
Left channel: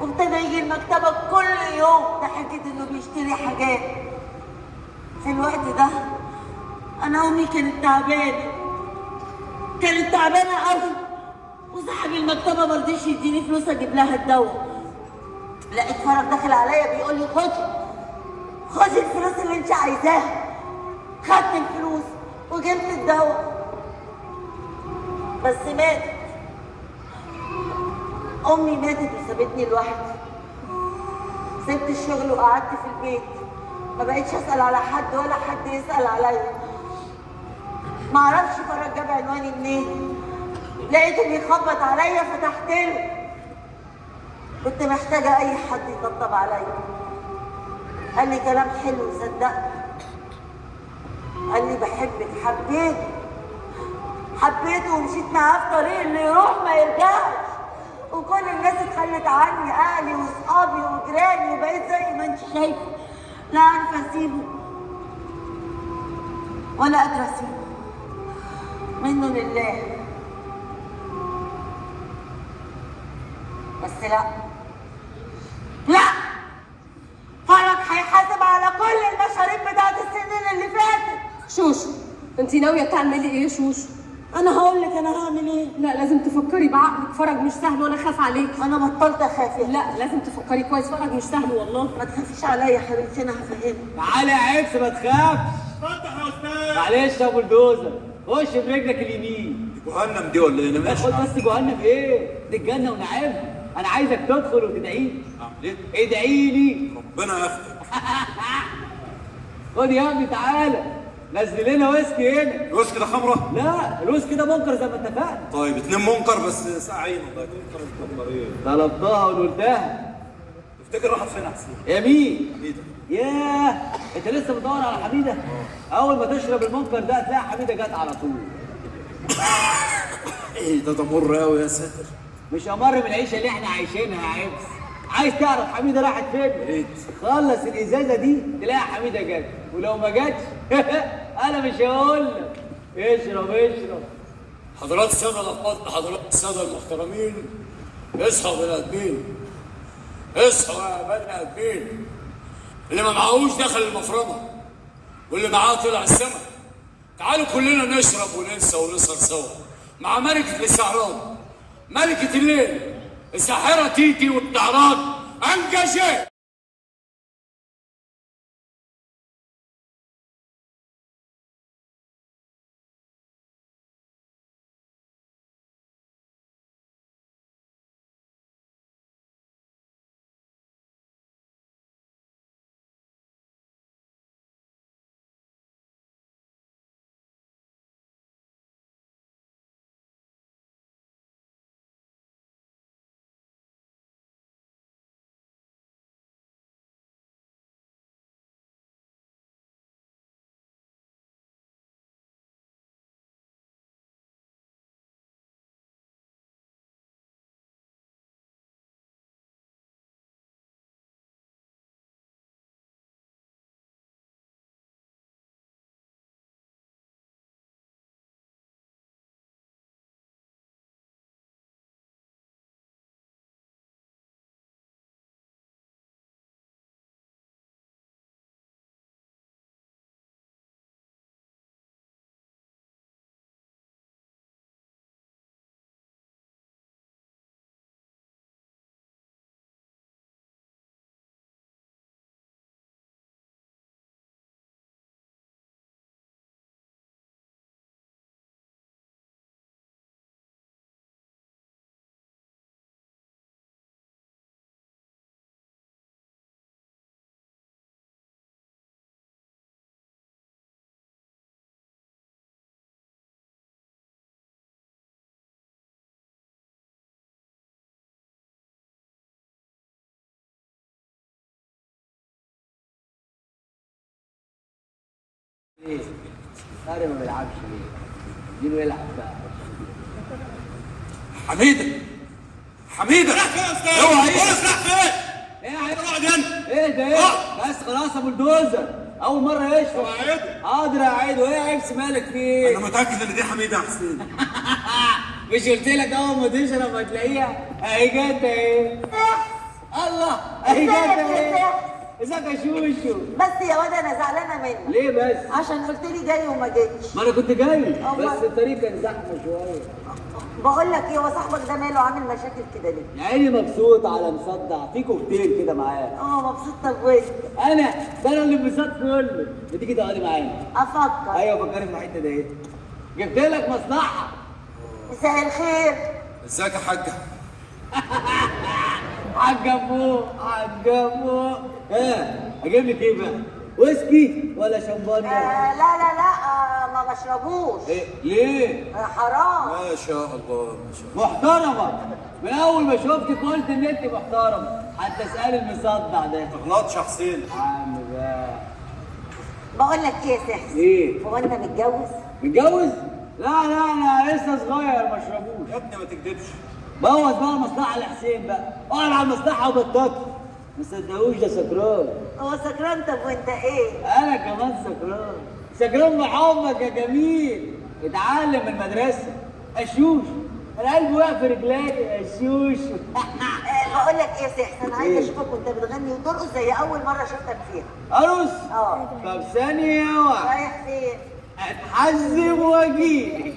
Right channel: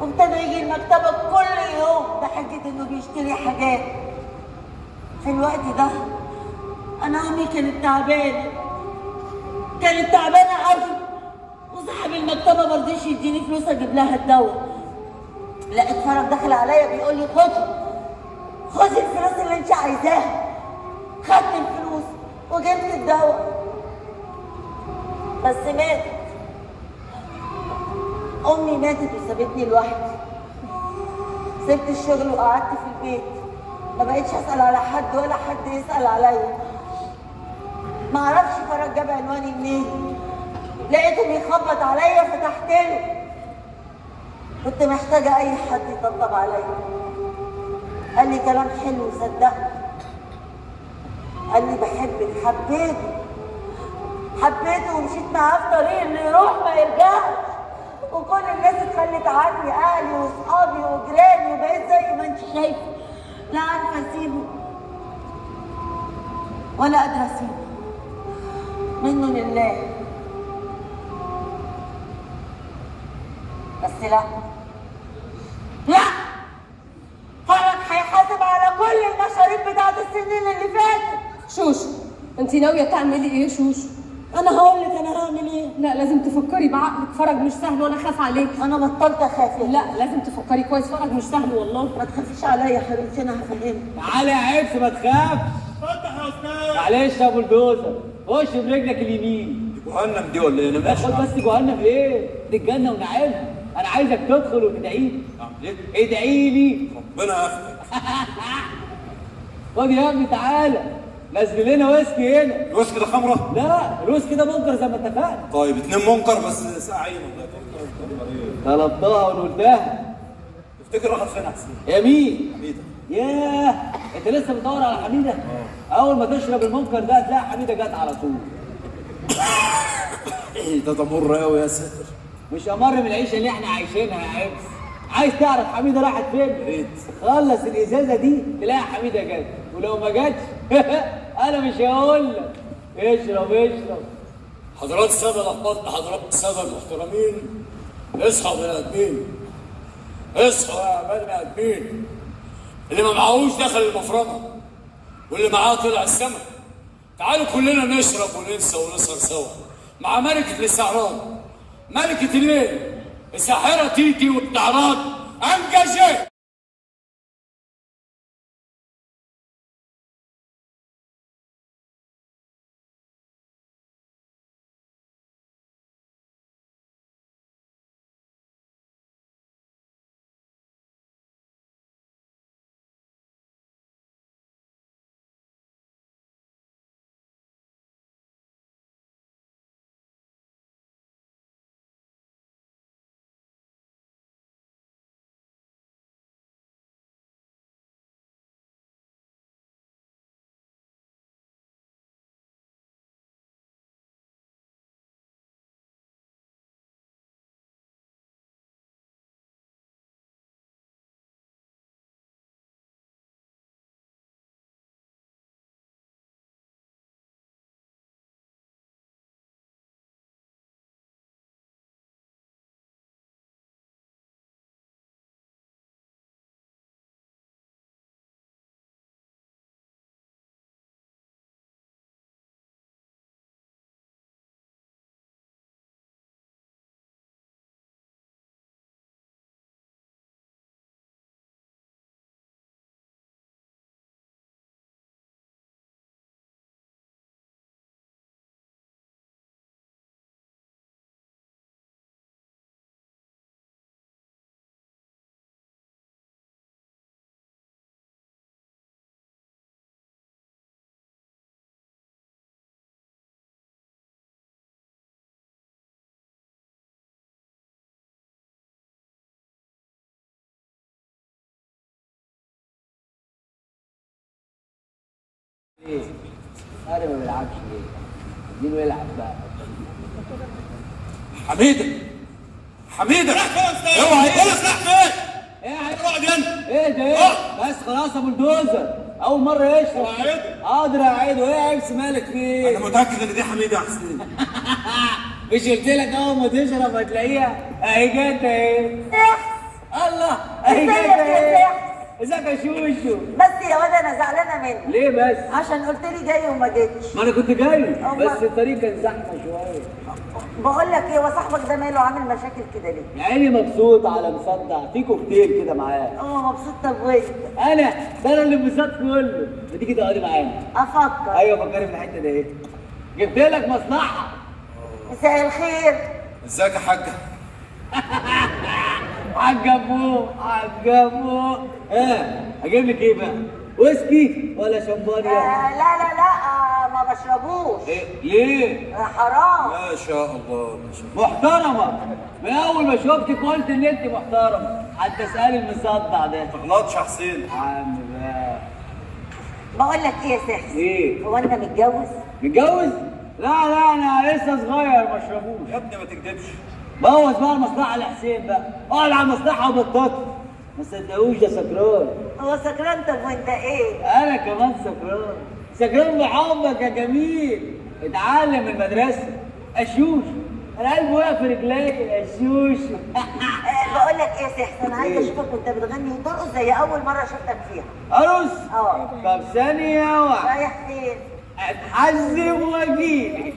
وابتدى يجي المكتبه كل يوم بحجه انه بيشتري حاجات. في الوقت ده انا امي كانت تعبانه قوي، وصاحب المكتبه ما رضيش يديني فلوس اجيب لها الدواء. لقيت فرج داخل عليا بيقول لي خدي الفلوس اللي انت عايزاها. خدت الفلوس وجبت الدواء، بس ماتت. امي ماتت وسابتني لوحدي. سبت الشغل وقعدت في البيت، ما بقيتش اسال على حد ولا حد يسال عليا. ما اعرفش فرج جاب عنواني منين، لقيته بيخبط عليا فتحت له. كنت محتاجه اي حد يطبطب عليا. قال لي كلام حلو صدقت. قال لي بحبك. حبيته ومشيت معاه في طريق اللي يروح ما يرجعش. وكل الناس اتخلت عني، اهلي واصحابي وجيراني، وبقيت زي ما انت شايفه لا عارفه اسيبه ولا قادره اسيبه. منه لله. بس لا فرج هيحاسب على كل المشاريب بتاعت السنين اللي فاتت. شوشو، انت ناويه تعملي ايه شوشو؟ انا هقول لك انا هعمل ايه. لا لازم تفكري بعقلك، فرج مش سهل وانا خاف عليك. انا بطلت اخاف. لا لازم تفكري كويس، فرج مش سهل والله. ما تخافيش عليا يا حبيبتي، انا هفهمك. تعالى يا عبس ما تخافش. فتح يا استاذ. معلش يا بلدوزر، خش برجلك اليمين. جهنم دي ولا ايه؟ ادخل بس جهنم ايه؟ دي الجنه ونعيمها. انا عايزك تدخل وتدعي لي. ايه؟ ادعي لي. ربنا ياخدك. خد يا ابني تعالى، نزل لنا ويسكي هنا. الويسكي ده خمره؟ لا الويسكي ده منكر زي ما اتفقنا. طيب 2 منكر بس ساعين والله. منكر ايه؟ طلبتها وقلتها. تفتكر راحت فين احسن؟ يا مين؟ حميده. ياه انت لسه بتدور على حميده؟ اول ما تشرب المنكر ده هتلاقي حميده جت على طول. ايه ده مر قوي يا ساتر. مش امر من العيشه اللي احنا عايشينها يا عبس. عايز تعرف حميده راحت فين؟ ريت. خلص الازازه دي تلاقي حميده جت، ولو ما جاتش انا مش هقول لك. اشرب. حضرات الساده الافاضل، حضرات الساده المحترمين، اصحوا يا بني ادمين، اصحوا يا بني ادمين. اللي ما معهوش دخل المفرمه، واللي معاه طلع السما. تعالوا كلنا نشرب وننسى ونسهر سوا مع ملكه الاستعراض، ملكه الليل، الساحره تيتي والاستعراض انجزت. ايه؟ طارق ما بيلعبش ليه؟ اديله يلعب بقى. حميده حميده راح فين يا استاذ؟ اوعى ايه؟ راح فين؟ ايه يا عيد؟ اقعد هنا. ايه ده ايه؟ بس خلاص يا بلدوزر، اول مره يشرب. حاضر يا عيد، وايه يا عيبس مالك فيه؟ انا متاكد ان دي حميده يا حسين. مش قلت لك اول ما تشرب هتلاقيها اهي جت اهي. الله اهي جت اهي. ازيك يا شوشو؟ بس يا واد انا زعلانه منك. ليه بس؟ عشان قلت لي جاي وما جيتش. ما انا كنت جاي الله. بس الطريق كان زحمه شويه. بقول لك ايه، هو صاحبك ده ماله عامل مشاكل كده ليه؟ يا عيني مبسوط على مصدع، في كوكتيل كده معاه. مبسوط. طب وانت؟ ده انا اللي انبساط كله. ما تيجي تقعدي معايا؟ افكر. ايوه فكري في الحته دي ايه؟ جبت لك مصلحه. مساء الخير. ازيك يا حاجه؟ عجبوه. اجيب لك ايه بقى؟ ويسكي ولا شمبانيا؟ لا ما بشربوش. إيه؟ ليه؟ حرام. ما شاء الله ما شاء الله. محترمه. من اول ما شفتك قلت ان انت محترمه، حتى اسالي المصدع ده. ما تغلطش يا حسين. عم بقى. بقول لك ايه يا سحس؟ ايه؟ هو انت متجوز؟ متجوز؟ لا انا لسه صغير ما اشربوش. يا ابني ما تكدبش. بوظ بقى المصلحه لحسين بقى، اقعد على المصلحه وبطاطا. ما صدقوش ده سكران. هو سكران. طب وانت ايه؟ انا كمان سكران بحبك يا جميل. اتعلم المدرسه اشوش. انا قلبي وقع في رجلي اشوش. بقول لك ايه يا سحس، انا عايزه اشوفك وانت بتغني وترقص زي اول مره شفتك فيها. ارقص؟ طب ثانيه واحده. رايح فين؟ اتحزم واجيلك.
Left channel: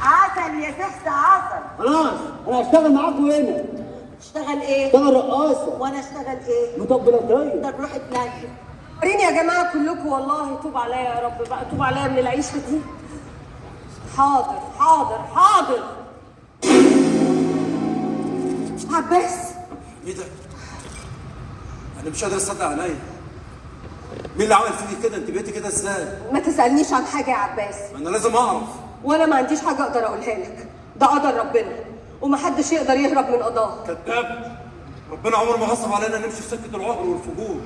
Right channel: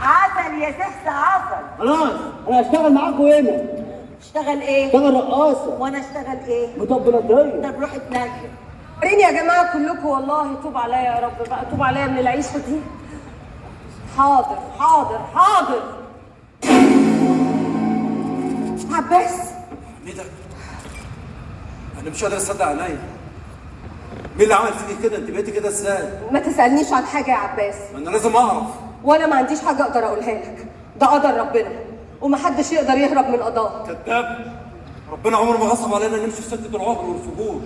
عسل يا سحس عسل. خلاص انا هشتغل معاكم هنا. اشتغل ايه؟ اشتغل رقاصه. وانا اشتغل ايه؟ مطبلاتيه. طب روح اتنجم. وريني يا جماعه كلكم، والله توب عليا يا رب بقى، توب عليا من العيشه دي. حاضر. عباس. ايه ده؟ انا مش قادر اصدق عينيا. مين اللي عمل فيكي كده؟ انت بقيتي كده ازاي؟ ما تسالنيش عن حاجه يا عباس. انا لازم اعرف. وانا ما عنديش حاجه اقدر اقولها لك، ده قدر ربنا ومحدش يقدر يهرب من قضاه. كذاب. ربنا عمره ما غصب علينا نمشي في سكه العهر والفجور.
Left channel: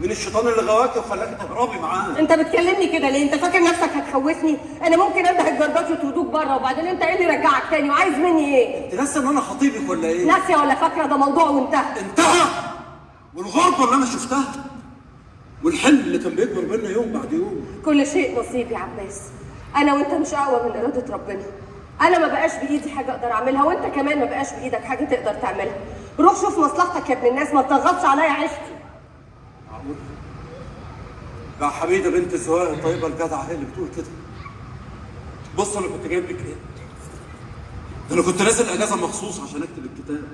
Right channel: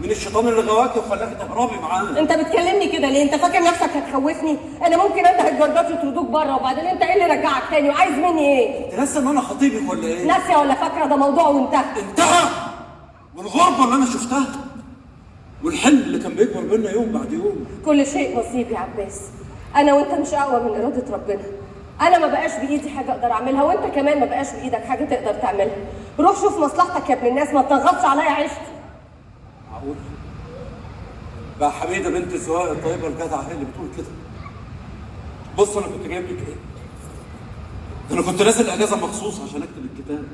مين الشيطان اللي غواكي وخلاكي تهربي معاه؟ انت بتكلمني كده ليه؟ انت فاكر نفسك هتخوفني؟ انا ممكن انده الجردات يطردوك بره، وبعدين انت ايه اللي رجعك تاني وعايز مني ايه؟ انت ناسيه ان انا خطيبك ولا ايه؟ ناسيه ولا فاكره؟ ده موضوع وانتهى. انتهى. والغربه اللي انا شفتها والحلم اللي كان بيكبر بينا يوم بعد يوم. كل شيء نصيب يا عباس. انا وانت مش اقوى من اراده ربنا. انا ما بقاش بايدي حاجه اقدر اعملها، وانت كمان ما بقاش بايدك حاجه تقدر تعملها. روح شوف مصلحتك يا ابن الناس، ما تضغطش عليا عيشتي. معقول؟ بقى حميده بنت الزواج الطيبه الجدعه هي اللي بتقول كده. بص انا كنت جايب لك ايه؟ انا كنت نازل اجازه مخصوص عشان اكتب الكتاب.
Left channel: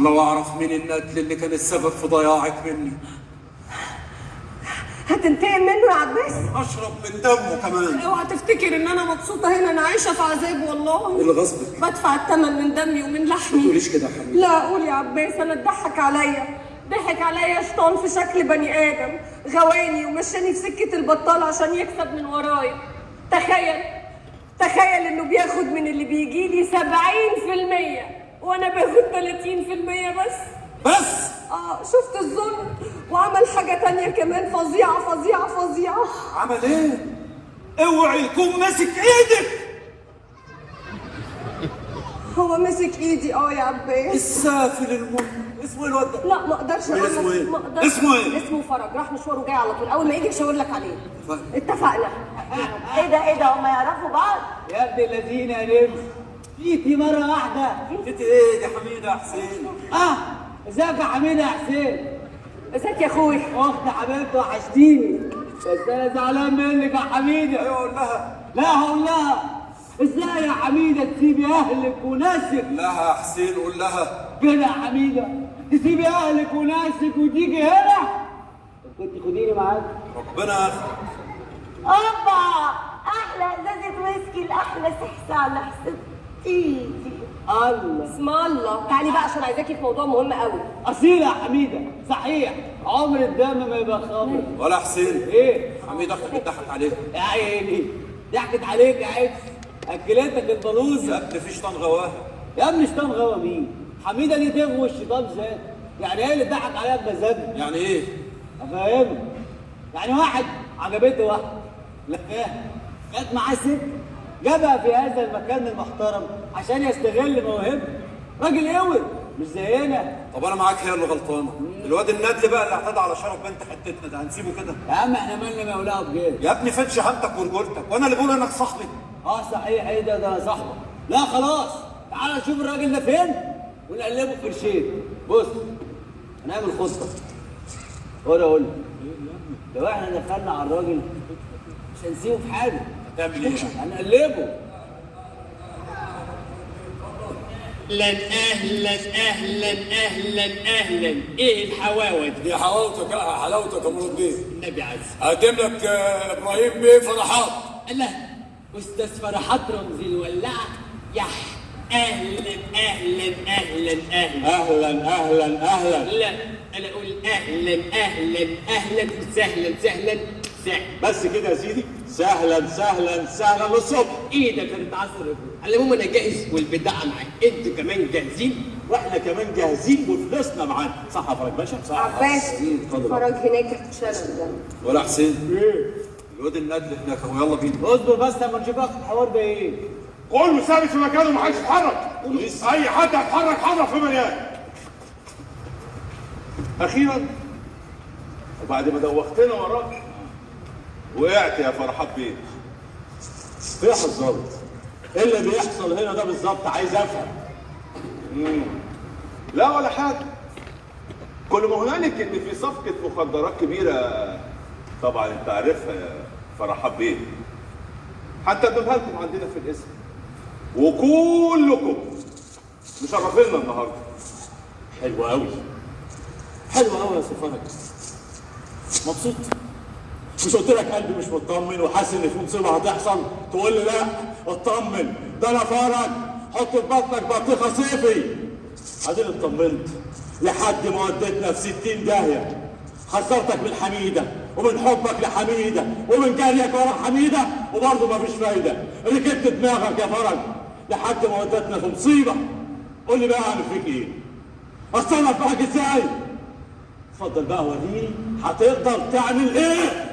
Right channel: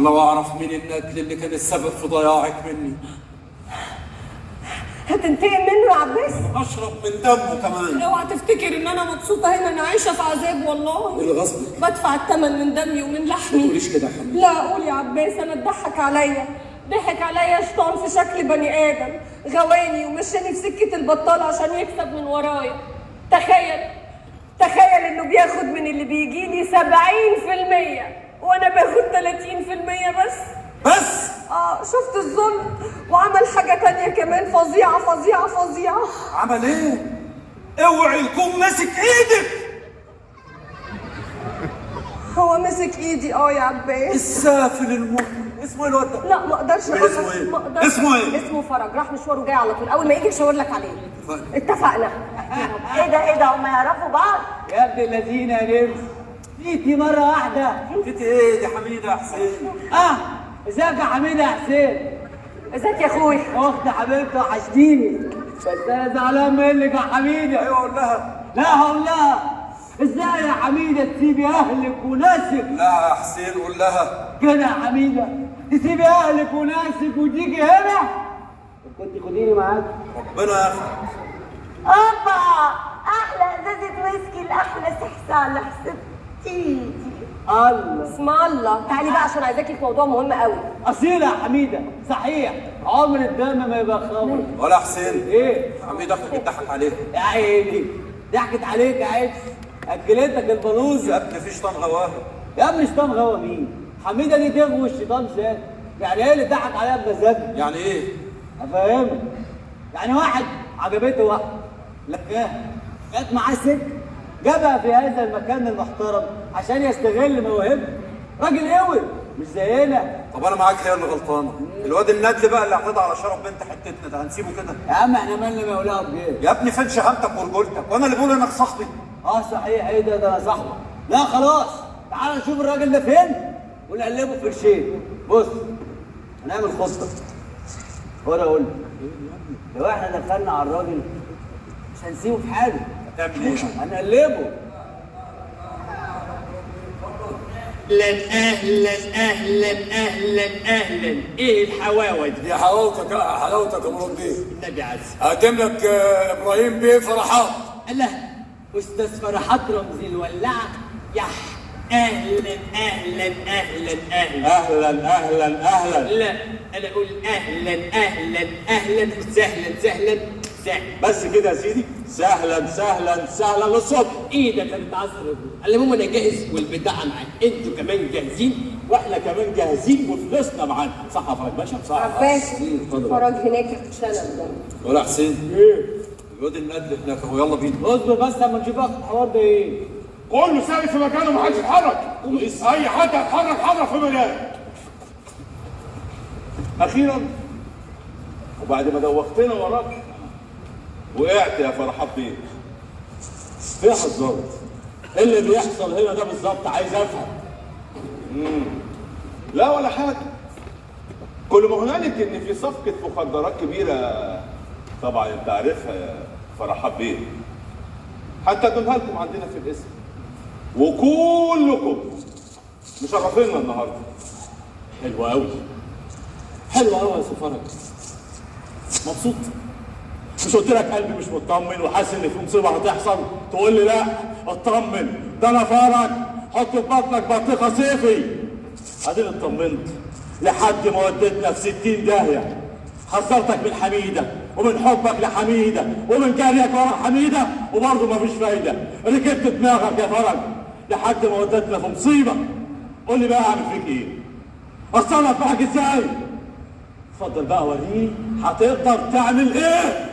لو اعرف مين الندل اللي كان السبب في ضياعك مني. هتنتقم منه يا عباس؟ اشرب من دمه كمان. اوعى تفتكر ان انا مبسوطه هنا، انا عايشه في عذاب والله. ايه اللي غصبك؟ بدفع الثمن من دمي ومن لحمي. ما تقوليش كده يا حبيبي. لا قول يا عباس، انا اتضحك عليا. ضحك عليا شيطان في شكل بني ادم، غواني ومشاني في سكه البطاله عشان يكسب من ورايا. تخيل انه بياخد من اللي بيجيلي 70% وانا باخد 30% بس. شفت الظلم؟ وعمل حاجه تانية كمان فظيعه. عمل ايه؟ اوعي يكون ماسك ايدك. هو مسك ايدي يا عباس. السافل المهم اسمه ايه الواد ده؟ لا ما اقدرش اقول اسمه ايه؟ لك، ما اقدرش. اسمه ايه؟ اسمه فرج، راح مشواره جاي على طول، اول ما يجي مشاور لك عليه. اتفقنا. ايه ده هم يعرفوا بعض؟ يا ابن الذين يا نمس، جيتي مرة واحدة. جيتي ايه دي حميدة يا حسين؟ ازيك يا حميدة يا حسين؟ ازيك يا اخوي؟ اخت حبيبتي وحشتيني، بس انا زعلان منك يا حميدة. ايوه قول لها. لا هقول لها. ازاي يا حميدة تسيبي اهلك وناسك؟ لا يا حسين قول لها كده يا حميدة تسيبي اهلك وناسك وتيجي هنا؟ كنت خديني معاك. ربنا ياخدك. اوبا، احلى ازازه ويسكي لاحلى سحسه على حساب تيجي. الله اسم الله. تعالي بقى عشان عايزاكي في موضوع مهم قوي. اصيله يا حميده، صحيح عمر الدم ما يبقى خمر. ولا حسين ايه؟ حميدة اختك بتضحك عليك. يا عيني ضحكت عليك يا عيب، اكلتك البلوزه. يا ابني في شيطان غواها. يا ابني شيطان غوا مين؟ حميده دي تغوي الشيطان ذات. يعني ايه اللي ضحك عليها بمزاجه؟ يعني ايه؟ افهمك. يعني واحد عجبته واحده، لقاها جت معاه ست، جابها في هذا المكان المحترم عشان يستغل موهبته. راجل قوي مش زينا. طب انا معاك، هي اللي غلطانه. الواد الندل بقى اللي اعتدى على شرف بنت حتتنا ده هنسيبه كده؟ يا عم احنا مالنا مولاه بجيب. يا ابني فين شهامتك ورجولتك؟ وانا اللي بقول انك صاحبي. صحيح. ايه ده انا صاحبك. لا خلاص، تعال نشوف الراجل ده فين ونقلبه في قرشين. بص هنعمل خطه. اقول لك لو احنا دخلنا على الراجل مش هنسيبه في حاجه. هتعمل ايه؟ هنقلبه. اهلا اهلا اهلا اهلا. ايه الحواوه دي؟ دي حلاوتك حلاوتك يا مراد بيه. النبي عز. هقدم لك ابراهيم بيه فرحات. الله، استاذ فرحات رمزي الولاعه. يح اهلا اهلا اهلا اهلا اهلا اهلا اهلا. لا انا اقول اهلا اهلا اهلا سهلا سهلا سهلا. بس كده يا سيدي، سهلا سهلا سهلا للصبح. ايدك كانت عصر. على العموم انا جاهز والبضاعه معاك، انتوا كمان جاهزين؟ واحنا كمان جاهزين وفلوسنا معانا. صح يا فرج باشا؟ صح. عباس فرج هناك اتشنب. ولا حسين؟ ايه؟ الواد الندل هناك اهو، يلا بينا. اصبر بس لما نشوف لك الحوار ده ايه. كله ثابت في مكانه محدش يتحرك. اي حد هيتحرك حرك في مكانه. اخيرا وبعد ما دوختنا وراك وقعت يا فرحات بيه. فين حضرتك؟ ايه اللي بيحصل هنا ده بالظبط؟ عايز افهم. لا ولا حاجه. كل ما هنالك ان في صفقه مخدرات كبيره، طبعا انت عارفها يا فرحات بيه. حتى اديمها لكم عندنا في الاسم، وكلكم مشرفينا النهارده. حلو قوي، حلو قوي يا سي فرج. مبسوط؟ مش قلت لك قلبي مش مطمن وحاسس ان في مصيبه هتحصل؟ تقول لي لا اطمن، ده انا فرج. حط في بطنك بطيخه صيفي. اديني اطمنت لحد ما وديتنا في 60 داهيه. حذرتك من حميده ومن حبك لحميده ومن جريك ورا حميده وبرضه مفيش فايده. ركبت دماغك يا فرج لحد ما ودتنا في مصيبه. قول لي بقى اعمل فيك ايه؟ اتصرف معاك ازاي؟ اتفضل بقى وريني هتقدر تعمل ايه؟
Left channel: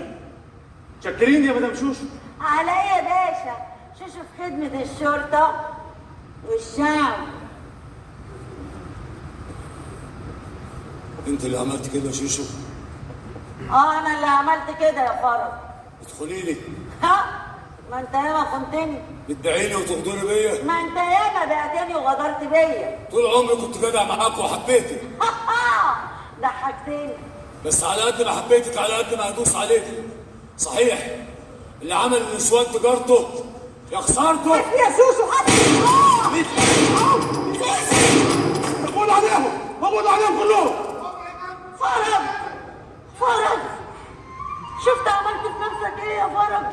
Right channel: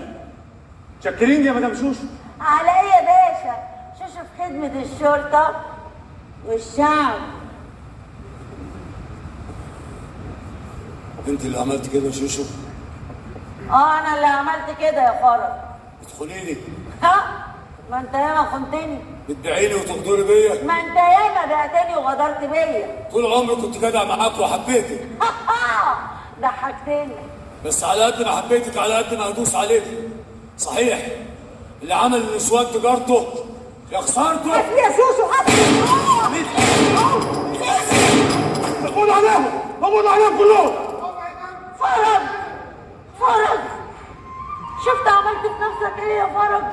شاكرين يا مدام شوشو. على ايه يا باشا؟ شوشو في خدمة الشرطة والشعب. انت اللي عملت كده يا شوشو؟ انا اللي عملت كده يا فرج. بتخونيني؟ ما انت ياما خنتني. بتدعيني وتغدري بيا؟ ما انت ياما بعتني وغدرت بيا. طول عمري كنت جدع معاك وحبيتك. ضحكتني. بس على قد ما حبيتك على قد ما هدوس عليك. صحيح اللي عمل النسوان تجارته يا خسارته. يا شوشو مقبول عليهم، مقبول عليهم كلهم. فرج شفت عملت في نفسك ايه يا فرج؟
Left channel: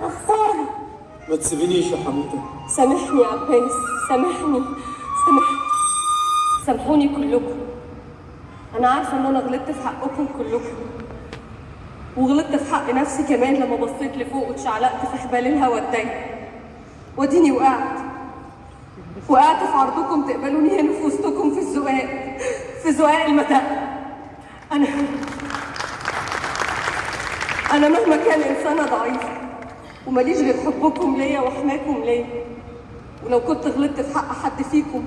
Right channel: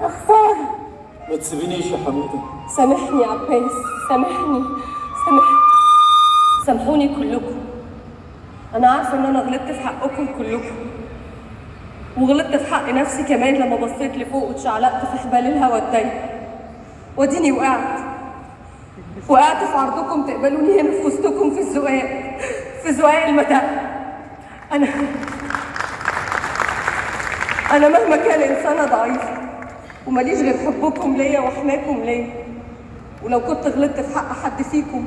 يا خسارة. ما تسيبينيش يا حميده. سامحني يا عباس، سامحني. سامحوني كلكم. انا عارفه ان انا غلطت في حقكم كلكم، وغلطت في حق نفسي كمان لما بصيت لفوق واتشعلقت في حبال الهوا الضيق. واديني وقعت في عرضكم تقبلوني هنا في وسطكم في زقاق المتاع. انا مهما كان انسانه ضعيفه وماليش غير حبكم ليا وحماكم ليا، ولو كنت غلطت في حق حد فيكم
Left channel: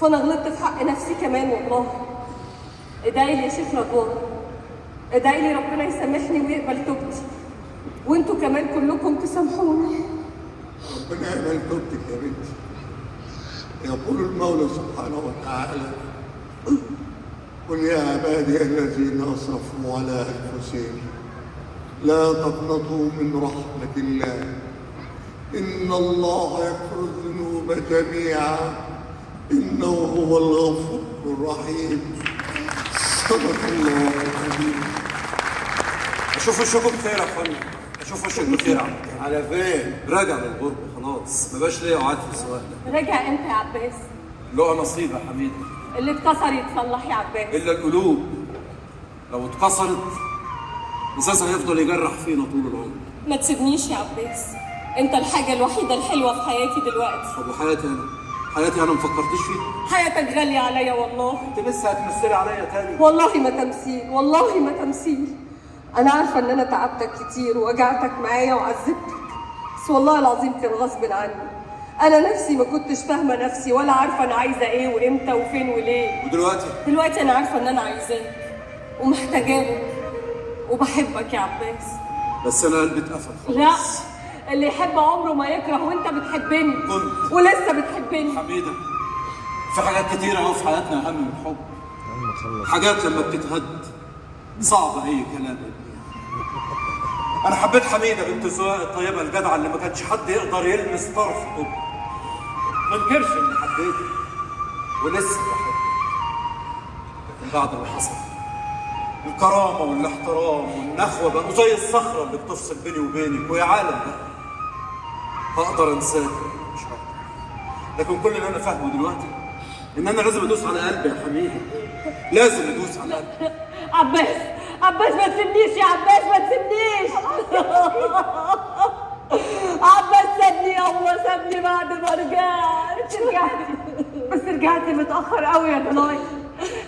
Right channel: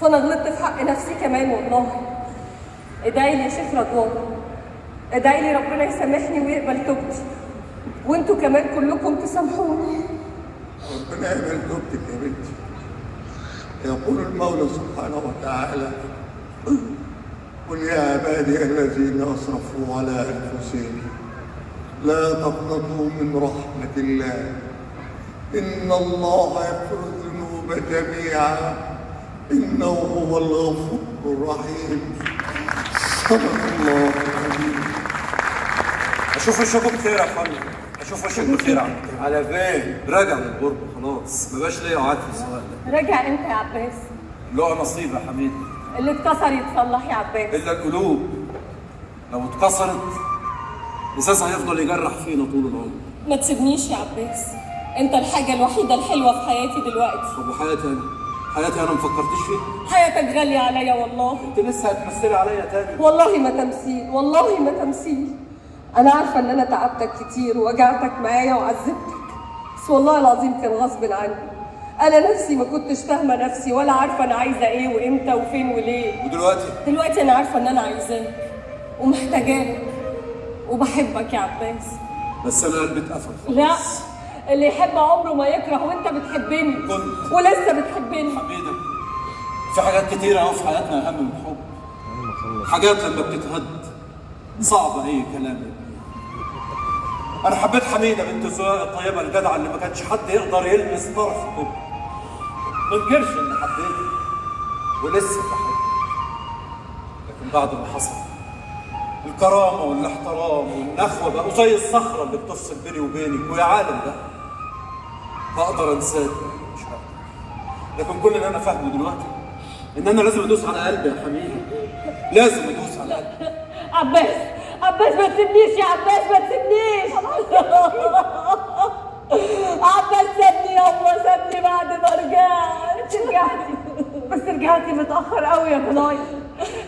فانا غلطت في حق نفسي كمان والله. ادعي لي يا شيخ رضوان، ادعي لي ربنا يسامحني ويقبل توبتي، وانتوا كمان كلكم تسامحوني. ربنا يقبل توبتك يا بنتي. يقول المولى سبحانه وتعالى: قل يا عبادي الذين اسرفوا على انفسهم لا تقنطوا من رحمة الله إن الله يغفر الذنوب جميعا إنه هو الغفور الرحيم. صدق الله العظيم. اشوف وشكم بخير يا اخوانا، اشوف وشك بخير. على فين؟ راجع للغربه خلاص، ما بقاش ليا وعد في السؤال ده. راجع امتى يا عباس؟ له نصيب يا حميد. اللي اتكسر يتصلح يا عباس. الا القلوب لو اتكسرت ازاز هيفضل يجرح فينا طول العمر. ما تسيبنيش يا عباس، انت الحاجه الوحيده الحلوه في حياتي دلوقتي. طب وحياتي انا ما فكرتيش فيها؟ حياتك غاليه عليا والله. انت لسه هتمثلي عليا تاني؟ والله ما تمثيل، والله ما تمثيل. انا عارفه ان انا تعبتك كتير ووجعتك معايا وعذبتك، بس والله العظيم كان غصب عني. انا نفسي ما كنتش فاهمه نفسي ولا عارفه انا عايزه ايه وامتى وفين وليه. دلوقتي انا عارفه ان انا عايزاك ومحتاجاك وبحبك يا عباس. بس انا قلبي اتقفل خلاص. لا، اللي يحب عمره ما يكره، وانت بتحبني ولسه بتحبني. حميده، في حاجات كتيره قوي في حياتنا اهم من الحب. حاجات لما بتتهد صعب اي كلام. انا حبيت حميده بنت الزواج الطيبه الجدعه اللي ما كانش حد يقدر يلمس طرف حب. ما انكرش اني حبيتك ولسه بحبك، لكن بعد اللي حصل الكرامه والاحترام والنخوه بقوا زي الصخره اللي بتفصل بيني وبينك. ويا عالم بقى هقدر انساك مش هقدر، لكن كل اللي انا فاهمه دلوقتي ان انا لازم ادوس على قلبي يا حميده، لازم ادوس على قلبي. عباس ما تسيبنيش يا عباس، ما تسيبنيش. عباس سابني يابا، سابني بعد ما رجعت. بس رجعتي متأخر قوي يا ضناي.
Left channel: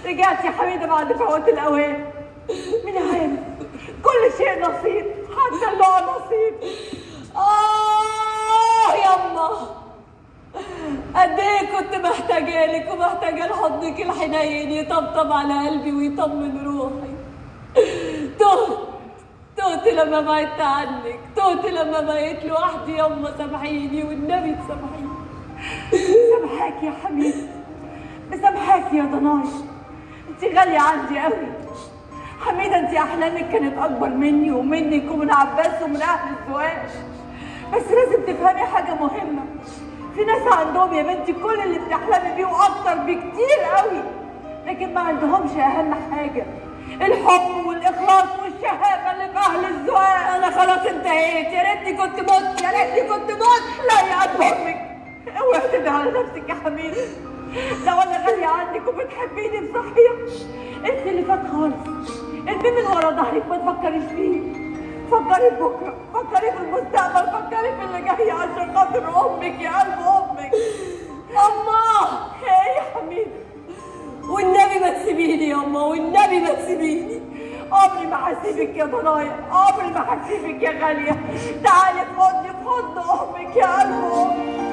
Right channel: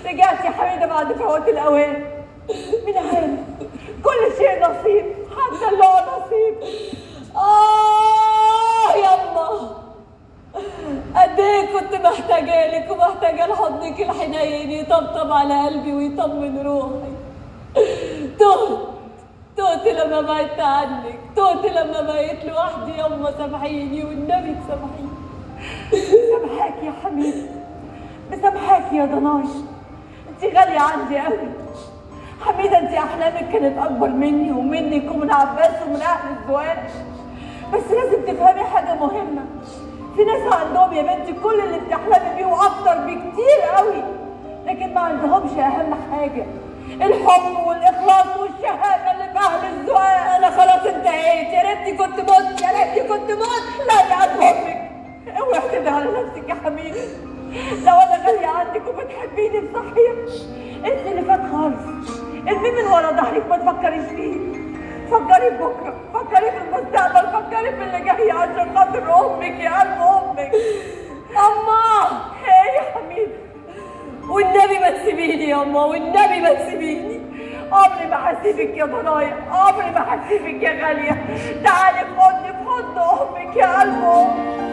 رجعتي يا حميدة بعد فوات الأوان. مين عارف، كل شيء نصيب، حتى الله نصيب. يما قد ايه كنت محتاجة لك ومحتاجة لحضنك الحنين يطبطب على قلبي ويطمن روحي. تهت لما بعدت عنك، تهت لما بقيت لوحدي. يما سامحيني والنبي تسامحيني. سامحاك يا حبيبي، مسامحاك يا ضناي. انت غالية عندي قوي حميدة. انت احلامك كانت اكبر مني ومنك ومن عباس ومن اهل الزواج. بس لازم تفهمي حاجة مهمة، في ناس عندهم يا بنتي كل اللي بتحلمي بيه واكتر بكتير قوي، لكن ما عندهمش اهم حاجة، الحب والاخلاص والشهامة اللي في اهل الزواج. انا خلاص انتهيت، يا ريتني كنت مت، يا ريتني كنت مت. لا يا قد امك، اوعي تدعي على نفسك يا حبيبي. لو انا غالية عندك وبتحبيني بصحيح انسي اللي فات خالص، ارميه من ورا ظهرك، ما تفكريش فيه. فكري بكره، فكري في المستقبل، فكري في اللي جاي عشان خاطر امك يا قلب امك. اما ايه يا حبيبي، والنبي ما تسيبيني يا اما، والنبي ما تسيبيني. عمري ما هسيبك يا ضنايا، عمري ما هسيبك يا غاليه. تعالي في حضن امك يا قلب امك.